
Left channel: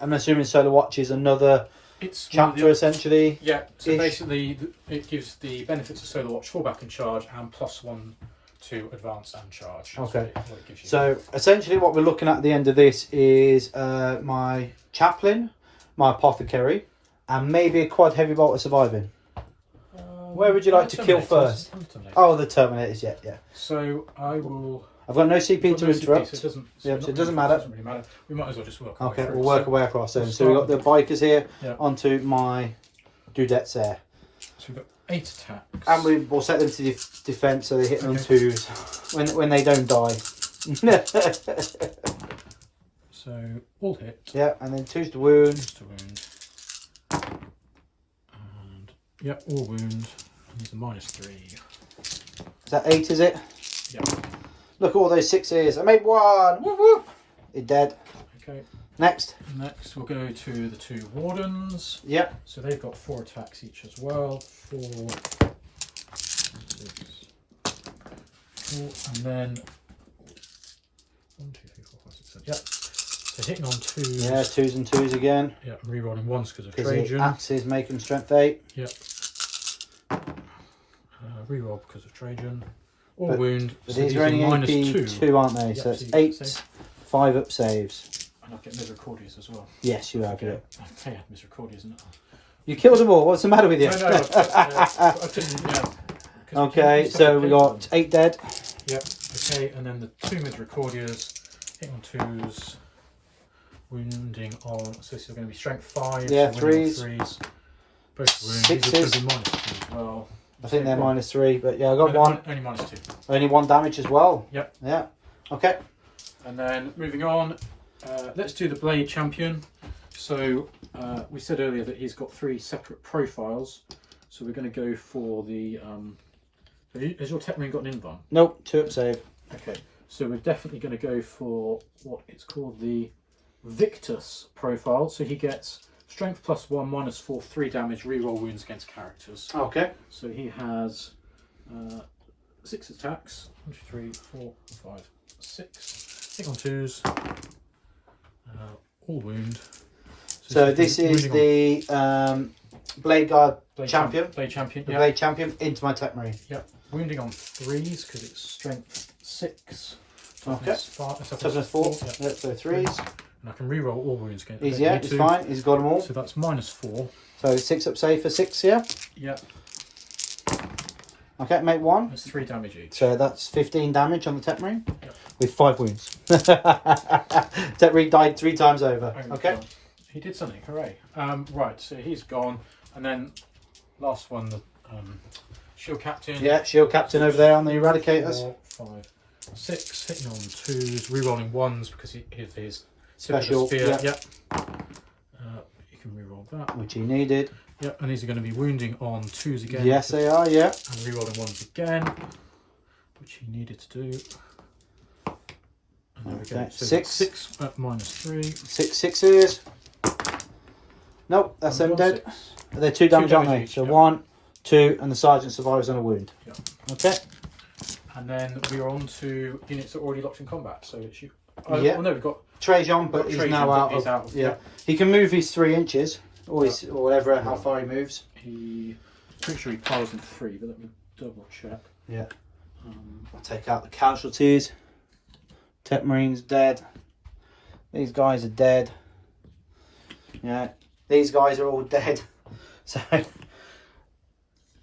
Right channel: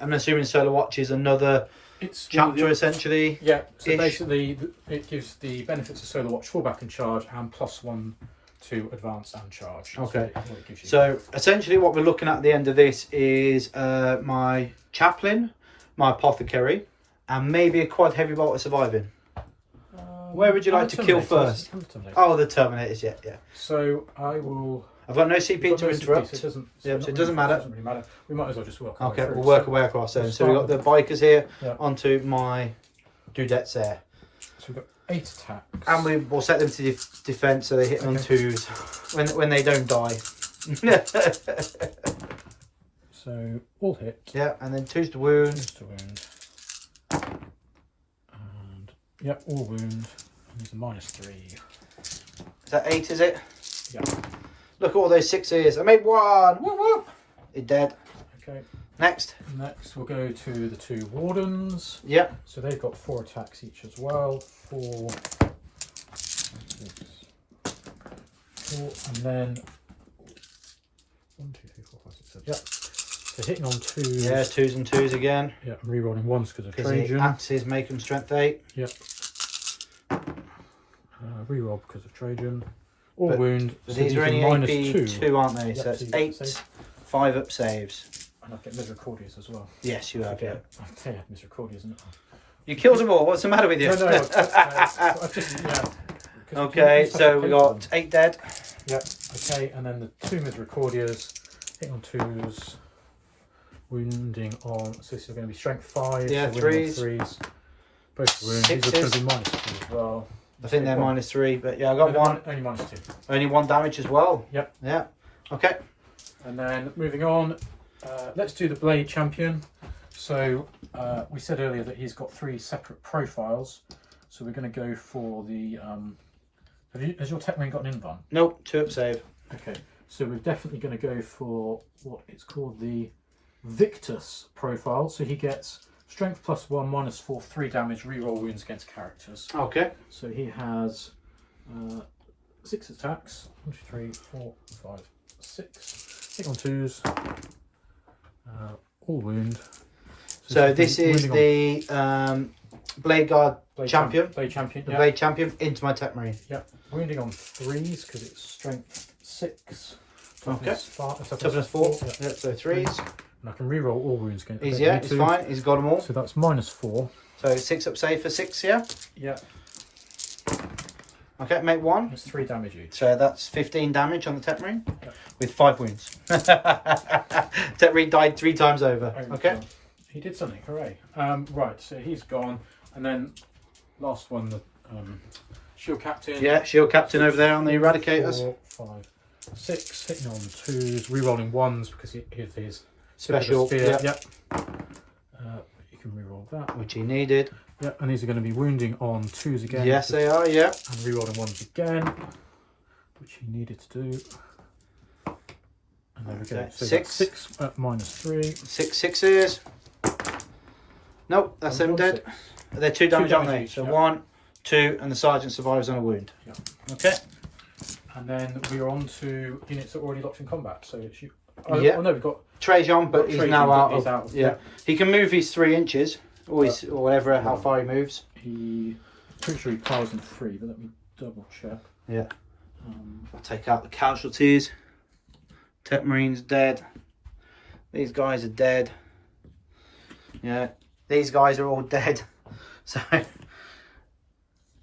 I'm assuming Solar Watch is another It's chapter essentially. Yeah, so Ish. basically it gives the benefits of Solar Watch, fall back and charge, and +1 to advance and charge. That's Okay. what it gives you. So essentially, what we're looking at the end of this is my chaplain, my apothecary, and maybe a quad heavy bolter surviving. Where would you like to kill first? Oh, the Terminators, yeah. So I will. I've got no CP Got to no CP, interrupt. so it doesn't. Yeah, not so it doesn't matter. Doesn't really matter. We might as well just work. our way Okay, through. we'll work So- our way across then. we'll So we've got the start bikers here Yeah. onto my dudettes there. So we've got 8 attacks. And we will set them to defense so they hit on 2s when they don't die. So all hit. Yeah, and then 2s to wound. Just to wound. And yep, all wound. And there's a -3. Is that 8, is it? Yeah. Look at all those 6s. I made 1. Whoop, whoop. He's dead. Okay. Next. Next, we'll go to the 2 wardens. Yep. So they've got 4 attacks each as well. 4, 6, 4, and then 1, 2, 3, 4, 5, 6, 7. Yep. So hitting on 2s. Yeah, 2s and 2s again. Yeah, I'm rerolling 1s because of Because the Trajan. axes make them strength 8. Yep. Reroll because of Trajan. All But- wound. But So these are only -2. AP2, aren't they? Yep, so so it's you get 8, save. 5 up saves. And I'll get misericordias as well. Yes, you have. Okay. Yeah. I say I had misericordias, isn't it? You killed them all. What's the matter with you? No, I've just, yeah. 'Cause Okay, you so have we to got pay 8 dead. for them. Yep. Okay, and then the 2 misericordias. Hit on 2s. Wounding on. So this is going to be strength 5. Yeah, so wounding on 3s. 3s. Both wounds. These are going to be -2 as well. I think they're -3, but yeah, I got No, 1. Only -2. Only 1 damage as well. Yep. Yeah. Okay. And then moving on, let's do the Blade Champion. So we said earlier that he's got 3 separate profiles. So we're going to go for the. Has your tech ring got an invuln? Nope, 2 up save. Okay, so we're definitely going to go for what it's called the Victus profile. So he gets strength +1, -4, 3 damage, reroll wounds against characters. Okay. So he has 6 attacks. 1, 2, 3, 4, 5, 6. Hit on 2s. All wound. So this is the Blade Guard champion. Blade Champion. The Yeah. Blade champion into my Tech Marine. Yep. Wounding on 3s because it's strength 6. Okay. Toughness Toughness 4. Yeah. Yeah, so 3s. And I can reroll all wounds against. He's, yeah, it's fine. He's got them all. So that's -4. So 6 up save for 6, yeah? Yeah. Okay, make 1. That's 3 damage each. So that's 15 damage on the Tech Marine Yep. with 5 wounds. Tech Marine died 3 times over. Okay. He did something. Hooray. Right. So he's gone, and then last one, the Shield Captain. Yeah, Shield Captain over there on the Eradicators. 4, 5, 6. Hitting on 2s, rerolling 1s because of his Special, spear. yeah. Yep. You can reroll that. Which he needed. Yep. And these are going to be wounding on 2s again. Yes, they are, yeah. And rerolling 1s again, which he needed to do. And there we go. Okay, So 6. 6 at -3. 6 6s. Nope, that's them And dead. 1, 6. They're 2 damage, aren't damage they? each, So yeah. 1, 2, and the Sergeant survives on a wound. Yeah. Okay. And then we're on to units that are already locked in combat. So it's you. Oh, Yeah. oh no, we've got Trajan, but Got he's Trajan, now but out he's of. out, Yeah. yeah. He can move his 3 inches, or, or whatever, how far he moves. pretty sure he plows in 3, but let me double check. Yeah. I'll take out the casualties. Tech Marine's dead. These guys are dead. Yeah, these guys are all dead. So,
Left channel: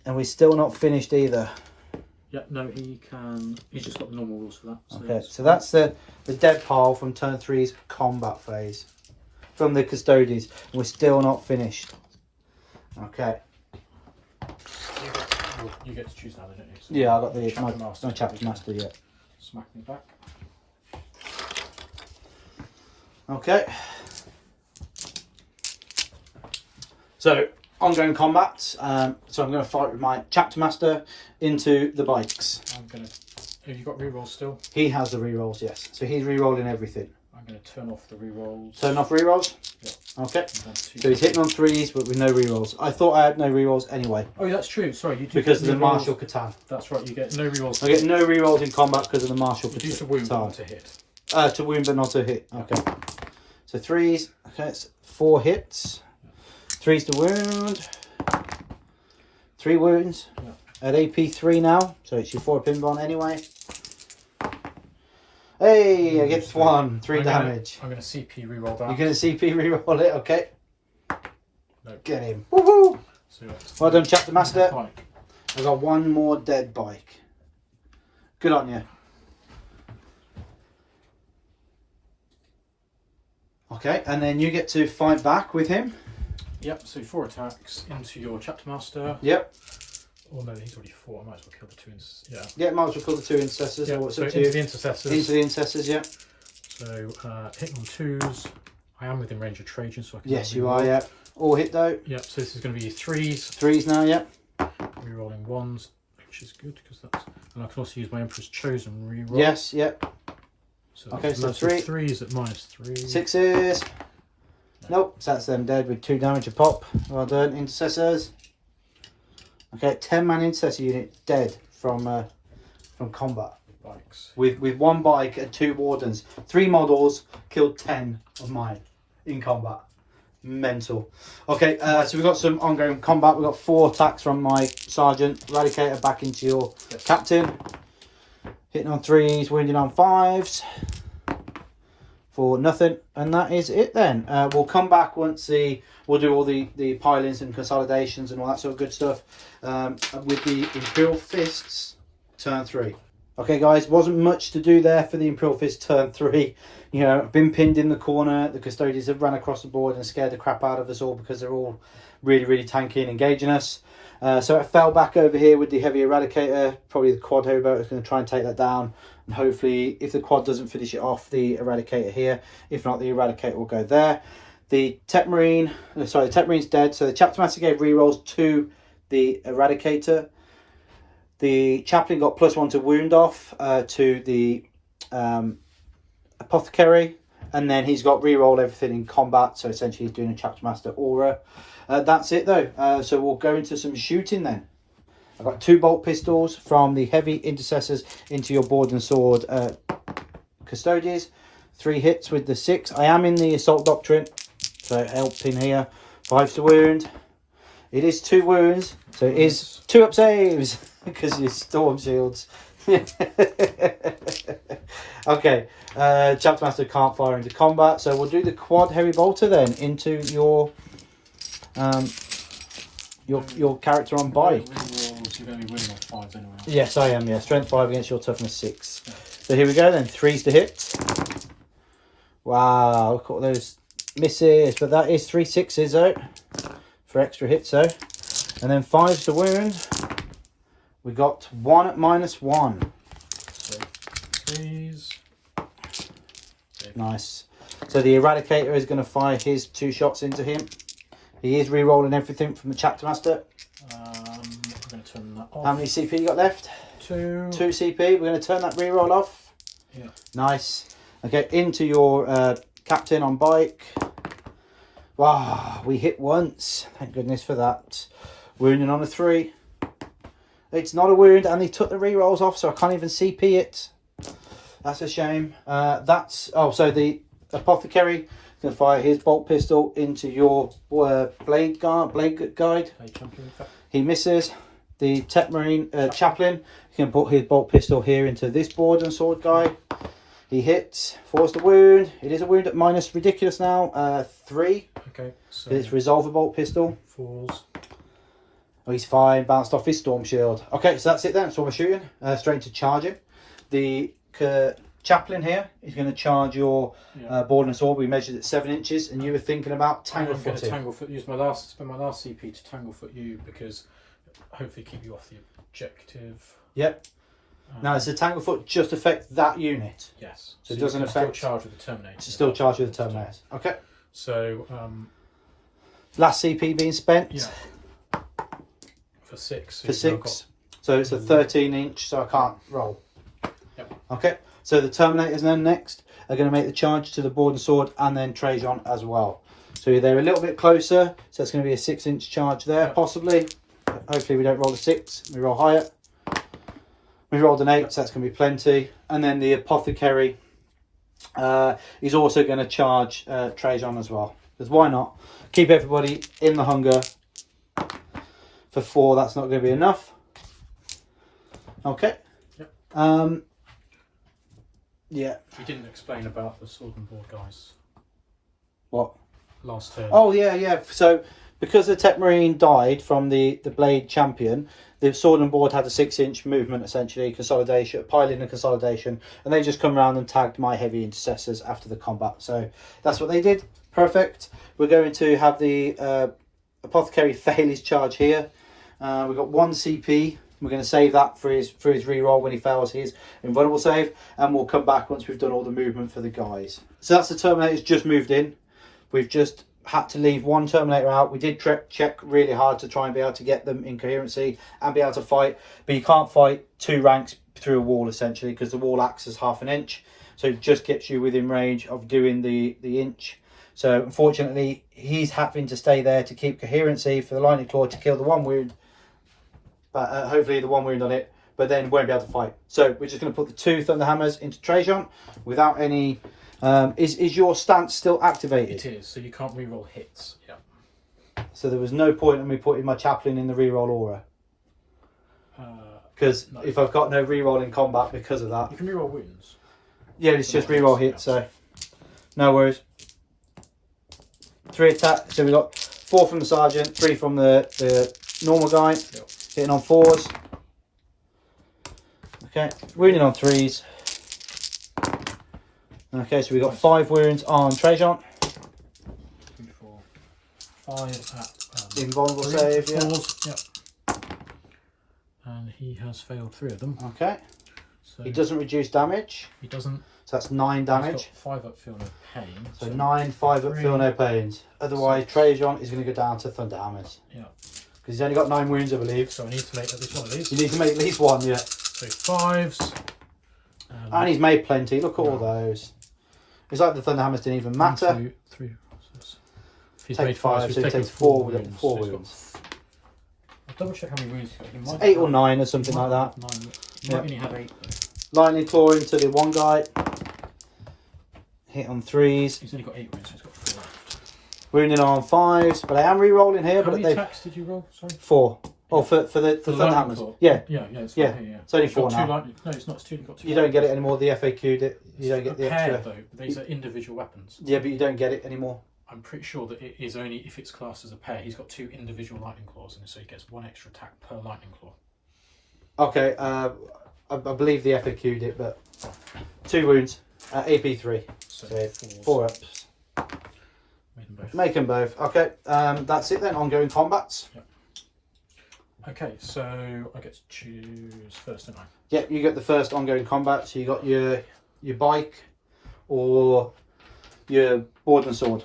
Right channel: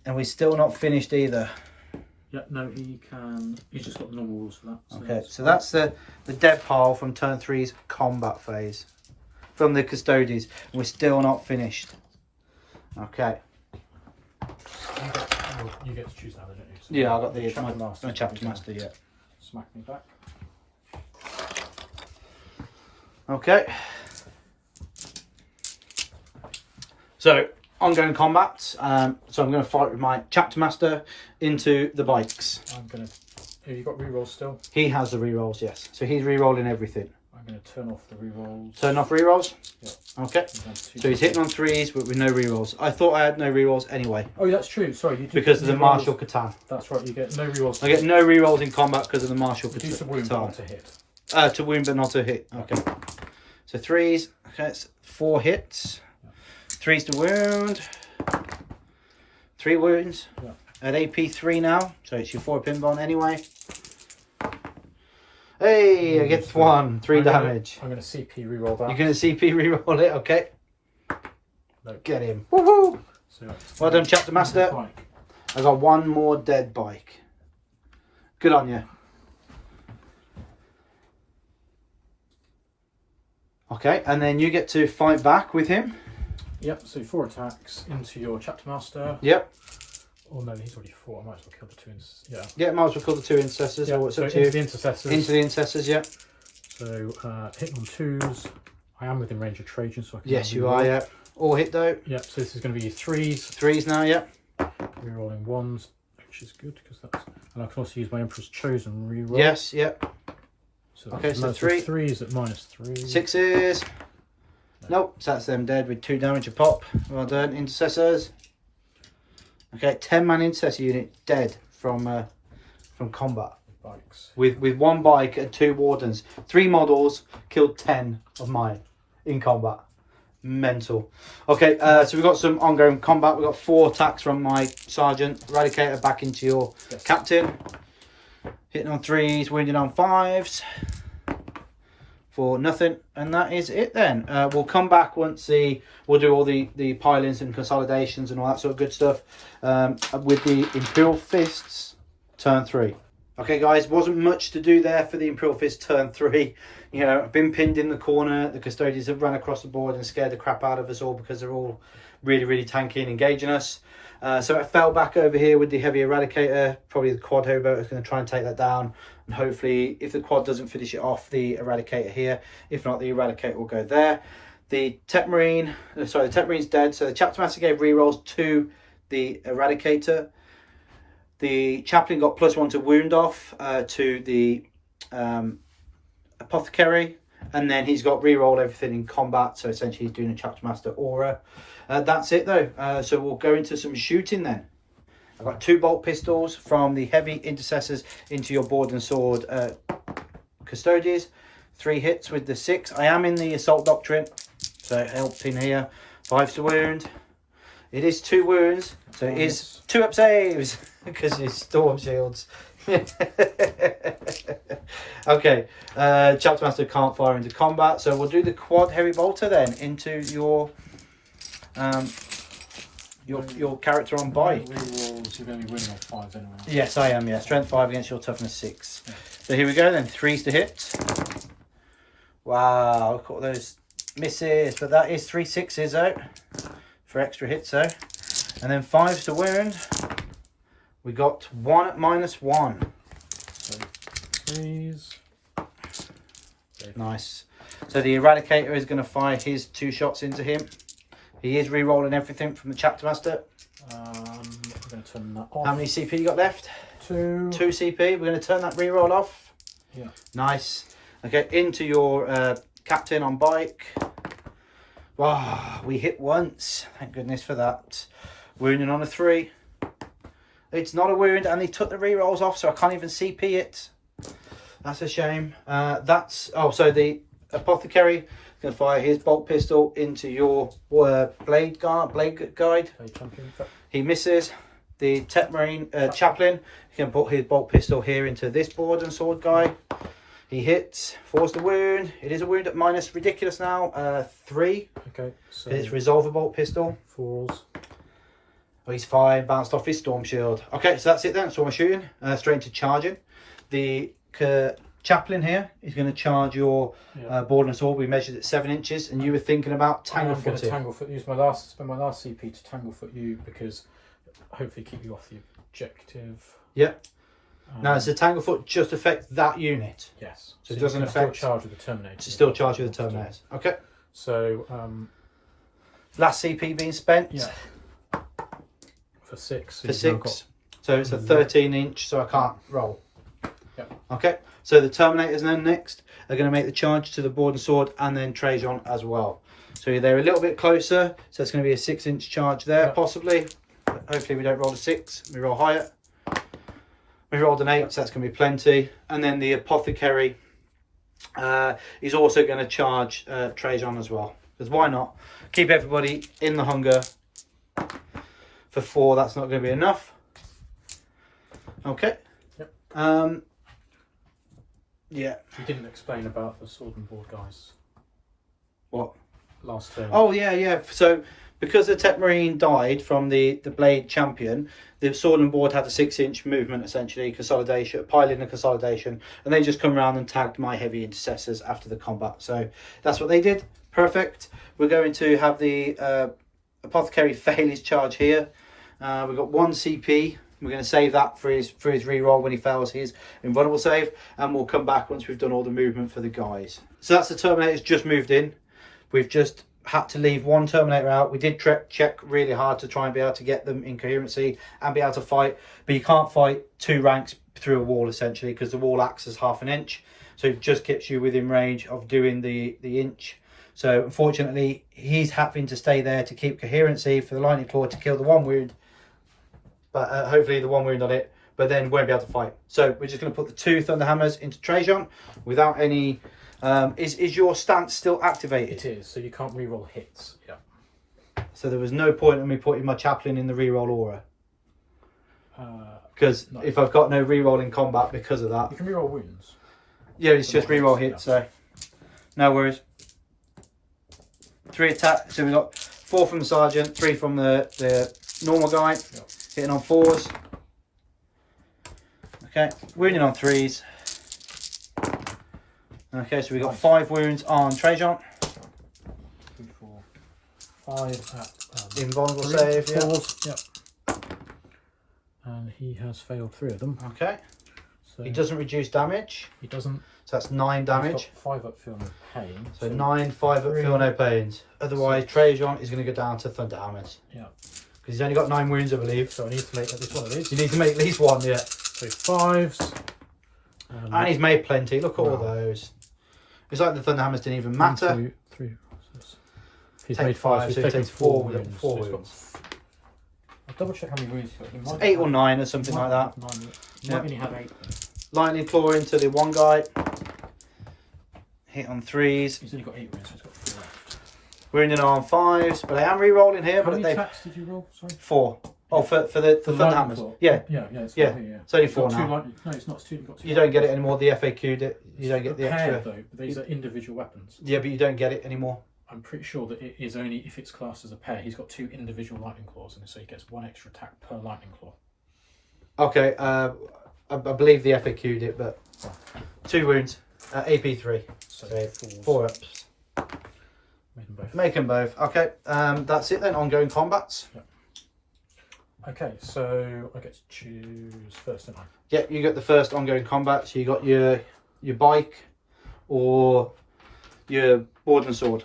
and we're still not finished either. Yeah, no, he can. He's just got the normal rules for that. So Okay, so that's the dead pile from turn 3's combat phase. From the Custodes. And we're still not finished. Okay. You get to choose now, don't you? So Yeah, I got my chapter master, yeah. Smack me back. Okay. So, ongoing combat. So I'm going to fight with my chapter master into the bikes. I'm going to... Have you got rerolls still? He has the rerolls, yes. So he's rerolling everything. I'm going to turn off the rerolls. Turn off rerolls? Yeah. Okay. So he's hitting on 3s, but with no rerolls. I thought I had no rerolls anyway. Oh, that's true. Sorry, you do. Because of the martial Catan. That's right, you get no rerolls. I get no rerolls in combat because of the martial Catan. Reduce a wound, but not to hit. To wound, but not to hit. Okay. So 3s. Okay, it's 4 hits. 3s to wound. 3 wounds. Yeah. At AP 3 now. So it's your 4 pin bond anyway. Hey, I get 1. 3 damage. I'm going to CP reroll that. You're going to CP reroll it, okay? No. Get him. Woohoo! So, Well done, chapter master. bike. I got 1 more dead bike. Good on you. Okay, and then you get to fight back with him. Yep, so 4 attacks into your chapter master. Yep. Oh no, he's already fought. I might as well kill the 2 yeah. Yeah, might as well call the 2 intercessors. Yeah, Or what's so up to into you? the intercessors. Into the intercessors, yeah. So hitting on 2s. I am within range of Trajan, so I can. Yes, you are, yeah. All hit though. Yep, so this is going to be 3s. 3s now, yeah. Rerolling 1s, which is good because that's. And I can also use my Emperor's Chosen reroll. Yes, yeah. So Okay, so loads 3. of 3s at -3. 6s. Nope, so that's them dead with 2 damage a pop. Well done, intercessors. Okay, 10-man intercessor unit dead from combat. Bikes. With 1 bike and 2 wardens. 3 models, killed 10 of mine in combat. Mental. Okay, so we've got some ongoing combat. We've got 4 attacks from my sergeant. Eradicator back into your captain. Hitting on 3s, wounding on 5s. For nothing, and that is it then. We'll come back once we'll do all the pilings and consolidations and all that sort of good stuff with the Imperial Fists turn 3. Okay guys, wasn't much to do there for the Imperial Fist turn 3. You know, been pinned in the corner. The Custodians have run across the board and scared the crap out of us all because they're all really tanky and engaging us. So I fell back over here with the heavy Eradicator. Probably the quad hobo is going to try and take that down. And hopefully, if the quad doesn't finish it off, the Eradicator here. If not, the Eradicator will go there. The Tech Marine, sorry, the Tech Marine's dead. So the Chapter Master gave rerolls to the Eradicator. The Chaplain got +1 to wound off to the Apothecary. And then he's got reroll everything in combat. So essentially he's doing a Chapter Master aura. That's it though. So we'll go into some shooting then. I've got 2 bolt pistols from the heavy intercessors into your board and sword Custodians. 3 hits with the 6. I am in the assault doctrine, so it helps in here. 5 to wound. It is 2 wounds, so it is 2 up saves because it's storm shields. Okay, Chapter Master can't fire into combat, so we'll do the quad heavy bolter then into your character on bike. Rerolls, you're going to be winning on 5s anyway. Yes, I am, yeah. Strength 5 against your toughness 6. So here we go then. 3s to hit. Wow, look at all those misses. But that is 3 6s though. For extra hits though. And then 5s to wound. We got 1 at -1. So 3s. Okay. Nice. So the Eradicator is going to fire his 2 shots into him. He is re-rolling everything from the Chapter Master. I'm going to turn that off. How many CP you got left? 2. 2 CP. We're going to turn that re-roll off. Yeah. Nice. Okay, into your captain on bike. Wow, we hit once. Thank goodness for that. Wounding on a 3. It's not a wound, and they took the re-rolls off, so I can't even CP it. That's a shame. So the Apothecary is going to fire his bolt pistol into your blade guide. He misses. the Tech Marine chaplain. You can put his bolt pistol here into this board and sword guy. He hits, force the wound. It is a wound at minus ridiculous now, 3. Okay, so It's resolve a bolt pistol. 4s. Oh, he's fine. Bounced off his storm shield. Okay, so that's it then. That's all I'm shooting. Straight into charging. The chaplain here is going to charge your board and sword. We measured it 7 inches, and you were thinking about tangle I'm going footing. to tangle-foot. Spend my last CP to tangle-foot you because hopefully keep you off the objective. Yep. Now, does the tangle foot just affect that unit? Yes. So it doesn't you can affect. still charge with the Terminator. It's still charged with the Terminator. Okay. So last CP being spent. yeah. For 6. For 6. So it's a 13 inch, so I can't roll. Yep. Okay. So the Terminators then next are going to make the charge to the board and sword, and then Trajan as well. So they're a little bit closer. So it's going to be a 6 inch charge there, possibly. Hopefully we don't roll a 6. We roll higher. We rolled an 8, so that's going to be plenty. And then the Apothecary is also going to charge Trajan as well. Because why not? Keep everybody in the hunger. For 4, that's not going to be enough. Okay. Yep. Yeah. You didn't explain about the sword and board guys What? last turn. Oh, yeah. So, because the Tech Marine died from the Blade Champion, the sword and board had a 6 inch movement, essentially, consolidation, piling and consolidation, and they just come around and tagged my heavy intercessors after the combat. So that's what they did. Perfect. We're going to have the Apothecary fail his charge here. We've got 1 CP. We're going to save that for his reroll when he fails his invulnerable save, and we'll come back once we've done all the movement for the guys. So that's the Terminators just moved in. We've just had to leave 1 Terminator out. We did check really hard to try and be able to get them in coherency and be able to fight, but you can't fight 2 ranks through a wall essentially because the wall acts as half an inch, so it just gets you within range of doing the inch. So unfortunately he's having to stay there to keep coherency for the lightning claw to kill the 1 wound, but hopefully the 1 wound on it, but then won't be able to fight. So we're just going to put the 2 Thunderhammers into Trajan without any. Is your stance still activated? It is, so you can't reroll hits. Yeah. So there was no point in me putting my chaplain in the reroll aura. Because no. if I've got no reroll in combat because of that. You can reroll wounds. Yeah, it's just reroll hits, so no worries. 3 attack, so we've got 4 from the sergeant, 3 from the normal guy, hitting on 4s. Okay, wounding on 3s. Okay, so we've got 5 wounds on Trajan. 2, 4, 5 at Invulnerable 3, save, 4s. Yep. And he has failed 3 of them. Okay. So He doesn't reduce damage, He doesn't. so that's 9 damage. He's got 5 up, feel no pain. So 9, 5 up, feel no pains. Otherwise, Trajan is going to go down to Thunderhammers. Yeah. Because he's only got 9 wounds, I believe. So I need to make at least one of these. You need to make at least 1, yeah. So 5s. And he's made plenty. Look at all those. It's like the Thunderhammers didn't even matter. 1, 2, 3. He's Take made 5, so so he's he taken takes 4 4 wounds. four So he's wounds. I'll double check how many wounds he's got. He might 8 or have- 9 or something he like might that. have 9. He might only have 8. Lightning claw into the 1 guy. Hit on 3s. He's only got 8 wounds, so he's got 4 left. Wounding on 5s. But I am re-rolling here. How But many they attacks did you roll? Sorry. 4. Oh, for the lightning Thunderhammers. claw? Yeah. Yeah, it's Yeah. here, yeah. It's only He's got 4 2 now. No, it's not. It's 2. You've got 2. You don't get it anymore. The FAQ'd it. You don't get the a pair, extra. though. But these are individual weapons. Yeah, but you don't get it anymore. I'm pretty sure that it is only if it's classed as a pair. He's got 2 individual lightning claws, and so he gets 1 extra attack per lightning claw. Okay, I believe the FAQ'd it, but 2 wounds. AP 3. So So 4s. 4 ups. Made them both. Make them both. Okay, that's it then. Ongoing combats. Okay, so I get to choose first, don't I? Yeah, you got the first ongoing combat. So you got your bike or your board and sword.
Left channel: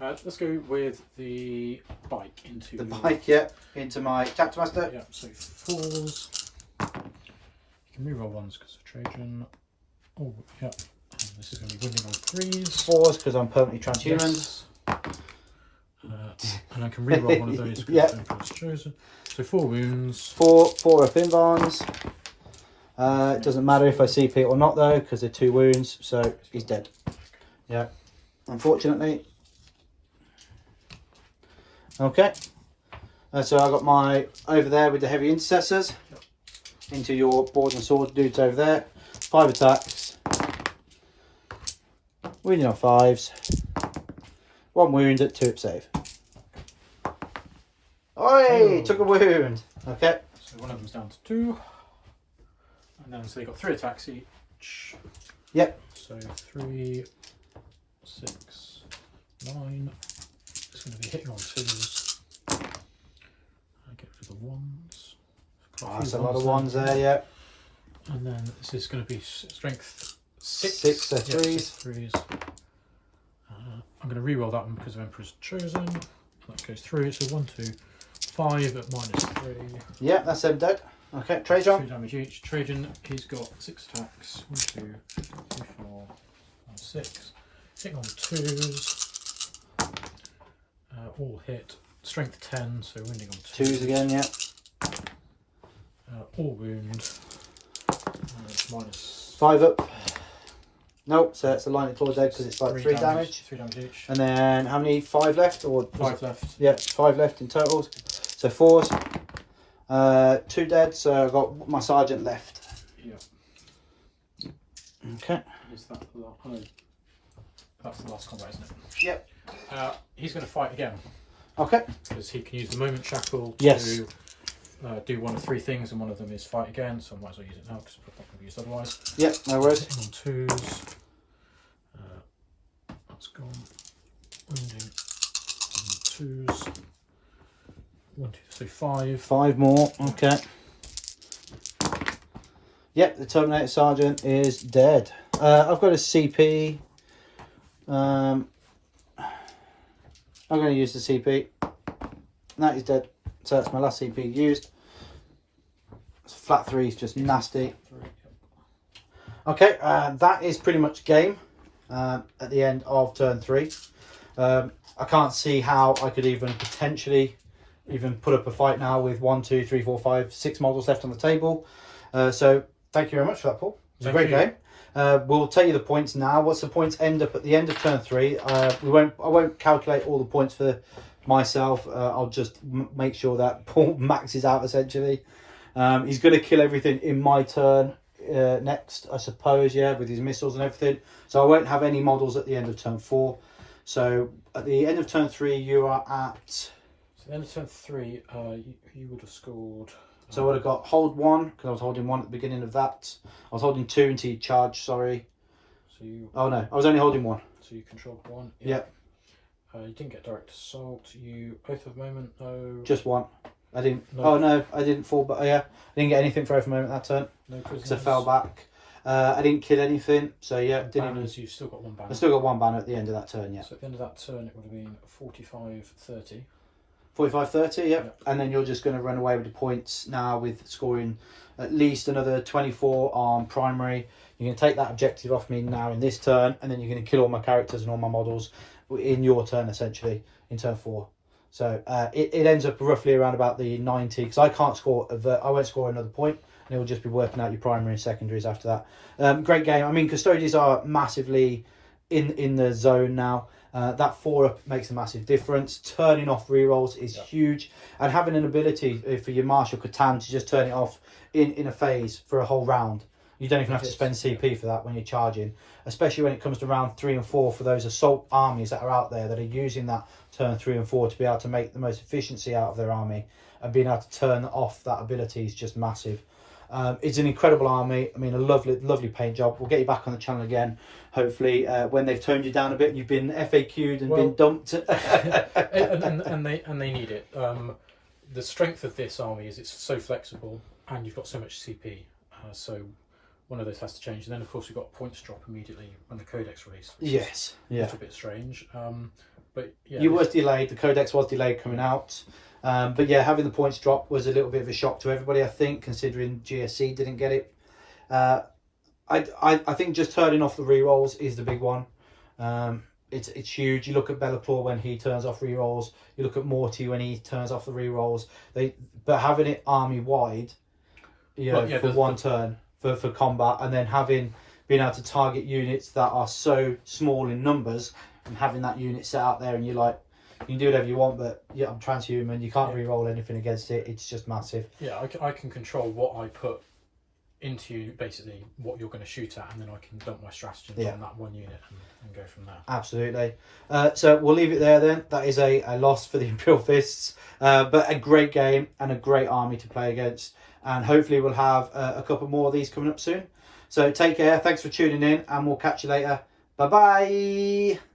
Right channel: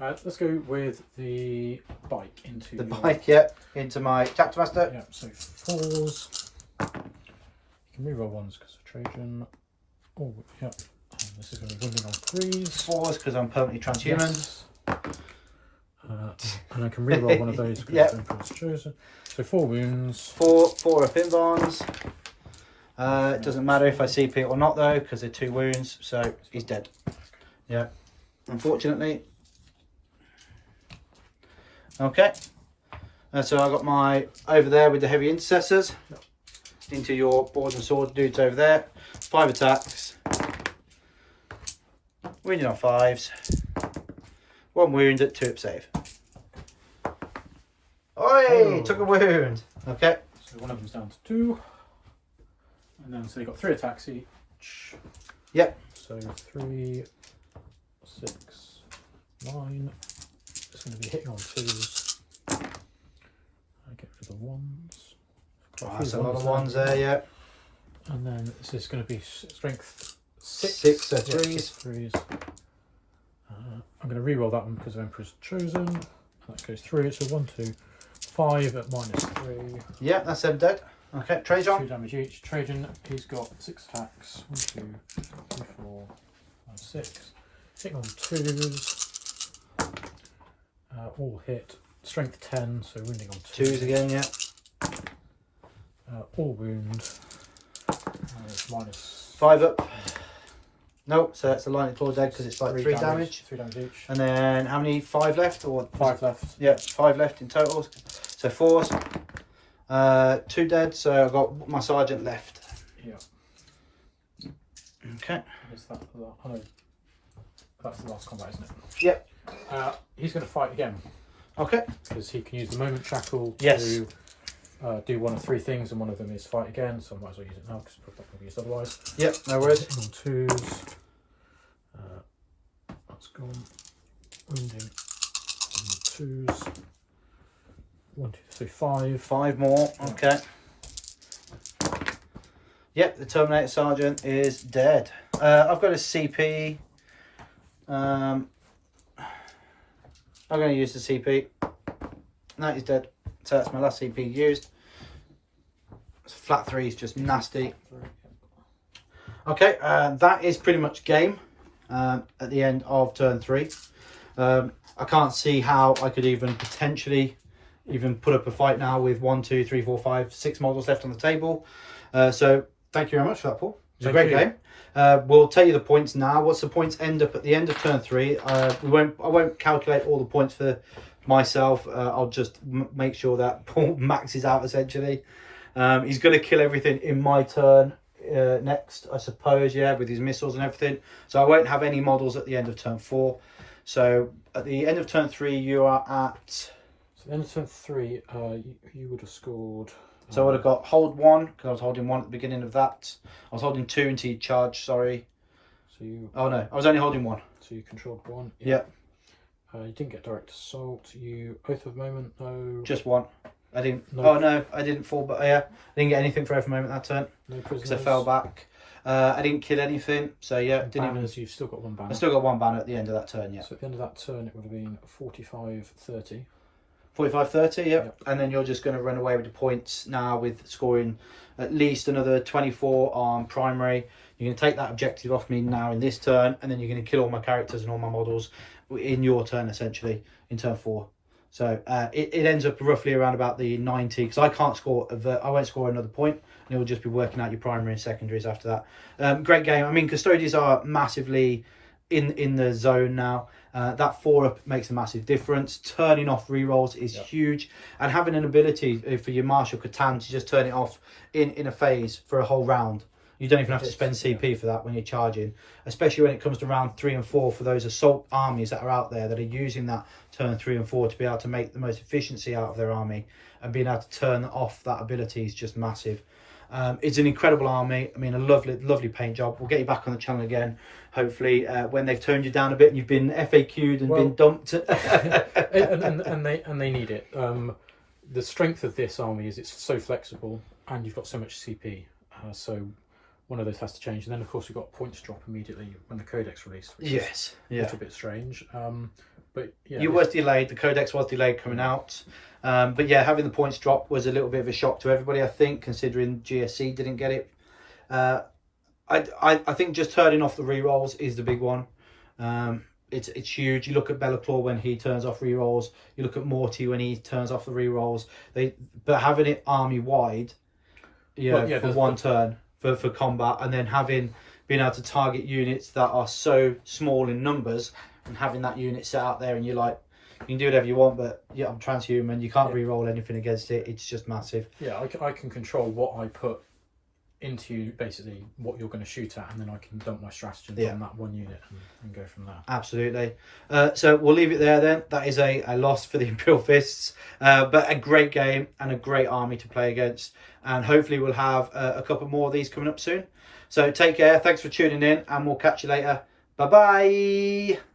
Let's go with the bike into The your- bike, yeah, into my chapter master. Yeah, so 4s. You can reroll 1s because of Trajan. Oh, yeah. And this is going to be wounding on 3s. 4s because I'm permanently transhuman. Yes. And I can reroll one of those because Yeah. it's chosen. So 4 wounds. 4 up invulns. It doesn't matter if I CP it or not though, because they're 2 wounds, so he's dead. Yeah, unfortunately. Okay. So I got my over there with the heavy intercessors into your board and sword dudes over there. 5 attacks, wounding on 5s, 1 wound at 2 up save. Oi! Took a wound. Okay. So one of them's down to 2, and then so they got 3 attacks each. Yep. So 3, 6, 9. It's going to be hitting on 2s. I get rid of the 1s. That's a lot of 1s there, yeah. And then this is going to be strength 6. 6 to 3s. Yeah, 6 3s. I'm going to re-roll that one because of Emperor's Chosen. That goes through. So 1, 2, 5 at -3. Yeah, that's them dead. Okay, 2 Trajan. damage each. Trajan, he's got 6 attacks. 1, 2, 3, 4, 5, 6. Hitting on 2s. All hit. Strength 10, so wounding on 2s again, yeah. All wound. It's minus 5 up. Nope, so it's a lightning claw dead because it's like 3 damage. 3 damage each. And then how many? 5 left? Or 5 left. Yeah, 5 left in total. So 4s. 2 dead, so I've got my sergeant left. Yeah. Okay. Is that that's the last combat, isn't it? Yep. He's going to fight again Okay. because he can use the moment shackle Yes. to do one of 3 things, and one of them is fight again. So I might as well use it now because it's not going to be used otherwise. Yep, no worries. Hitting on 2s. That's gone. Wounding on 2s. 1, 2, 3, 5. 5 more. Okay. Yep, the Terminator Sergeant is dead. I've got a CP. I'm going to use the CP. That is dead. So that's my last CP used. Flat 3 is just nasty. Okay, that is pretty much game at the end of turn 3. I can't see how I could even potentially put up a fight now with 1, 2, 3, 4, 5, 6 models left on the table. So thank you very much for that, Paul. It was a great game. We'll tell you the points now. Once the points end up at the end of turn 3, I won't calculate all the points for myself. I'll just make sure that Paul maxes out essentially. He's going to kill everything in my turn next, I suppose, yeah, with his missiles and everything. So I won't have any models at the end of turn 4. So at the end of turn 3, you are at... So at the end of turn 3, you would have scored... So I would have got hold 1, because I was holding 1 at the beginning of that. I was holding 2 until you charge, sorry. So you... Oh no, I was only holding 1. So you controlled 1. Yep. You didn't get direct assault. You both of moment, no... Just 1. I didn't... No. Oh no, I didn't fall back. Yeah, I didn't get anything for every moment that turn. No Because prisoners. I fell back. I didn't kill anything, so yeah, didn't even... Banners, you've still got 1 banner. I still got 1 banner at the end of that turn, yeah. So at the end of that turn, it would have been 45-30. 45-30, yep. Yep. And then you're just going to run away with the points now with scoring at least another 24 on primary. You're going to take that objective off me now in this turn, and then you're going to kill all my characters and all my models in your turn, essentially, in turn 4. So it ends up roughly around about the 90, because I can't score, I won't score another point, and it will just be working out your primary and secondaries after that. Great game. I mean, Custodians are massively in the zone now. That 4-up makes a massive difference. Turning off rerolls is huge, and having an ability for your Marshal Catan to just turn it off in a phase for a whole round. You don't even have to spend CP for that when you're charging, especially when it comes to round 3 and 4 for those assault armies that are out there that are using that turn 3 and 4 to be able to make the most efficiency out of their army, and being able to turn off that ability is just massive. It's an incredible army. I mean, a lovely paint job. We'll get you back on the channel again, hopefully, when they've toned you down a bit and you've been FAQ'd and been dumped. and they need it. The strength of this army is it's so flexible, and you've got so much CP. So one of those has to change. And then, of course, we've got points drop immediately when the Codex released. Which Yes, is a little bit strange. But yeah, you was delayed. The Codex was delayed coming out. But yeah, having the points drop was a little bit of a shock to everybody, I think, considering GSC didn't get it. I think just turning off the rerolls is the big one. It's huge. You look at Be'lakor when he turns off rerolls. You look at Morty when he turns off the rerolls. But having it army wide, for one turn for combat, and then being able to target units that are so small in numbers, and having that unit set out there, and you're like, You can do whatever you want, but yeah, I'm transhuman. You can't re-roll anything against it. It's just massive. Yeah, I can control what I put into basically what you're going to shoot at, and then I can dump my stratagems on that one unit and go from there. Absolutely. So we'll leave it there then. That is a loss for the Imperial Fists, but a great game and a great army to play against. And hopefully we'll have a couple more of these coming up soon. So take care. Thanks for tuning in, and we'll catch you later. Bye-bye.